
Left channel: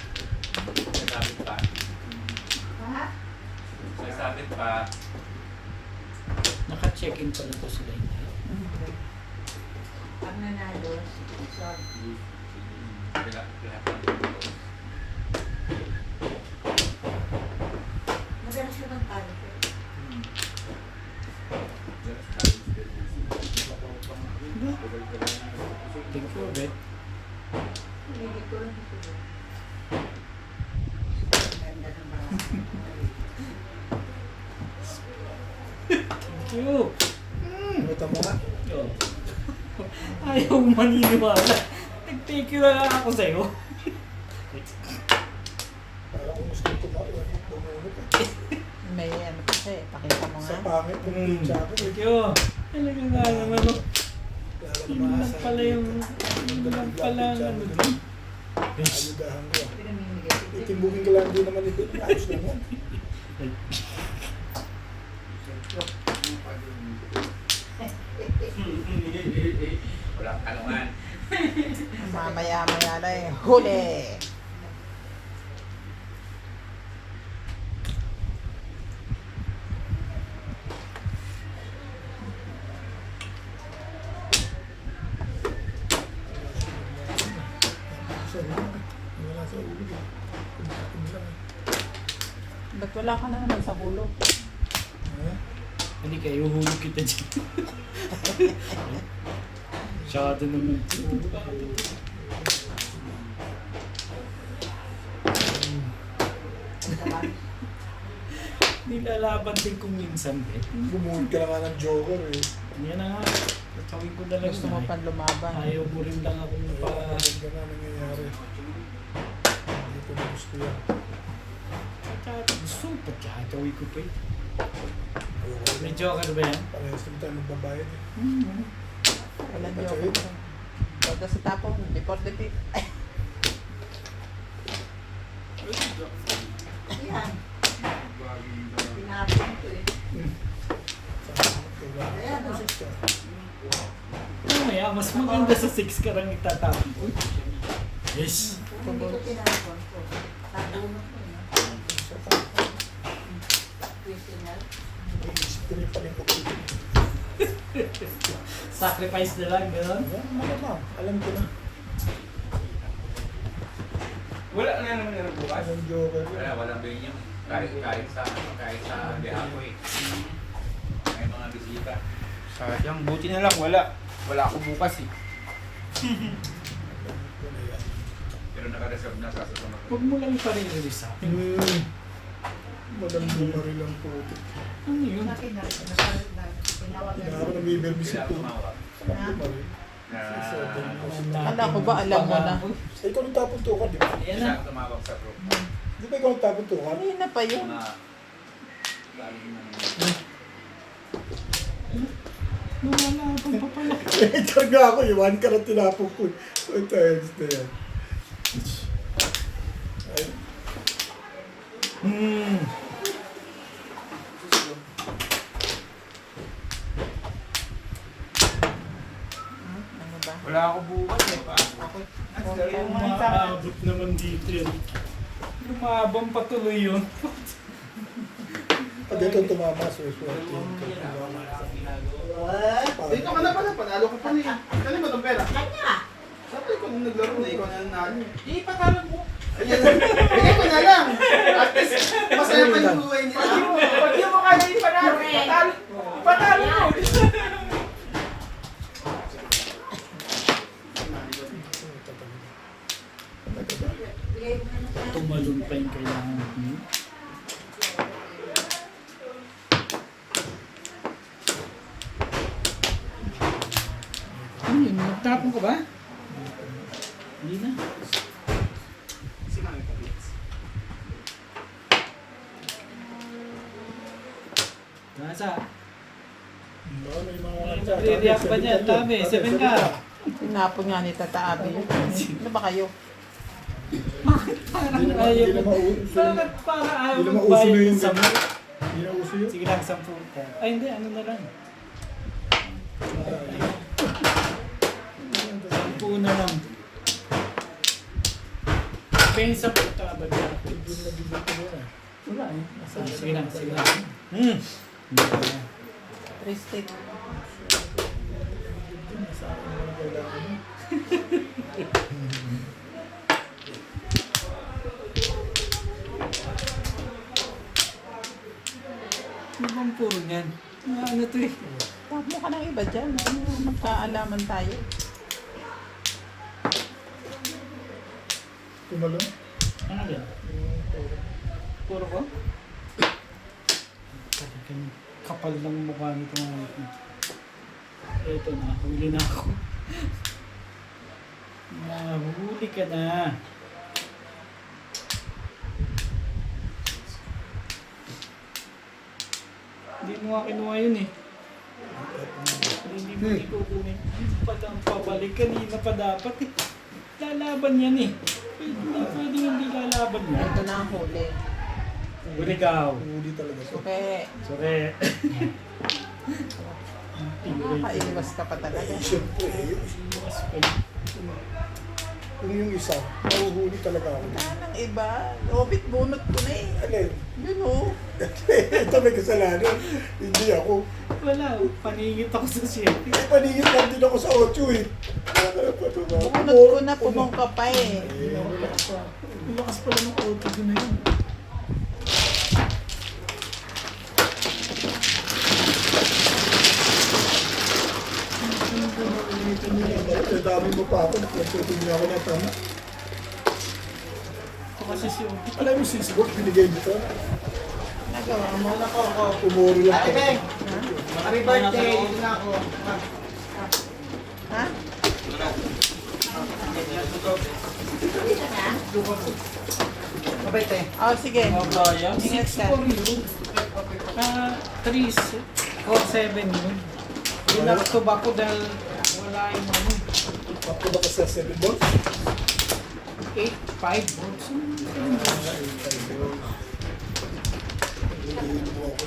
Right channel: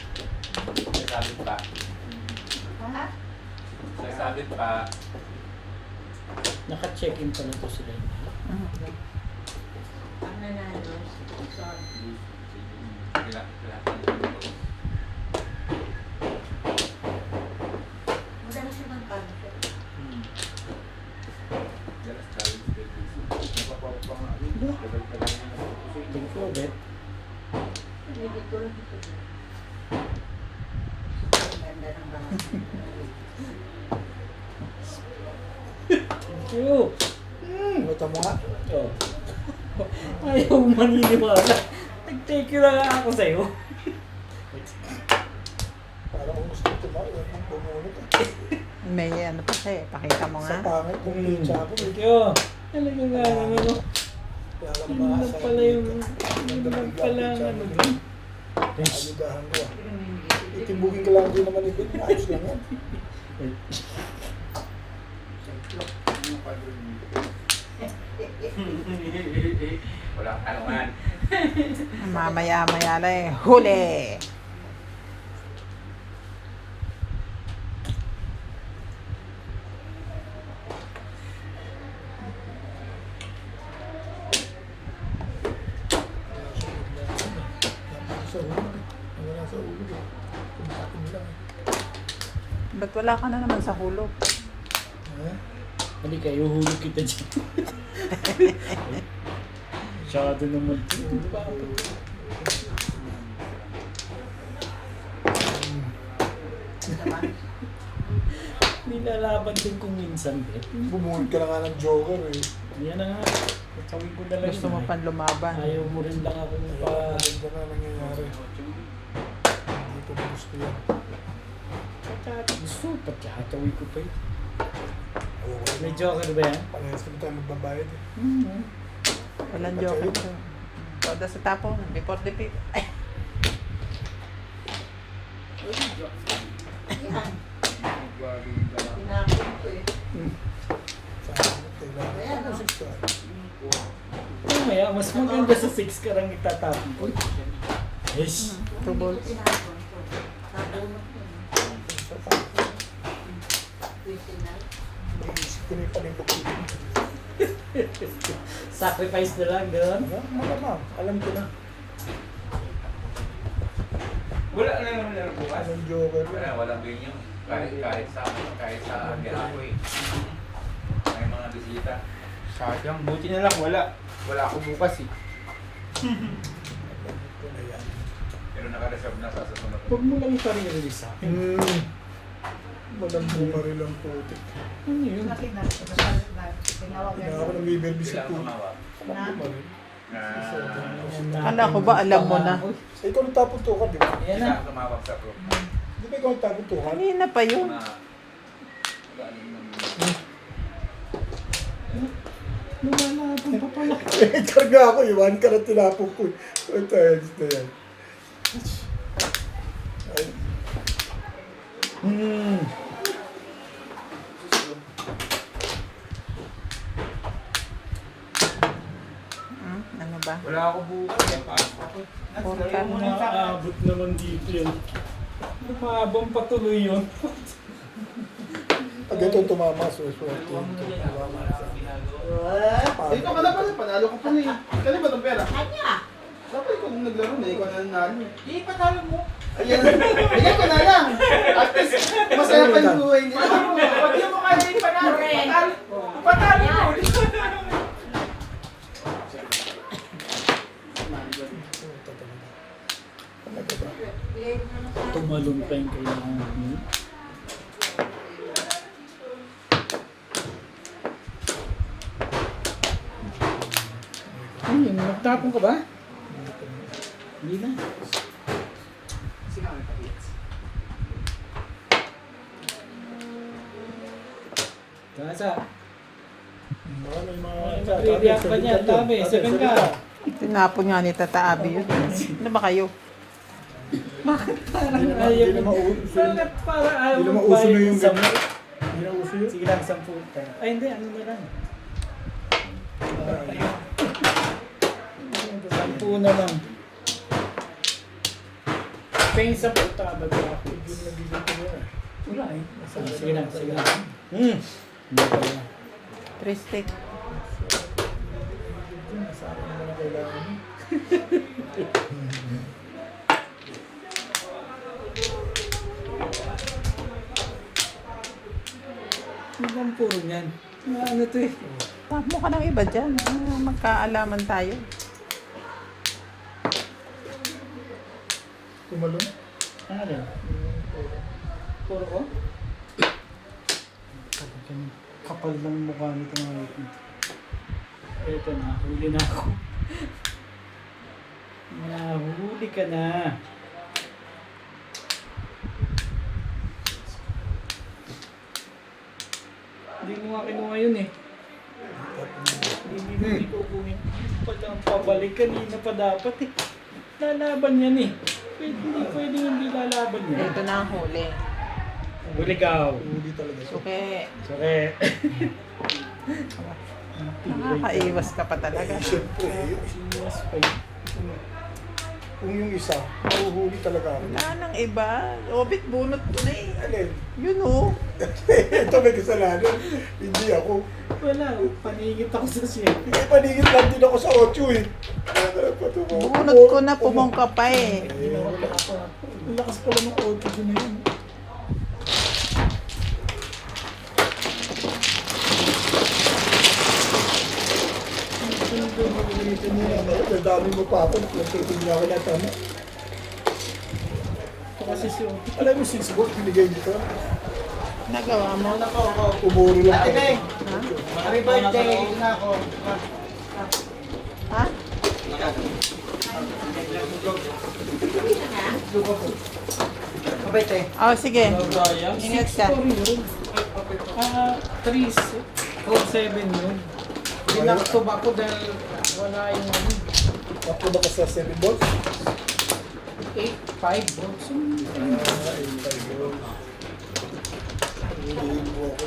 Sasabit pa. Sasabit pa. Naka-check-in pa lang po sila. Ang nanalo, sorry. Lahat ng photos. Madalas yung magpano. Thank you, Bet. Hindi ko lang ito. Ganda ng mga. Thank you. Mata mo nga. Oh. Ayaw mo maniniwala. Nag-take you lang ako sa'yo. Para kung gusto ko bumunot eh. May ano pa siya eh. Pakita mo Sa nga. pangit kung pinsa ko eh. Thank you. Alam mo nga naman ano. Kaya lang Yun lang maasa pala yung... Ang Yun lang dalang pala pinsa ano. ko. Ayudahan ko ah. Itimbugin ka lang din naman ibig. Ayos lang yan. Ay, Walang tanungan. Mamaya-maya na eh. Huli! Sa ulo eh. Wala sa ulo eh. Kumain lang eh. Ba't wala ka na naman sa hulog? Ha? hindi kayo hulog kita dyan. Masyado naman. Nilalaban din kung minsan eh. Bumuhod ka na nga ng joker eh. Yan na nga. Sabi ko na lang Gusto mo na, pang lumaban? ayaw mo rin lang ako pa. Maganda na nangyayari. Hindi ko na gusto yan. Gusto, pagkakatawi ko pa eh. Okay. May joker ba yan? Parehas kami tayo magbabayad eh. Walang Patay. joke. Toda sa tapong, before the pit. Yan. Tinapin ko eh. Saan kailangan ko sa Mamaya, mas maganda sa 6 ka lang itatapon ko. Yes. Hindi ko tinapon ko. Nabunot ko na. Pwede na. Iisip ko na yung palingkot-ikot. Sacrifice na lang, gano'n? Malamang, alam ko na. Wala na naman na bukas. Walang joker. Walang ganyan. Kahit sa biyahe ko eh. May mga bisita. Sadyang, buti na lang, wala. Wala ako bukas eh. Alam ko na yan. Pero naka-reserve na sa susunod. Huwag mo lang i-release sa akin. Madam rin lang puti. Ano yun? Tinawag Hindi ako nabibirbisit Kailangan ko. tumawag. Bumaril. Na Kala ko ba alam mo na? Eh, ikaw nagtapon tukan, di ba? Ayan na. kailangan tumawag sa group. Di ba ikaw nagtapon tukan? Kanina pa yun. Na galing ng Lumalaban pa pala. Eh, karga ako, iwan ka na tinapon ko. Ay, tayo, gusto yan. Ay, Ano ba? Wala ako bukas eh, pasok ako eh. Maabot naman dito yan. Lumabang patuloy yun. pag ito tumama, swerte yun. Tumama sa Ikaw ka na pala, panalo ka pala eh. Kali ba itong pera? Kanya. Dapat ikaw nung naglaro na, ikaw na nanalo. Di, pagkalan mo. Ayan, bigyan ko na lang. At least, masaya pa yung buhay nila. Hindi mo kaya yung panalo. Panalo mo. Tumalong pa yung kailangan mo. Ano yun? Nagtapon ka ba? Hindi na. Kasa. Baka may mga... React pa niya, dami. 7 ka. Tinapon nga ni Tata Abby yun. Ano ba kayo? Parang Hindi ayaw na mo. mauso yun. Bakit parang ayaw Hindi na mo mauso na bayad yung sa- ganyan. Hindi na uso yun. Sige lang, 10 ka. Ay hindi, ano na lang. 10 na lang. Kaya sa puta, baga ako. Hindi na bigyan ko na. Wala eh. Sige lang, sige lang. Hindi pa lang. 3 steak. Sa akin naman ang kailangan mo. Ano bang puro niyan? Ano to eh? Tap mo ka ng iba dyan. Magkaalaman tayo. Tumalong? Ano yan? Puro ko? Kapal ng mukha nito mga ito. Eto na, huli na ako. Nahuli ka na. Hindi mo nga kinuha yun eh. Hindi ko kunin. Palang pabalik kanina pa dapat eh. Lalaban yan eh. Hindi pwedeng hindi lalaban yan. Ito na ang huli. Urigaw. Huli talaga to. Okay. Sore. Nakaiwas ka pa talaga. Eh, siyempre, kung yung isa, mahuhuli talaga ako. Nang iba. Obit, bunot ko na eh. Alin? Yun oh. Ito may kasalanan. Hindi ako. Wala. Paningit ako sa siya. Hindi paningit lang din ako sa 8 eh. Bunot ko na, pumungka pa eh. Wala. Ang lakas pala ng auto din na yun. Ang dami mo pa ako. Nagpapagod niya ako na tama. Ito kasi si Uti. Alam mo, 6 bucks binigay dito. Nagawa mo. Pumuro lang ako. Happy birthday na ako. Ha? Kabete. Oh, sige. Mabaya. Ingat ka. 6-4 yun. 3-4-7 yun. Binakto ba ko dahil wala yung ano. Ako ba ka sa 7 balls? 8-5 bro. So, Hulihin mo ako.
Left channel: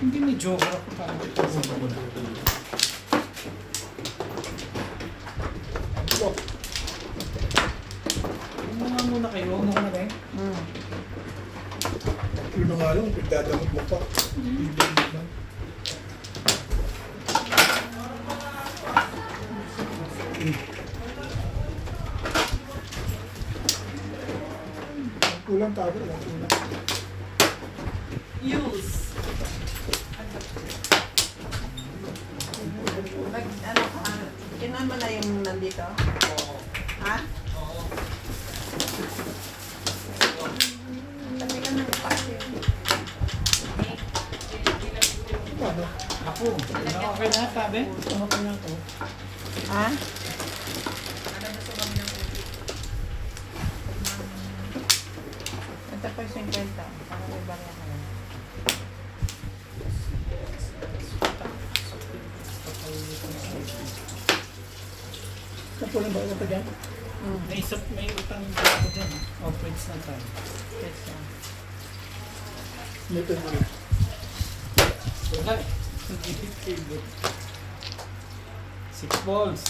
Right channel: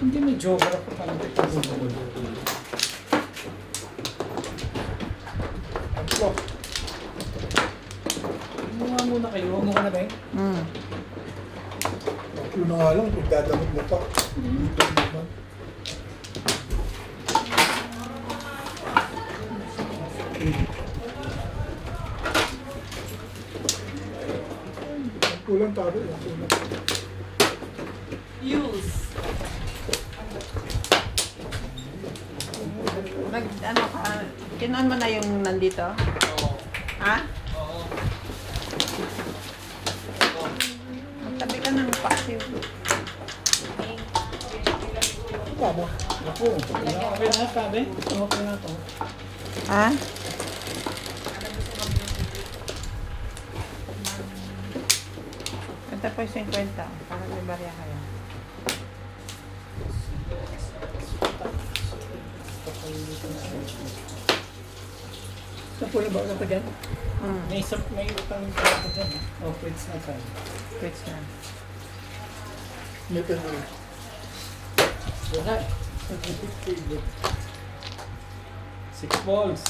hindi may geography pa. Ano? Mga muna kayo. Ano ka na ba eh? Yun na nga lang, pagdadamag mo pa. Hindi naman. Kulang tabi lang. Kulang. Use. Ano, kinuha mo na yung nandito? Ha? Tabi ka ng passive. Paano? Ako. Okay na sabi. Okay na to. Ha? Ito po yung 50. Paano may barya kayo? Tapos na ba ka dyan? Hmm. May utang yung ako dyan. O, pwede na tayo. Pwede na. May pen mo rin. Wala eh. 6 balls.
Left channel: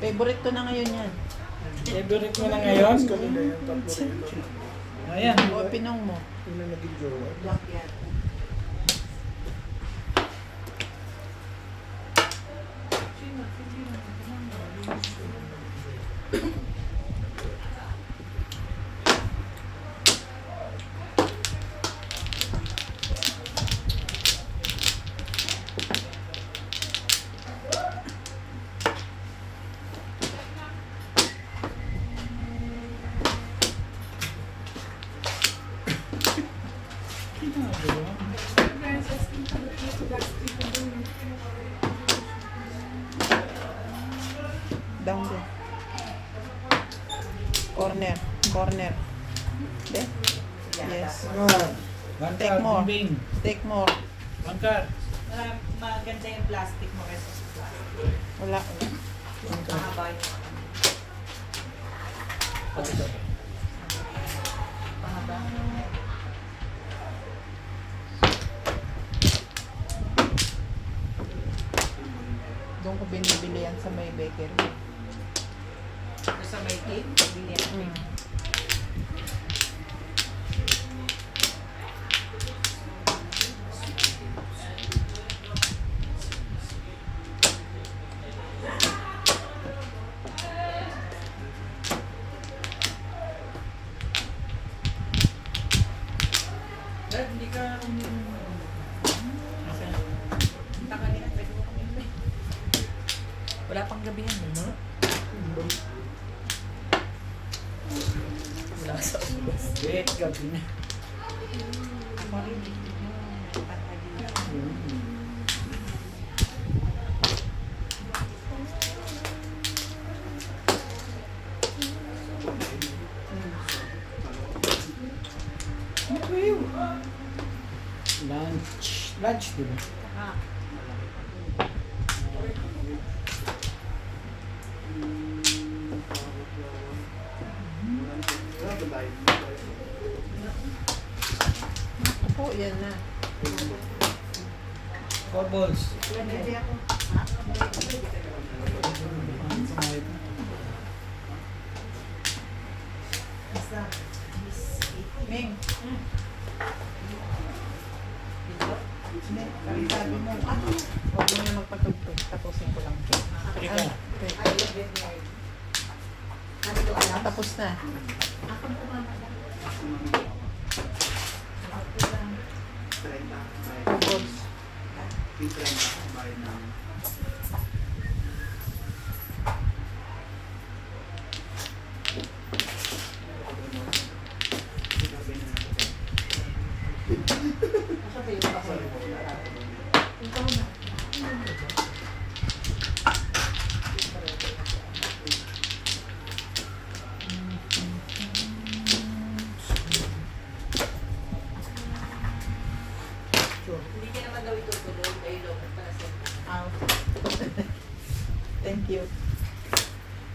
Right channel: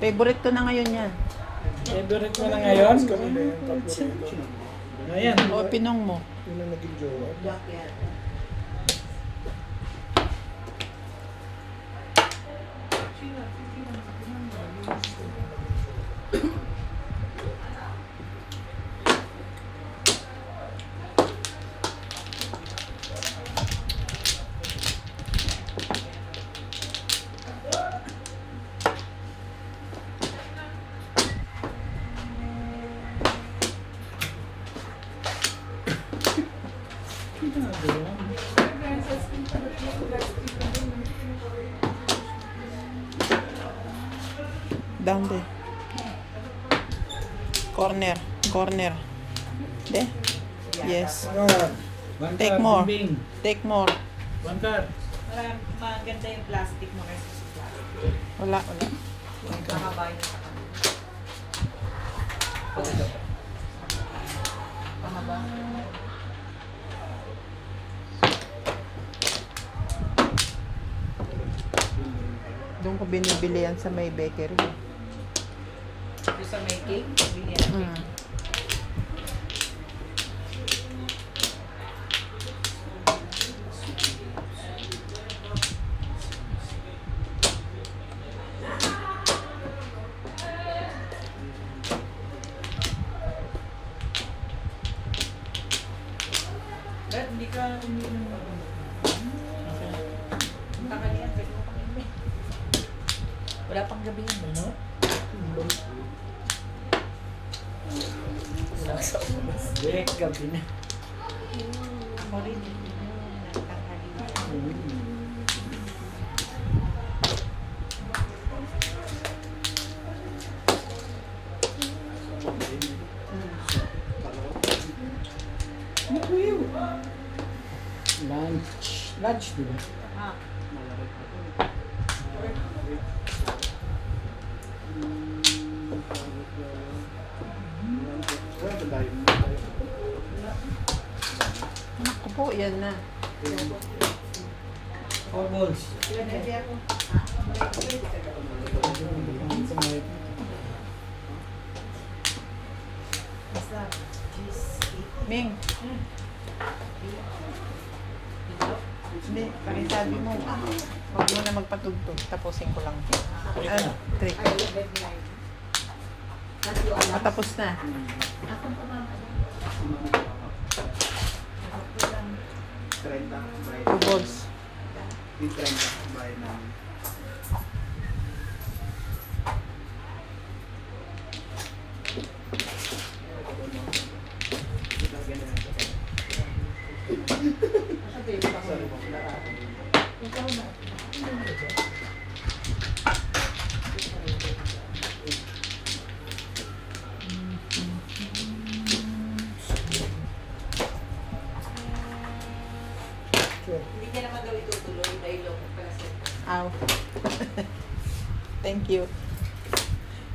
Favorite ko na ngayon yan. Favorite mo na ngayon? Mas kanila yan, tatlo rin. Ayan. O, pinong mo. Yun ang naging jowa. Black yan. Down there. Corner. Corner. De? Yes. Ah, One Take card, more. Bing. Take more. One card. Maganda yung plastic mo kasi sa plastic. Wala. Mahaba yung mahaba. Doon ko binibili yan sa may bakery. Yung sa may cake, binili. Mm. Brad, hindi ka uminom ng tanghalian, pwede mo pang uminom. Wala pang gabi yan. ano? Wala sa ulas. Direct gabi na. Ako rin, hindi nyo ng tanghalian. Lunch. Lunch, di ba? Ah. Opo, yan na. Four balls. Ready ako. Basta. Ming. Hindi, palisabi mo. Huwag mo na magpatugtog. Tapusin ko lang. Trick. Tapos na. Akong kumamala. 30 by 2 balls. 30 by 9. Hindi niya naman daw itutuloy dahil daw pala siya. Ow. Thank you.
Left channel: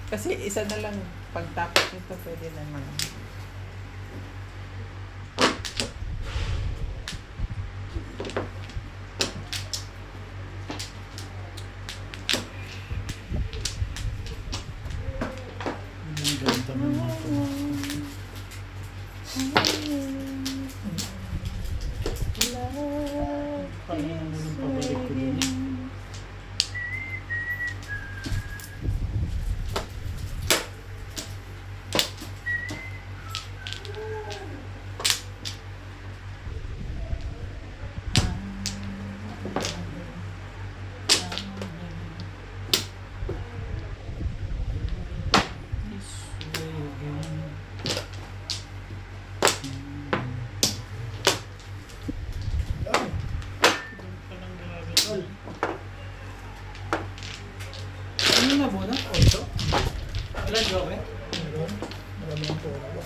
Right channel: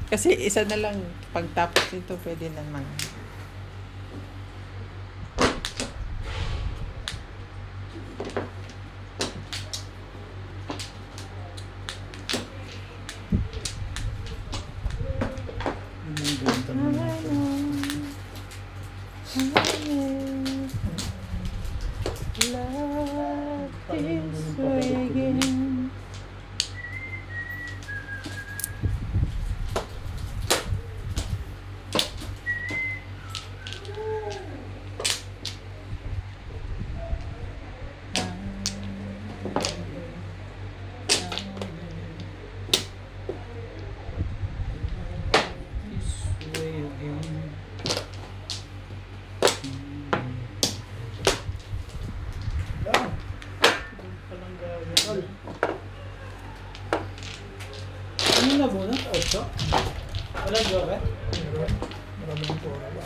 Kasi isa na lang pagtapos ito pwede naman. Ang ganda naman ito. Parang nandun yung papalit ko din. This way again. Yan. Palang gagawin. Ano na muna? 8? Wala joker? Meron. Maraming po. 148.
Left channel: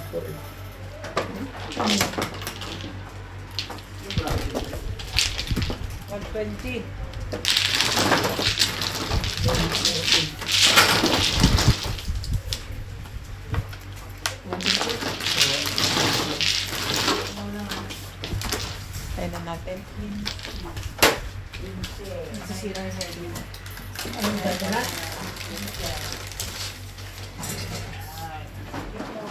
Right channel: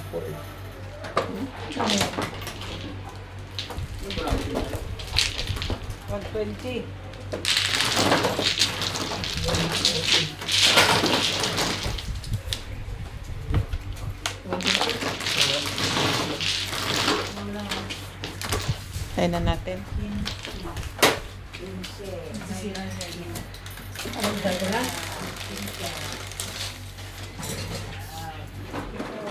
120. Tayo na natin. Nasisira siya. Ang ganda na.